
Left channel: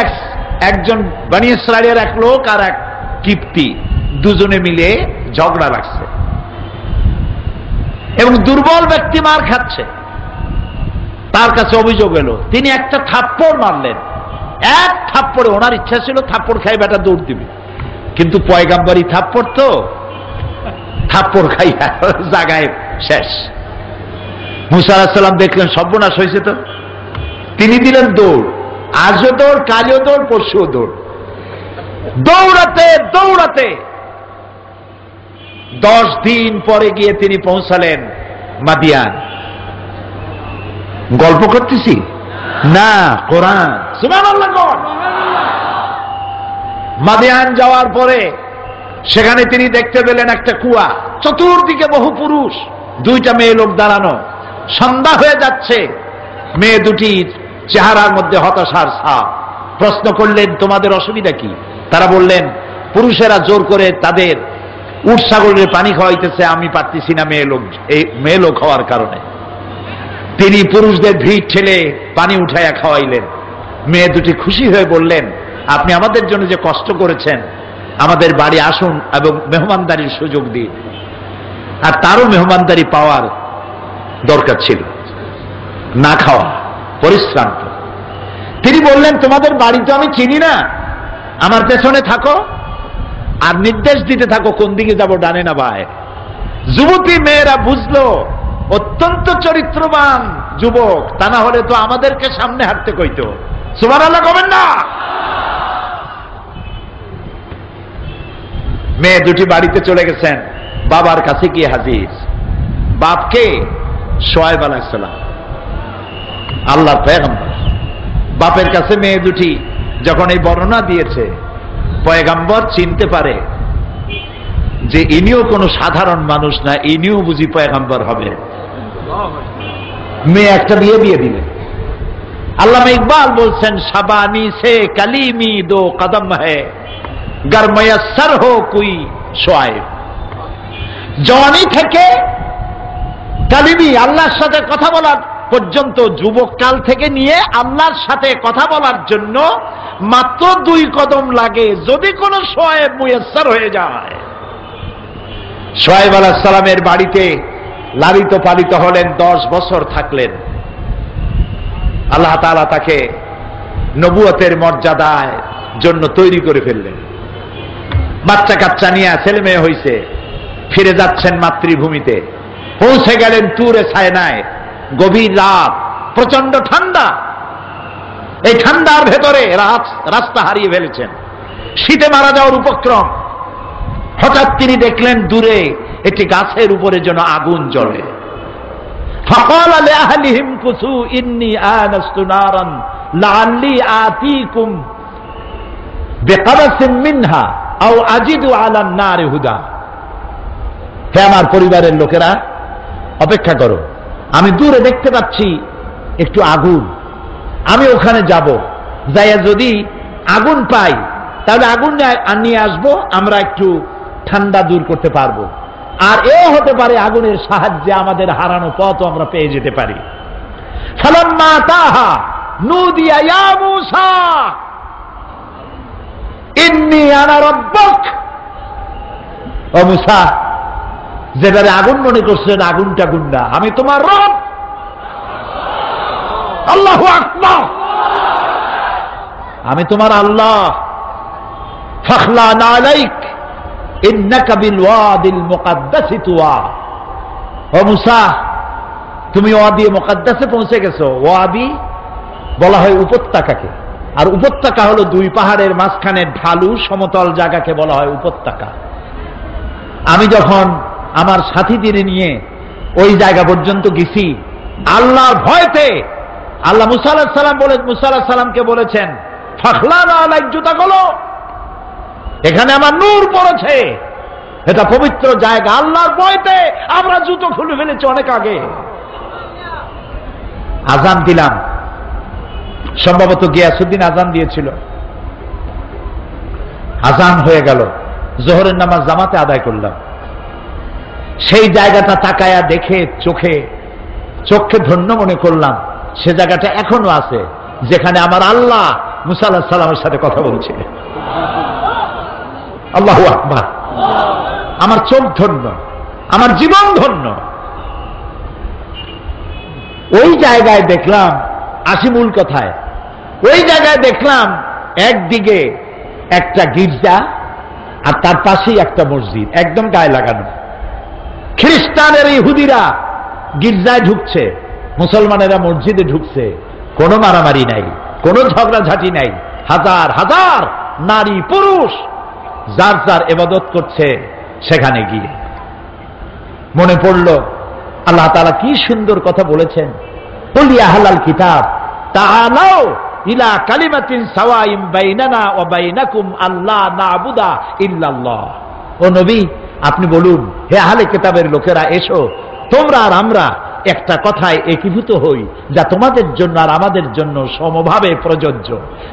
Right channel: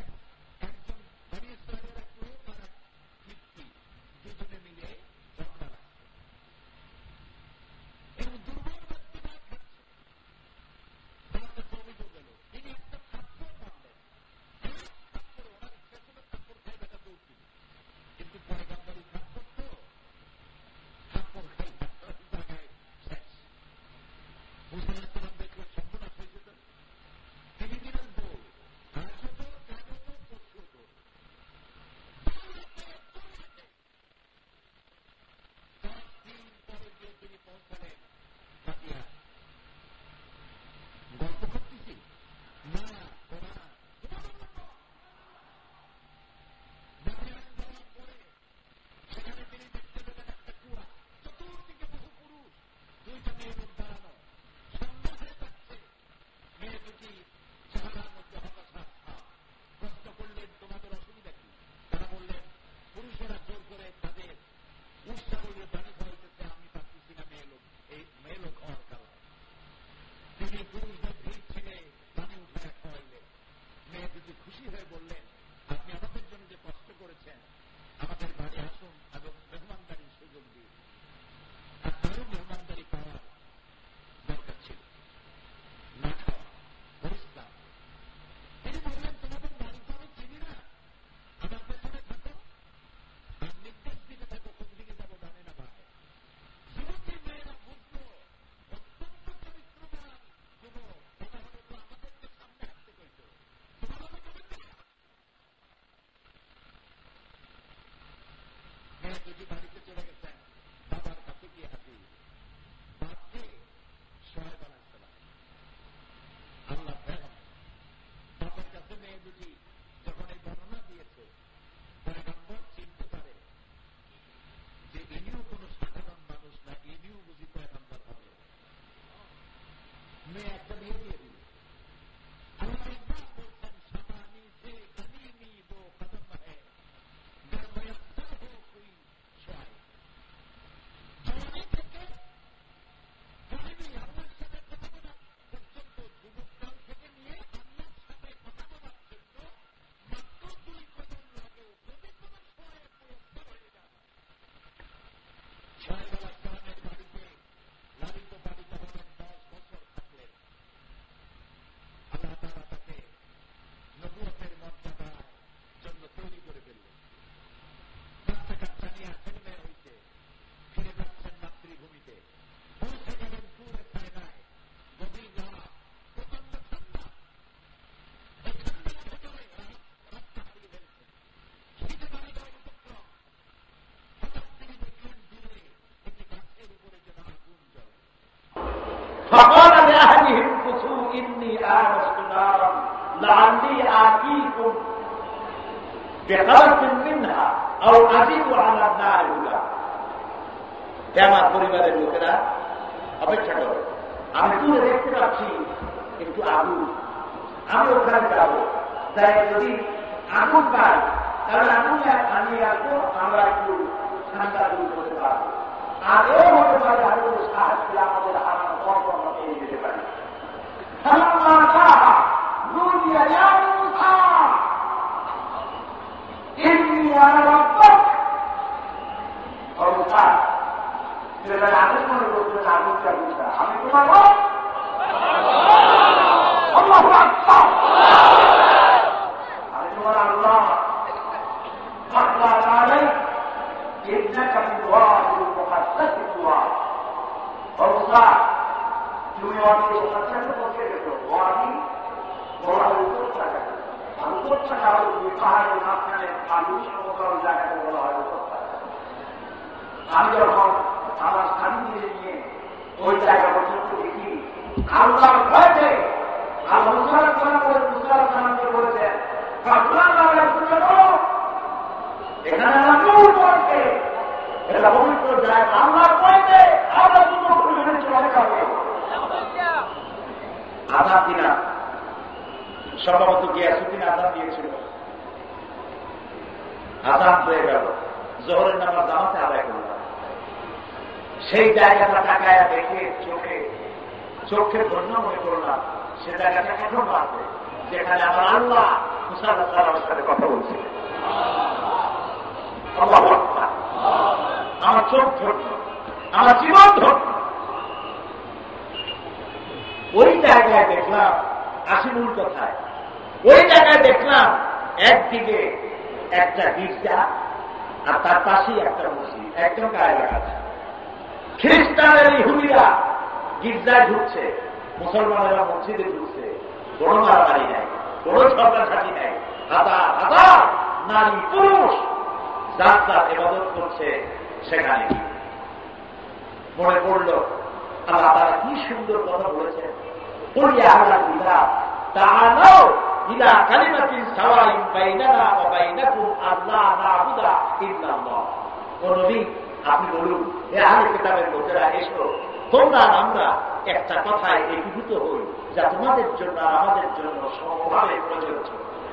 একজন বনি ইসরাইলের এক লোক আর এক কিপ্তি দুজনে মিলে ঝগড়া লাগছে এবং দুর্বল ব্যক্তি মার খাচ্ছে। তার কাছে অভিযোগ এলো, তিনি একটা থাপ্পড় মারলেন। 1 থাপ্পড়ে, ওনার ইচ্ছা ছিল থাপ্পড় খাই বেটা দৌড় দিবে, কিন্তু পয়গাম্বরী থাপ্পড় তো, থাপ্পড় খাই জায়গায় শেষ। মুসা আলাইহিস সালাম দেখলেন সর্বনাশ হয়েছে তো, তিনি দিলেন দৌড়। আজও দৌড়, কালও দৌড়, পরশুও দৌড়। দৌড়াতে দৌড়াতে 10 দিন পরে গিয়ে তিনি পৌঁছালেন মাদিয়ান। গল্প করতেছি না, কোরআন। সুবহানাল্লাহ। মাদিয়ান যাওয়ার পরে সেখানে তিনি দেখতে পেলেন একটা কুয়া, চতুর্দিকে বহু পুরুষ, 2টা মেয়ে লোক দাঁড়ানো। সন্ধ্যা হয়ে যাচ্ছে। মেয়ে দুটি চেহারার মধ্যে হতাশার ছাপ। প্রশ্ন করলেন, তোমাদের অসুবিধা কি? তারা বললেন, পুরুষেরা জোর করে তাদের উট ছাগলের পানি খাওয়াইতেছে, আমি পারতেছি না মেয়ে লোক হওয়ার কারণে। তিনি পুরুষদের ভিড় ঠেলে পানি উঠাইয়া খাওয়াইলেন। মেয়ে দুটি খুশি হয়ে বললেন, আপনি আমাদের জন্য যে কষ্ট করেছেন, আমাদের বাড়ি আসুন এবং মেহমানদারির সুযোগ দিন। আর তারও মেহমানদারি পাওয়ার দরকার ছিল, না খাওয়া, পরিশ্রান্ত। তিনি বললেন, তোমাদের বাড়ি তো আমি চিনি না, আমার পেছনে থাকো আর নির্দেশ দিতে থাকো কোন দিকে যাব, ডানে না বাঁয়ে। যুবতী মেয়েরা বুঝলো অত্যন্ত চরিত্রবান যুবক, তা না হলে তো আমাদেরকে সামনে হাঁটতে কইতো। সুবহানাল্লাহ কবেন না? মেয়ে দুটি বাড়িতে চলে গেছেন, বাবার কাছে গিয়ে হাজির। বাপকে শুআয়ব আলাইহিস সালাম, আল্লাহর পয়গম্বর। বাপের কাছে মেয়ে দুটি যখন এই বর্ণনা দিয়েছে, পয়গম্বর চিনতে পারে যে ইনিও কোনো সাধারণ মানুষ না, ইনিও বুঝি পয়গম্বর হবে। মেয়ে একটা বিয়ে দিয়ে দিলেন। আল্লামা ইকবাল বলছেন, শাবানি সে কালিমি দো কদম হ্যায় গর ময়স্সর হো কুই শুআয়ব। জওয়ানি থেকে কালিমি, আল্লাহর সাথে কথা বলার পর্যন্ত, যুবক কাল থেকে নিয়ে আল্লাহর সাথে কথা বলার জন্য মাত্র 2 কদম লাগে, যদি কোনো শুআয়ব মুয়াসসার হয়ে যায়। শুআয়ব আলাইহিস সালামের বাড়িতে লালিত পালিত হলেন, 10 বছর থাকলেন। আল্লাহ তাআলা তাকে নবুয়তের মর্যাদার জন্য তৈরি করে ফেললেন। বাচ্চা কাচ্চা নিয়ে ছেলে মেয়ে হয়েছে, ফিরে যাচ্ছেন মাতৃভূমিতে। পৌঁছে গেলেন তুরে সায়নায়। গভীর রাত, প্রচন্ড ঠান্ডা। এই ঠান্ডার ভেতরে রাস্তা হারিয়ে ফেলেছেন, শীতে মারা যাওয়ার উপক্রম। হঠাৎ তিনি দেখলেন দূরে একটি গাছের উপরে যেন আগুন জ্বলে। ফাকালা লিআহলিহিম কুসু ইন্নী আনাস্তু নারান লাআল্লি আতীকুম বিকাবাসিন মিনহা আও আজিদু আলান নারি হুদা। হে আমার পরিবারের লোকেরা, অপেক্ষা করো, আমি দূরে দেখতে পাচ্ছি একটু আগুন, আমি ওখানে যাব, যাইয়া যদি আগুন পাই তাহলে আগুন নিয়ে আসবো, আমরা একটু ঠান্ডা দূর করতে পারবো। আর এও হতে পারে আগুনের সাহায্যে আমাদের হারানো পথ আমরা পেয়ে যেতে পারি। ফালাম্মা তাহা নুদিয়া ইয়া মূসা ইন্নী আনা রাব্বুক। ও মূসা, যেবারে আগুন মনে করছেন আগুনটা গুন্ডা, আমি তোমার রব। আল্লাহু আকবার, আমি তোমার আল্লাহ। ফাখলা আলাইক ইন্নাকা বিল ওয়াদিল মুকাদ্দাসি তুয়া। ও মূসা, তুমি ওয়াদি মুকাদ্দাসে পৌঁছে গেছো। ওয়াদি বলা হয় উপত্যকাকে, আর উপত্যকা হলো 2 পাহাড়ের মাঝখানে ঢালু সমতল জায়গাকে বলা হয় উপত্যকা। আমি যখন আমার সাথীদের নিয়ে ওই জায়গা পর্যন্ত গেছি, আল্লাহর ভয়তে আল্লাহ মুসা আলাইহিস সালাম মুসা আলাইহিস সালামকে বলেছেন, ফাখলানা আলাইক, জুতা খোলো, এখানে আমার নূর পড়েছে, এটা পবিত্র জায়গা। আল্লাহর ভয়তে আমরা জুতো খুলে ফেলেছি অনেক আগে। আজান দিলাম, সম্ভবত গিয়াসউদ্দিন আজান দিয়েছিল। আজান হয়ে গেল, জোহরের নামাজ জামাতে আদায় করলাম। সেই জায়গাটা তাকায়া দেখে চোখে ধন্য মনে করলাম, সে জায়গাটা এখনো আছে যেখানে আমার আল্লাহ মুসা আলাইহিস সালামের সাথে কথা বলছিলেন। আল্লাহু আকবার, আমার চোখ ধন্য, আমার জীবন ধন্য। ওই জায়গায় দেখলাম, আসি মূল কথায়, ওই জায়গায় দেখলাম একদিকে একটা গির্জা আর তার পাশেই একটা মসজিদ, একদম গায়ে লাগানো। খ্রিস্টানের ইহুদিরা গির্জায় ঢুকছে, মুসলমানেরা মসজিদে ঢুকছে। কোনো মারামারি নাই, কোনো ঝগড়াঝাটি নাই। হাজার হাজার নারী পুরুষ যার যার ইবাদত করছে সেখানে গিয়ে। মনে পড়ল আল্লাহ তাআলা কি সুন্দর কথা বলেছেন, কুল ইয়া আহলাল কিতাব তাআলাউ ইলা কালিমাতিন সাওয়াইন বাইনানা ওয়া বাইনাকুম আল্লা না'বুদা ইল্লাল্লাহ। ও নবী, আপনি বলুন, হে আহলে কিতাবের লোকেরা, এসো, তোমরা আর আমরা একটা কথায় একীভূত হই যা তোমাদের জন্য আর আমাদের জন্য সমভাবে প্রযোজ্য।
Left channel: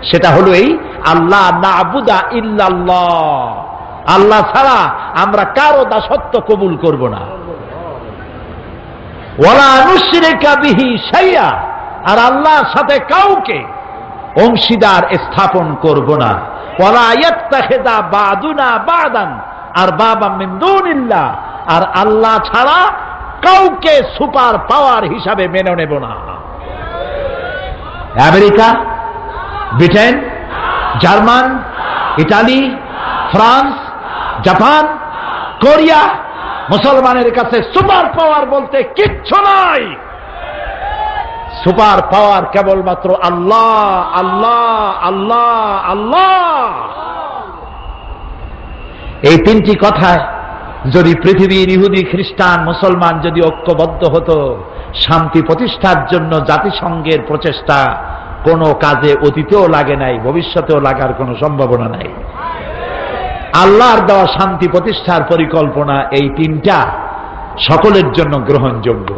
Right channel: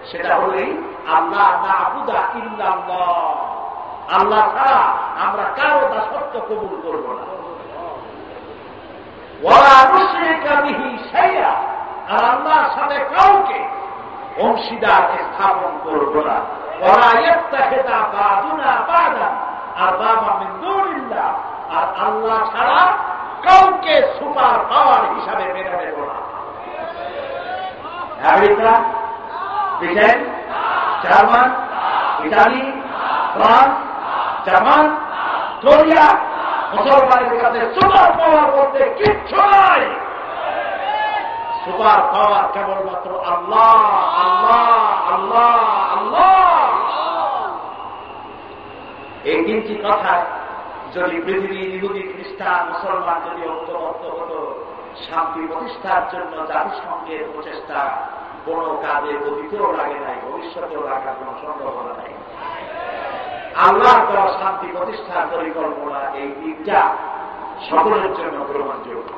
সেটা হলো এই, আল্লাহ না'বুদা ইল্লাল্লাহ, আল্লাহ ছাড়া আমরা কারো দাসত্ব কবুল করব না। ওয়ালা নুশরিকা বিহি শাইআ, আর আল্লাহর সাথে কাউকে অংশীদার স্থাপন করব না। ওয়ালা ইয়াত্তাখিযা বা'দুনা বা'দান আরবাবাম মিন দুনিল্লাহ, আর আল্লাহ ছাড়া কাউকে সুপার পাওয়ার হিসাবে মেনে নেব না। America, Britain, German, Italy, France, Japan, Korea, মুসলমানের কাছে সুপার পাওয়ার বলতে কিচ্ছু নাই। সুপার পাওয়ার কেবলমাত্র আল্লাহ, আল্লাহ, আল্লাহ, আল্লাহ। এই তিনটি কথায় যদি পৃথিবীর ইহুদি, খ্রিস্টান, মুসলমান যদি ঐক্যবদ্ধ হতো, শান্তি প্রতিষ্ঠার জন্য জাতিসংঘের প্রচেষ্টা কোনো কাজে অতীতেও লাগে নাই, ভবিষ্যতেও লাগার কোনো সম্ভাবনা নাই। আল্লাহর দেওয়া শান্তি প্রতিষ্ঠার পরিকল্পনা এই তিনটা সকলের জন্য গ্রহণযোগ্য।